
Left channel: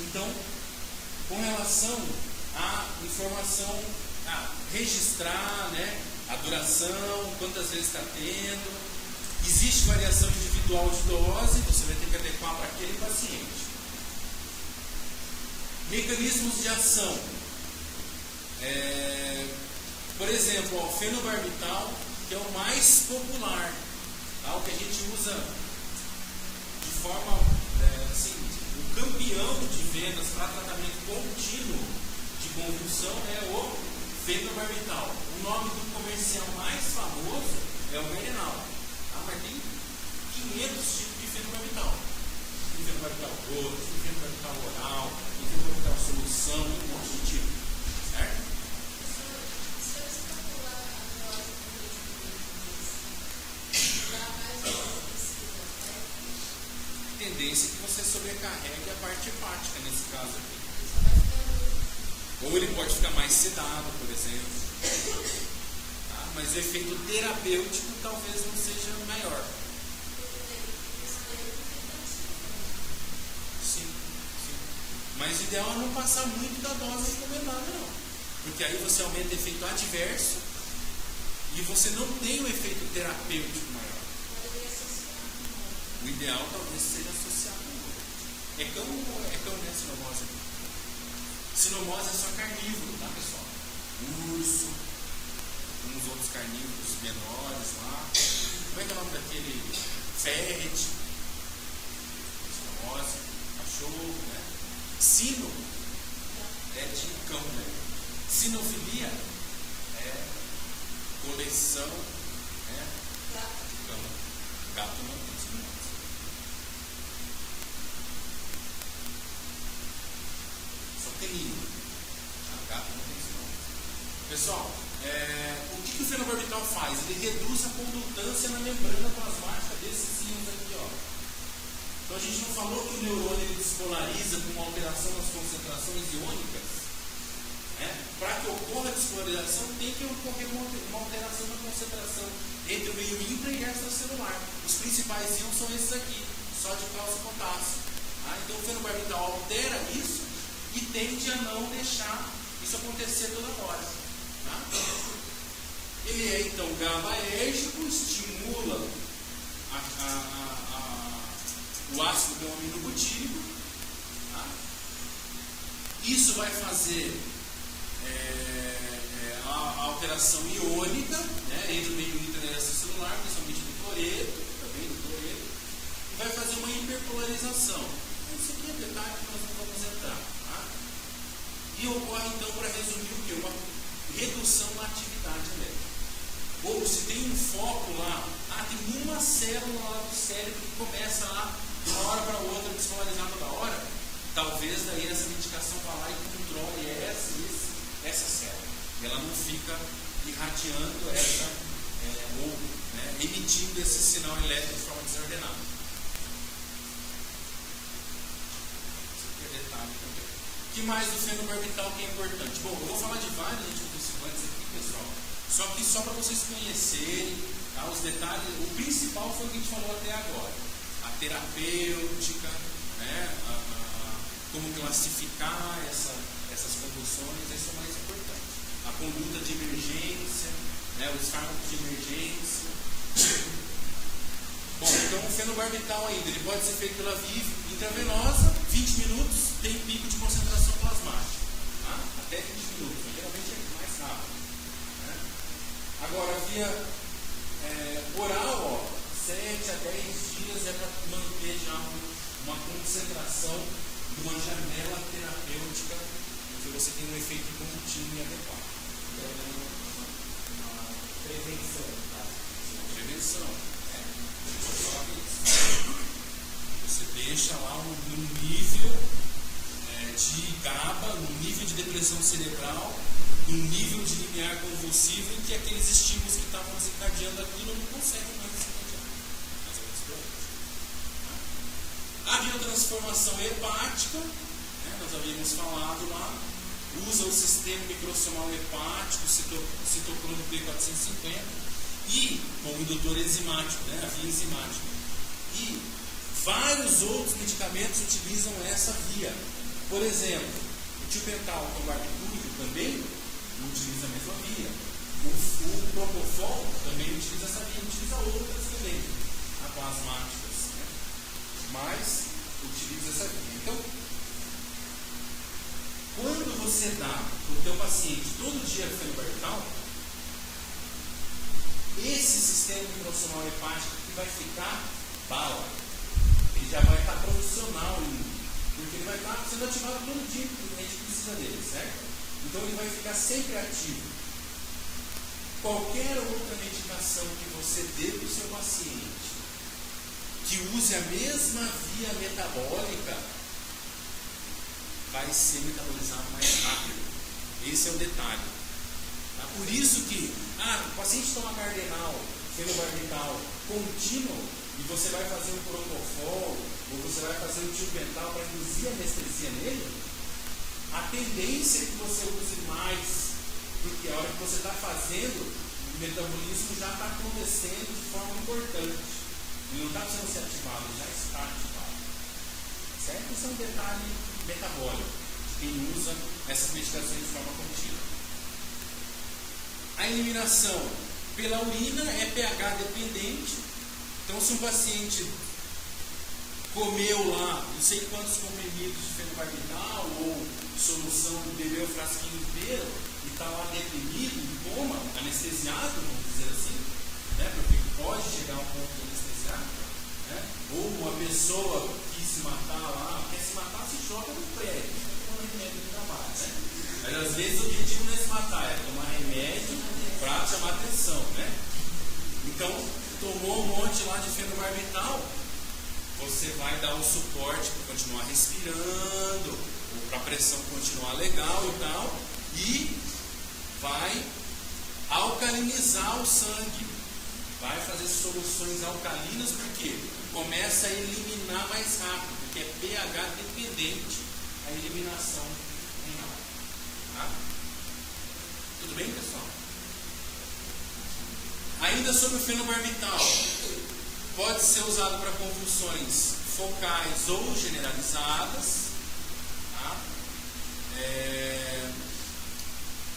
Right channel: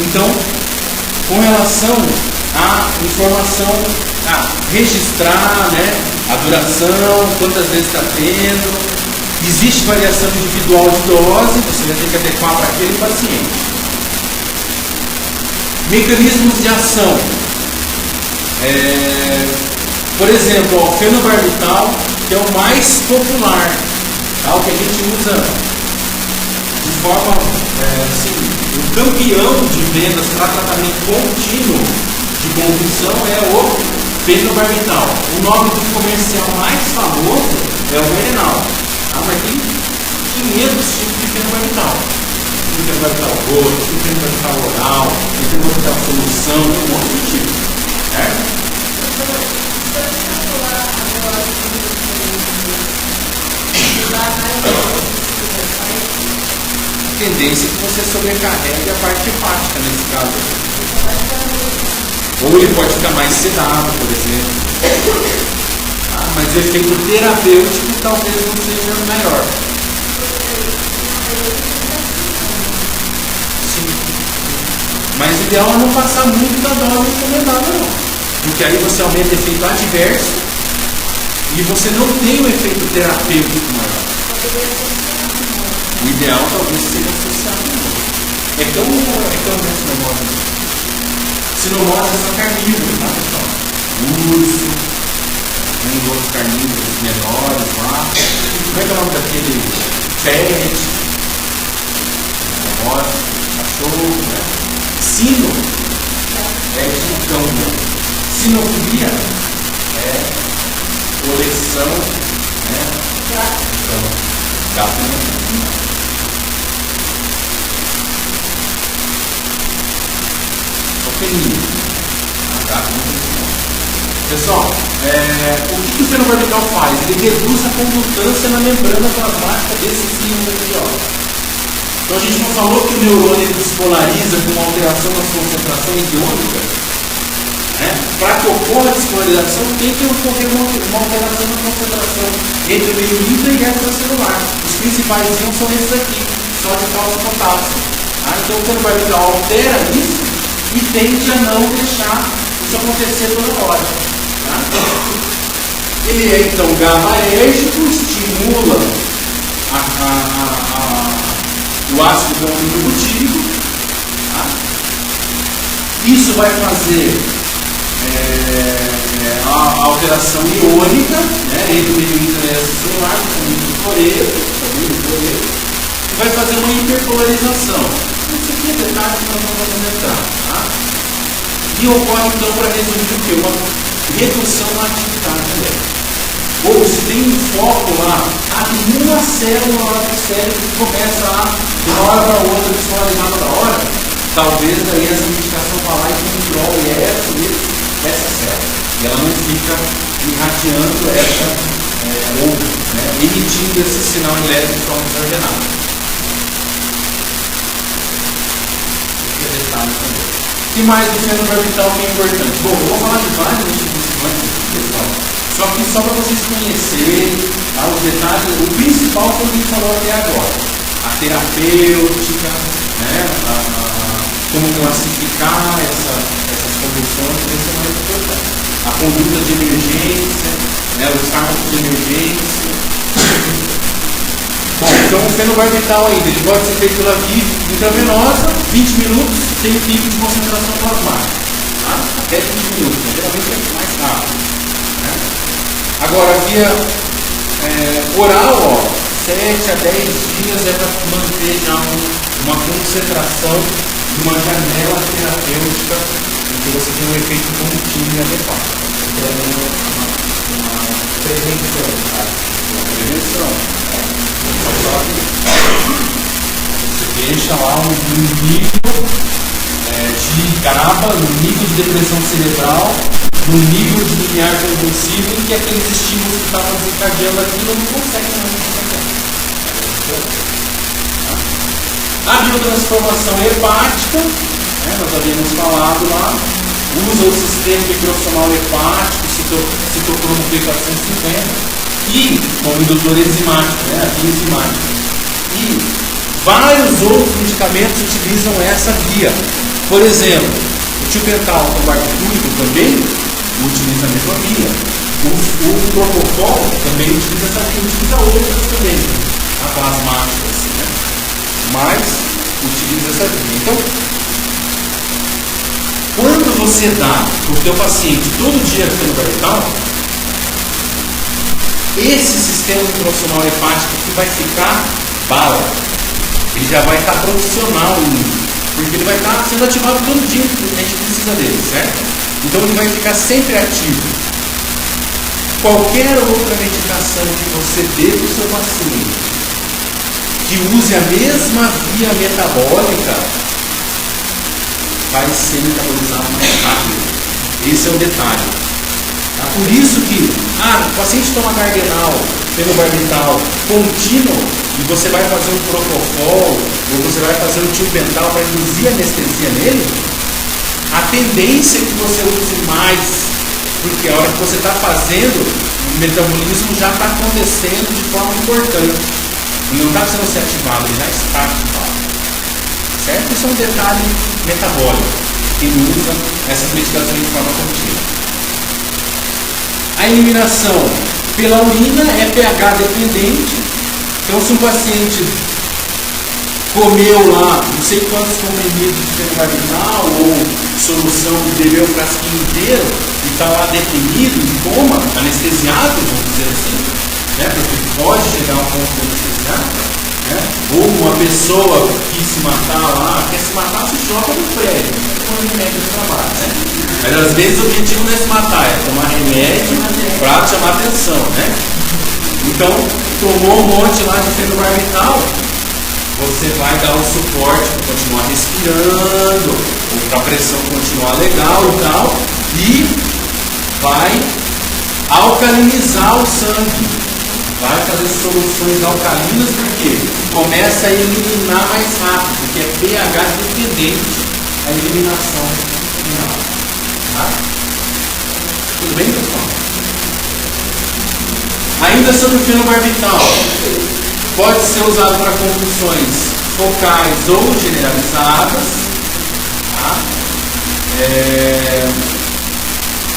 Então, com relação à informação, registrar, né, a duração, quantas vezes está tendo, existe variação individual de dose, você vai ter que adequar para aquele paciente. Mecanismos de ação. Por exemplo, o fenobarbital, que é o mais popular, tá? O que a gente usa de forma, o campeão de vendas para tratamento contínuo de convulsão é o fenobarbital. O nome do comercial mais famoso é o Merenal. Tá? Mas tem 500 tipos de fenobarbital. Tem fenobarbital roxo, tem fenobarbital oral, tem fenobarbital solução, tem um monte de tipos. Certo? A tendência é que você sobrecarregue a parte hepática nesse caso. Ou ele pode ficar mais sedado, por exemplo. Mas o efeito terapêutico talvez não seja melhor. Sim. Mas o ideal é não passar muito da dose recomendada, não. Porque aí você aumenta o efeito adverso e você não tem o efeito terapêutico maior. O ideal talvez seja associado. É como sinomose. Sinomose é só carnívoro, tá, pessoal? Urso, tem outros carnívoros menores lá. Como é que é o nome daquele pet? Sinomose, cachorro, né? Sino é de cão, né? Sinofilia é coleção Está penetrando. Pequenininho. Tá? Pessoal, o que o fenobarbital faz? Ele reduz a condutância na membrana plasmática desses íons aqui, ó. Então a gente não falou que o neurônio ele despolariza com uma alteração nas concentrações iônicas? Para que ocorra a despolarização, tem que ocorrer uma alteração na concentração entre o meio livre e extracelular. Os principais íons são esses aqui, sódio, cálcio e potássio. Então o fenobarbital altera isso e tende a não deixar isso acontecer toda hora. Ele é então GABAérgico, estimula o ácido gama-butírico. Isso vai fazer a alteração iônica, entre o meio intracelular, e vai fazer uma hiperpolarização. Isso aqui é detalhe que nós não vamos entrar. E ocorre então, para resumir, o quê? Uma redução na atividade elétrica. Ou se tem um foco lá, abre uma célula lá do cérebro que começa a, de uma hora para outra, despolarizada da hora, talvez daí essa medicação vá lá e controle essa célula. E ela não fica irradiando ou emitindo esse sinal elétrico de forma desordenada. Esse é detalhe também. O que mais do fenobarbital que é importante? Bom, eu vou falar de vários anticonvulsivantes aqui, pessoal. Só que só para vocês conhecerem os detalhes, o principal foi o que a gente falou até agora. A terapêutica, como classificar essas convulsões, isso é mais importante. A conduta de emergência, os fármacos de emergência. Bom, então o fenobarbital ainda, ele pode ser feito pela via intravenosa, 20 minutos, sem pico de concentração plasmática. Até 20 minutos, geralmente é mais rápido. Agora, via oral, 7 a 10 dias é para manter já uma concentração de uma janela terapêutica em que você tem um efeito contínuo e adequado. Então, uma prevenção. Uma prevenção. Você deixa lá um nível de GABA, um nível de depressão cerebral, no nível de limiar convulsivo em que aqueles estímulos que estavam desencadeando aquilo não conseguem mais desencadear. A biotransformação hepática, nós havíamos falado lá, usa o sistema microsomal hepático, citocromo P450, e como indutor enzimático, a via enzimática. E vários outros medicamentos utilizam essa via. Por exemplo, o tiopental com barbitúrico também utiliza a mesma via. O propofol também utiliza essa via, utiliza outras também, plasmáticas, mas utiliza essa via. Então, quando você dá para o teu paciente todo dia fenobarbital, esse sistema microsomal hepático que vai ficar bala, ele já vai estar profissional nisso, porque ele vai estar sendo ativado todo dia, a gente precisa dele, certo? Então ele vai ficar sempre ativo. Qualquer outra medicação que você dê para o seu paciente que use a mesma via metabólica vai ser metabolizado mais rápido. Esse é o detalhe. Por isso que o paciente toma Gardenal, fenobarbital contínuo, e você vai fazer um propofol, ou você vai fazer um tiopental para induzir anestesia nele, a tendência é que você use mais, porque a hora que você está fazendo, o metabolismo já está acontecendo de forma importante. Ele não está precisando ser ativado, ele já está ativado. Certo? Isso é um detalhe metabólico, que ele usa essas medicações de forma contínua. A eliminação pela urina é pH dependente. Então, se um paciente comeu lá não sei quantos comprimidos de fenobarbital ou solução que bebeu um frasquinho inteiro e está lá deprimido, em coma, anestesiado, vamos dizer assim, porque pode chegar a um ponto de anestesiar, ou uma pessoa que quis se matar lá, quer se matar, se joga no prédio, não é remédio de trabalho, Mas às vezes o objetivo não é se matar, é tomar remédio para chamar atenção, Então, tomou um monte lá de fenobarbital, você vai dar o suporte para continuar respirando, para a pressão continuar legal e tal, e vai alcalinizar o sangue, vai fazer soluções alcalinas, porque começa a eliminar mais rápido, porque é pH dependente a eliminação final. Tá? Tudo bem, pessoal? Ainda sobre o fenobarbital, pode ser usado para convulsões focais ou generalizadas. Tá?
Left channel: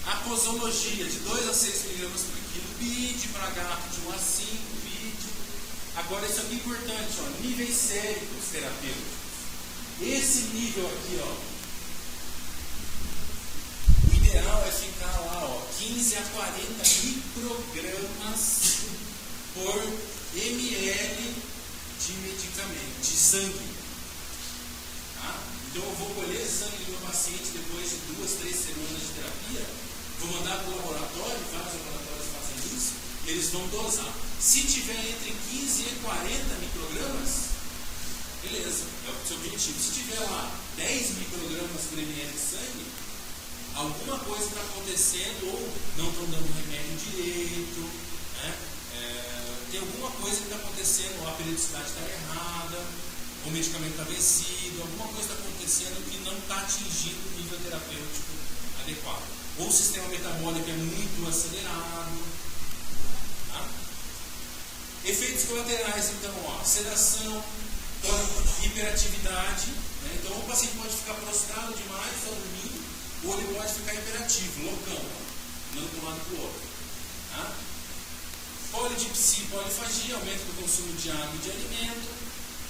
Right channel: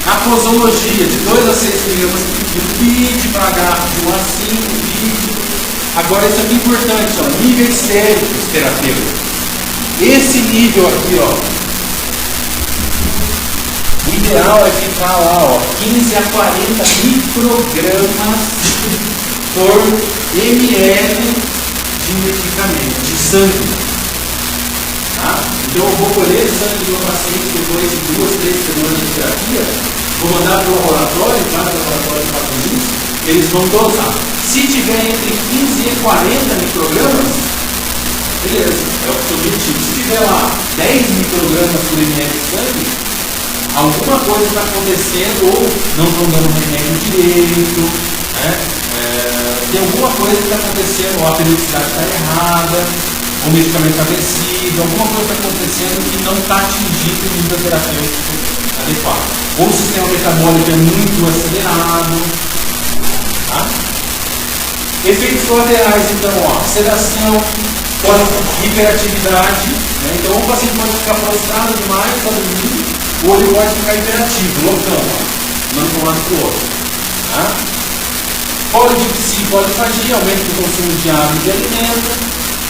A posologia de 2 a 6 miligramas por BID para H de 1 a 5 BID. Agora isso aqui é importante, ó, níveis séricos terapêuticos. Esse nível aqui, ó, o ideal é ficar lá, ó, 15 a 40 microgramas por ml de medicamento, de sangue. Tá? Então eu vou colher sangue do meu paciente depois de 2, 3 semanas de terapia, vou mandar para o laboratório, para o laboratório de Estados Unidos, eles vão dosar. Se tiver entre 15 e 40 microgramas, beleza, é o seu objetivo. Se tiver lá 10 microgramas por ml de sangue, alguma coisa está acontecendo, ou não estão dando remédio direito, né? Tem alguma coisa que está acontecendo, ou a periodicidade está errada, ou o medicamento está vencido, alguma coisa está acontecendo que não está atingindo o nível terapêutico adequado. Ou o sistema metabólico é muito acelerado. Tá? Efeitos colaterais, então, ó, sedação, hiperatividade, né? Então o paciente pode ficar prostrado demais, está dormindo, ou ele pode ficar hiperativo, loucão, não de um lado para o outro. Tá? Polidipsia, polifagia, aumento do consumo de água e de alimento.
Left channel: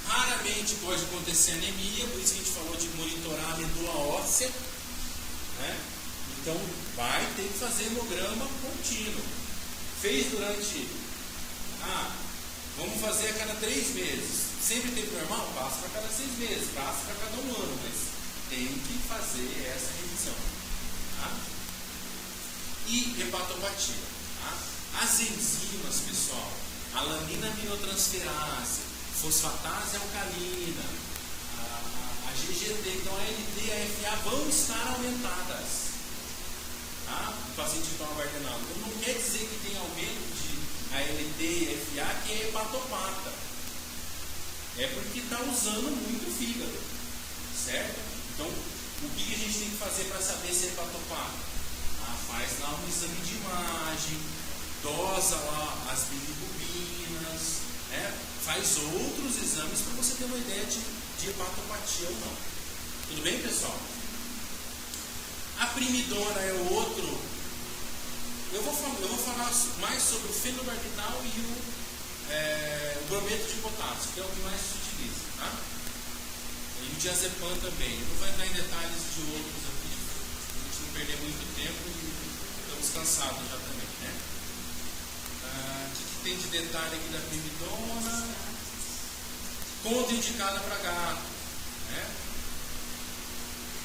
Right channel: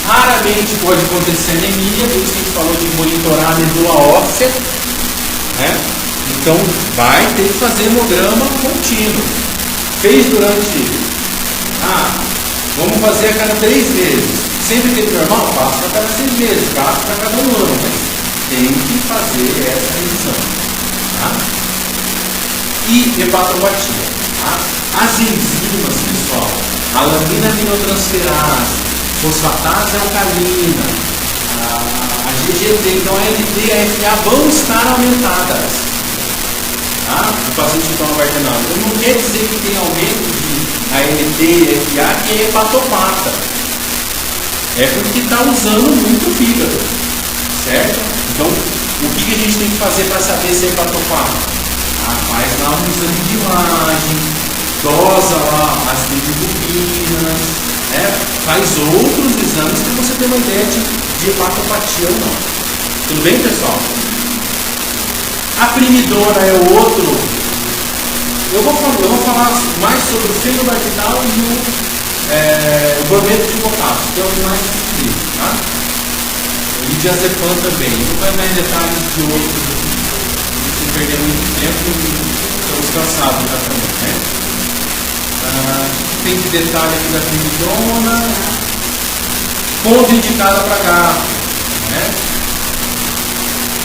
Raramente pode acontecer anemia, por isso que a gente falou de monitorar a medula óssea. Né? Então vai ter que fazer hemograma contínuo. Fez durante. Vamos fazer a cada 3 vezes. Sempre teve normal? Passa a cada 6 meses, passa a cada 1 ano. Mas tem que fazer essa revisão. Tá? E hepatopatia. Tá? As enzimas, pessoal, a lamina aminotransferase, fosfatase alcalina, a GGT, então a LT e a FA vão estar aumentadas. Tá? O paciente toma vardenal. Então não quer dizer que tem aumento de ALT e FA que é hepatopata. É porque está usando muito o fígado. Certo? Então, o que a gente tem que fazer para saber se é hepatopata? Faz lá um exame de imagem, dosa lá as bilirrubinas, né? Faz outros exames para você ter uma ideia de hepatopatia ou não. Tudo bem, pessoal? A primidona é o outro. Eu vou falar mais sobre o fenobarbital e o brometo de potássio, que é o mais difícil, tá? E o diazepam também. Não vai mais detalhes de outros, sem perder muito tempo, estamos cansados já também, né? Tem de detalhe aqui da primidona, contraindicada para gato, né?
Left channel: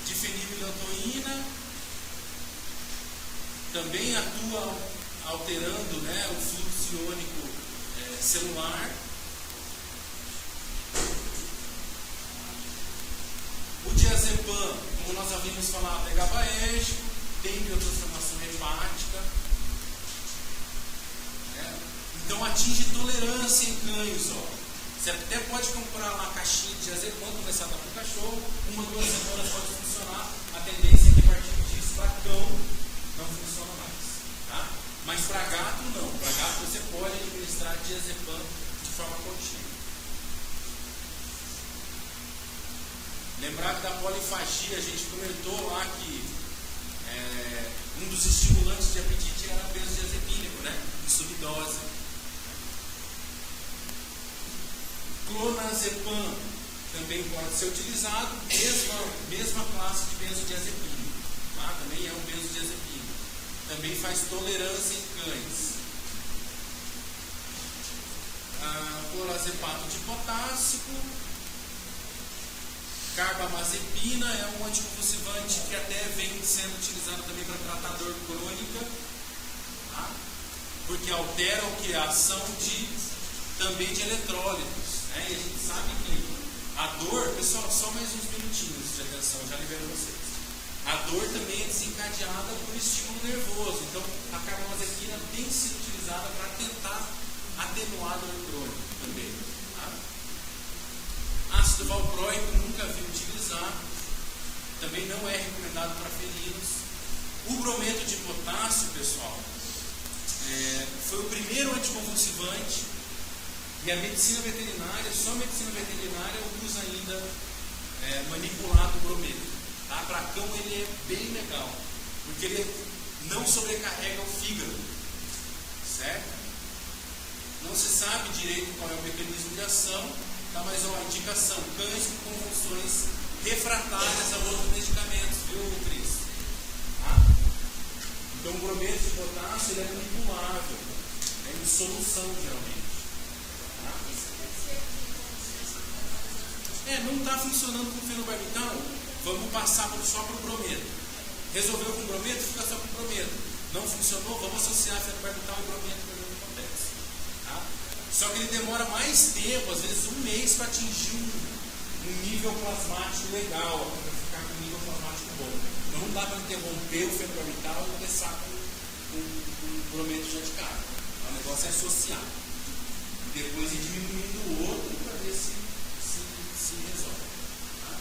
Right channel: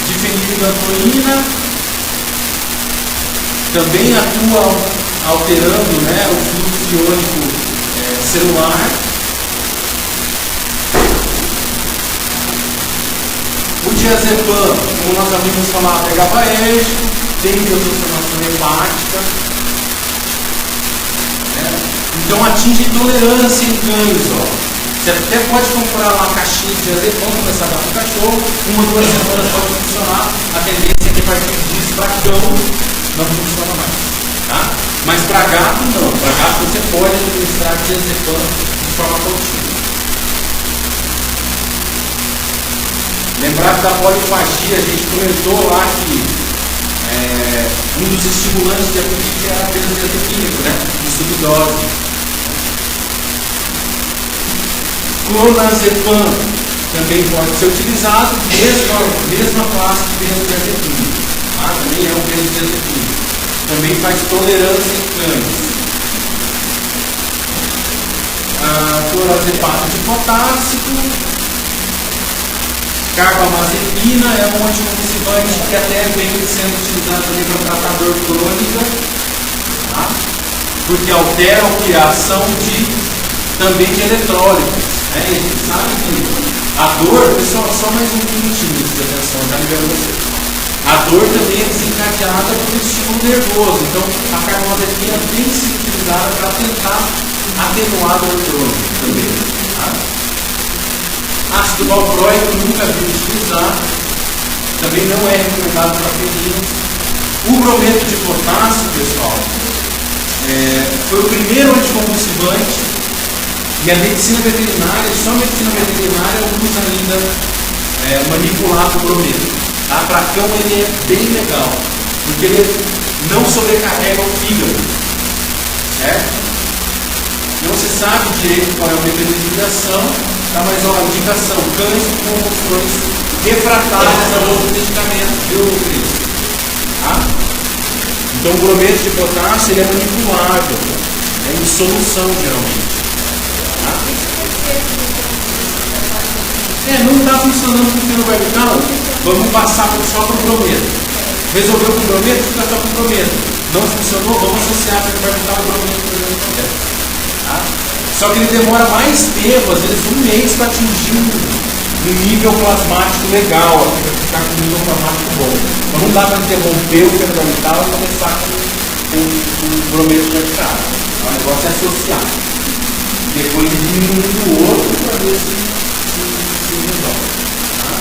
Difenilidantoína também atua alterando, né, o fluxo iônico celular. O diazepam, como nós havíamos falado, é GABAérgico, tem transformação hepática, né? Então atinge tolerância em cães. Você até pode comprar uma caixinha de diazepam, começar a dar para o cachorro, 1 ou 2 semanas pode funcionar. A tendência é que a partir disso para cão não funciona mais. Tá? Mas para gato não. Para gato você pode administrar diazepam de forma contínua. Lembrar que da polifagia, a gente comentou lá que um dos estimulantes de apetite era a benzodiazepínico, né? De subdose. Clonazepam também pode ser utilizado, mesma classe de benzodiazepínico. Tá? Também é um benzodiazepínico. Também faz tolerância em cães. Clorazepato de potássio. Carbamazepina é um anticonvulsivante que até vem sendo utilizado também para tratar dor crônica, tá? Porque altera a ação de também de eletrólitos. Né? E a gente sabe que a dor, pessoal, só mais um minutinho de atenção, já libero você. A dor também é desencadeada por estímulo nervoso, então a carbamazepina tem sido utilizada para tentar atenuar a dor crônica também. Tá? Ácido valproico eu nunca vi utilizar, também não é recomendado para felinos. O brometo de potássio, pessoal, foi o primeiro anticonvulsivante e a medicina veterinária, só a medicina veterinária usa ainda manipular o brometo. Tá? Para cão ele é bem legal, porque ele não sobrecarrega o fígado. Certo? Não se sabe direito qual é o mecanismo de ação, tá? Mas ó, a indicação, cães com convulsões refratárias a outros medicamentos, viu, Cris? Tá? Então o brometo de potássio ele é manipulável, é em solução geralmente. Tá? Não está funcionando com o fenobarbital, vamos passar só para o brometo. Resolveu com o brometo, fica só com o brometo. Não funcionou, vamos associar o fenobarbital ao brometo, por exemplo. Tá? Só que ele demora mais tempo, às vezes 1 mês, para atingir um nível plasmático legal, para ficar com um nível plasmático bom. Então não dá para interromper o fenobarbital e começar com o brometo de arbital. O negócio é associar. Depois diminuir o outro para ver se resolve. Tá?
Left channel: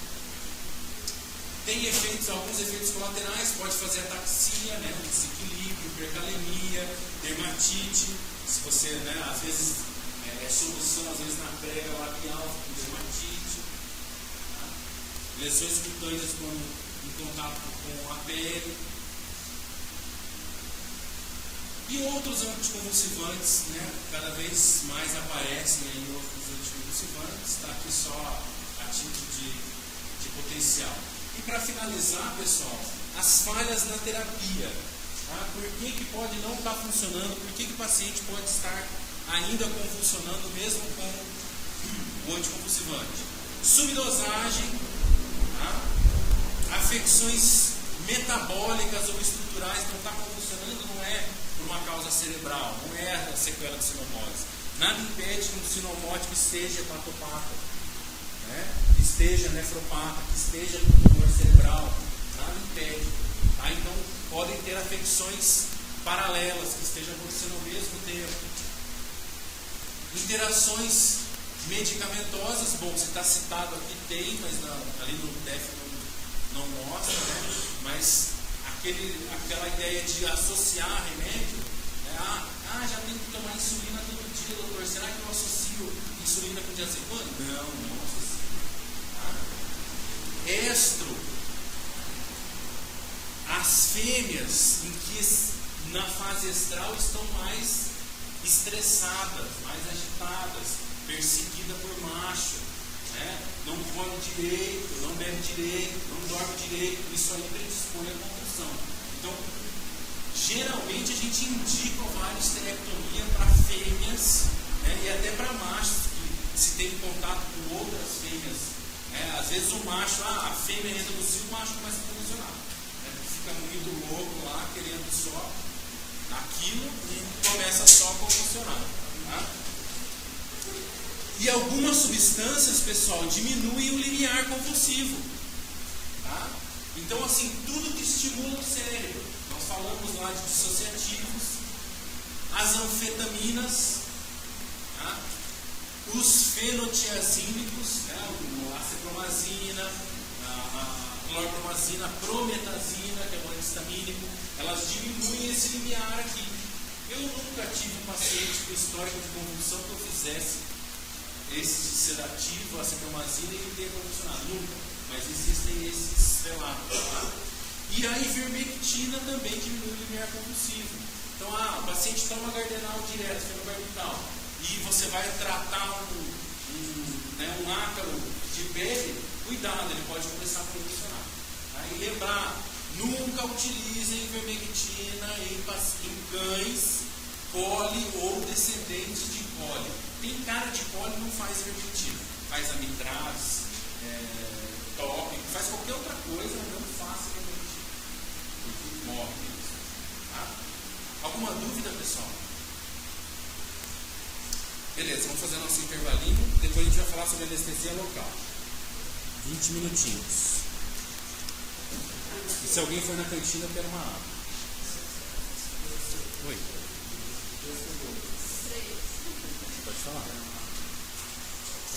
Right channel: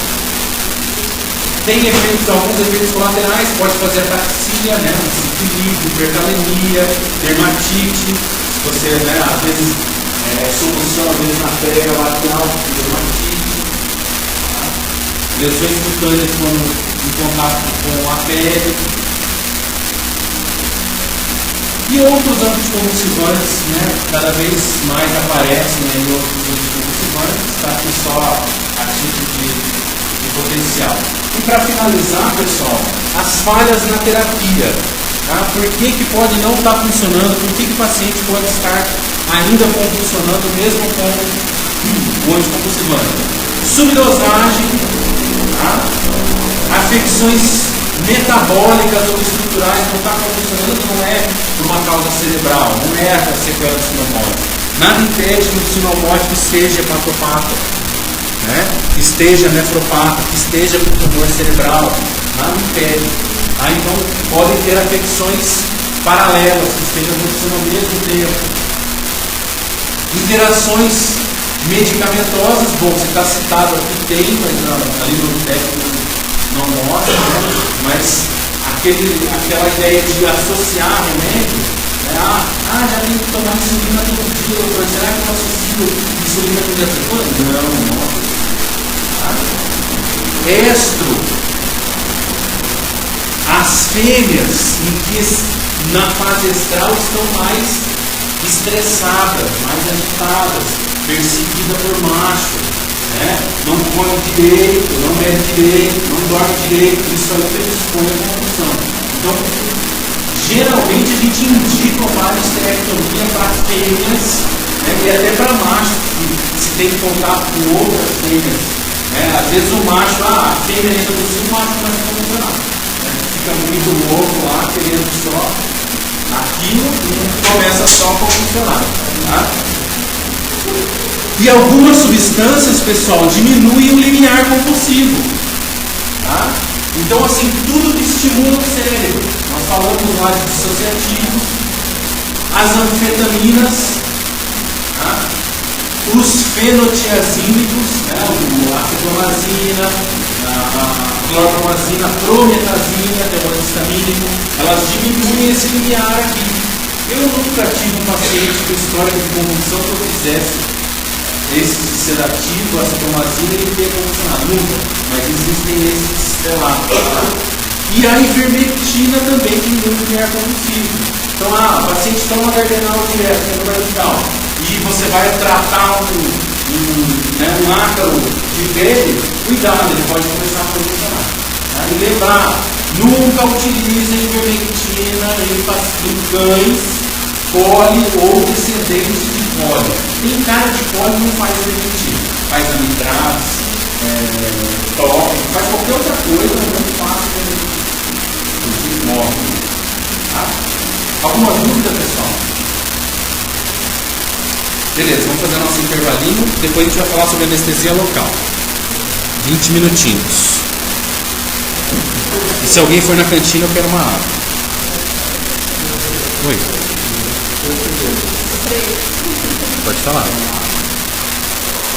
Tem alguns efeitos colaterais, pode fazer ataxia, né? Desequilíbrio, hipercalemia, dermatite. Se você, né, às vezes, solução, às vezes na prega lateral, dermatite. Tá? Lesões cutâneas em contato com a pele. E outros anticonvulsivantes, né, cada vez mais aparecem em outros anticonvulsivantes, está aqui só a título de potencial. E para finalizar, pessoal, as falhas na terapia. Tá? Por que pode não estar funcionando? Por que o paciente pode estar ainda convulsionando mesmo com o anticonvulsivante? Subdosagem, tá? Afecções metabólicas ou estruturais, não está convulsionando, não é por uma causa cerebral, não é a sequela do sinomótico. Nada impede que o sinomótico esteja hepatopata, né? Que esteja nefropata, que esteja com tumor cerebral, nada impede. Então, podem ter afecções paralelas, que estejam acontecendo ao mesmo tempo. Interações medicamentosas, bom, você está citado aqui, tem, mas na livro técnico não mostra, né? Mas aquela ideia de associar remédio, né? Já tem que tomar insulina todo dia, doutor, será que eu associo insulina com diazepam? Não. Tá? Estro. As fêmeas em que na fase estral estão mais estressadas, mais agitadas, perseguidas por macho, né? Não come direito, não bebe direito, não dorme direito, isso aí predispõe a convulsão. Então, geralmente a gente indica uma histerectomia para fêmeas, né? E até para machos, que se tem contato com outras fêmeas. Né? Às vezes o macho, a fêmea entra no cio, o macho começa a convulsionar. Fica muito louco lá, querendo só aquilo e começa só a convulsionar. Tá? E algumas substâncias, pessoal, diminuem o limiar compulsivo. Tá? Então, assim, tudo que estimula o cérebro. Nós falamos lá de dissociativos, as anfetaminas, tá? Os fenotiazínicos, né? A acetonazina, a clorpromazina, a prometazina, que é o antihistamínico, elas diminuem esse limiar aqui. Eu nunca tive um paciente com história de convulsão que eu fizesse esse sedativo, a acetonazina, ele tem convulsionado. Nunca, mas existem esses relatos. Tá? E a ivermectina também diminui o limiar convulsivo. Então, o paciente toma cardenal direto, fenobarbital, e você vai tratar um ácaro de pele, cuidado, ele pode começar a convulsionar. Tá? E lembrar, nunca utilize a ivermectina em cães, poli ou descendentes de poli. Tem cara de poli não faz ivermectina, faz amitraze, top, faz qualquer outra coisa, não faz ivermectina. Inclusive morre. Tá? Alguma dúvida, pessoal? Beleza, vamos fazer nosso intervalinho. Depois a gente vai falar sobre anestesia local. 20 minutinhos. E se alguém for na cantina, eu quero uma água. Oi. Pode falar.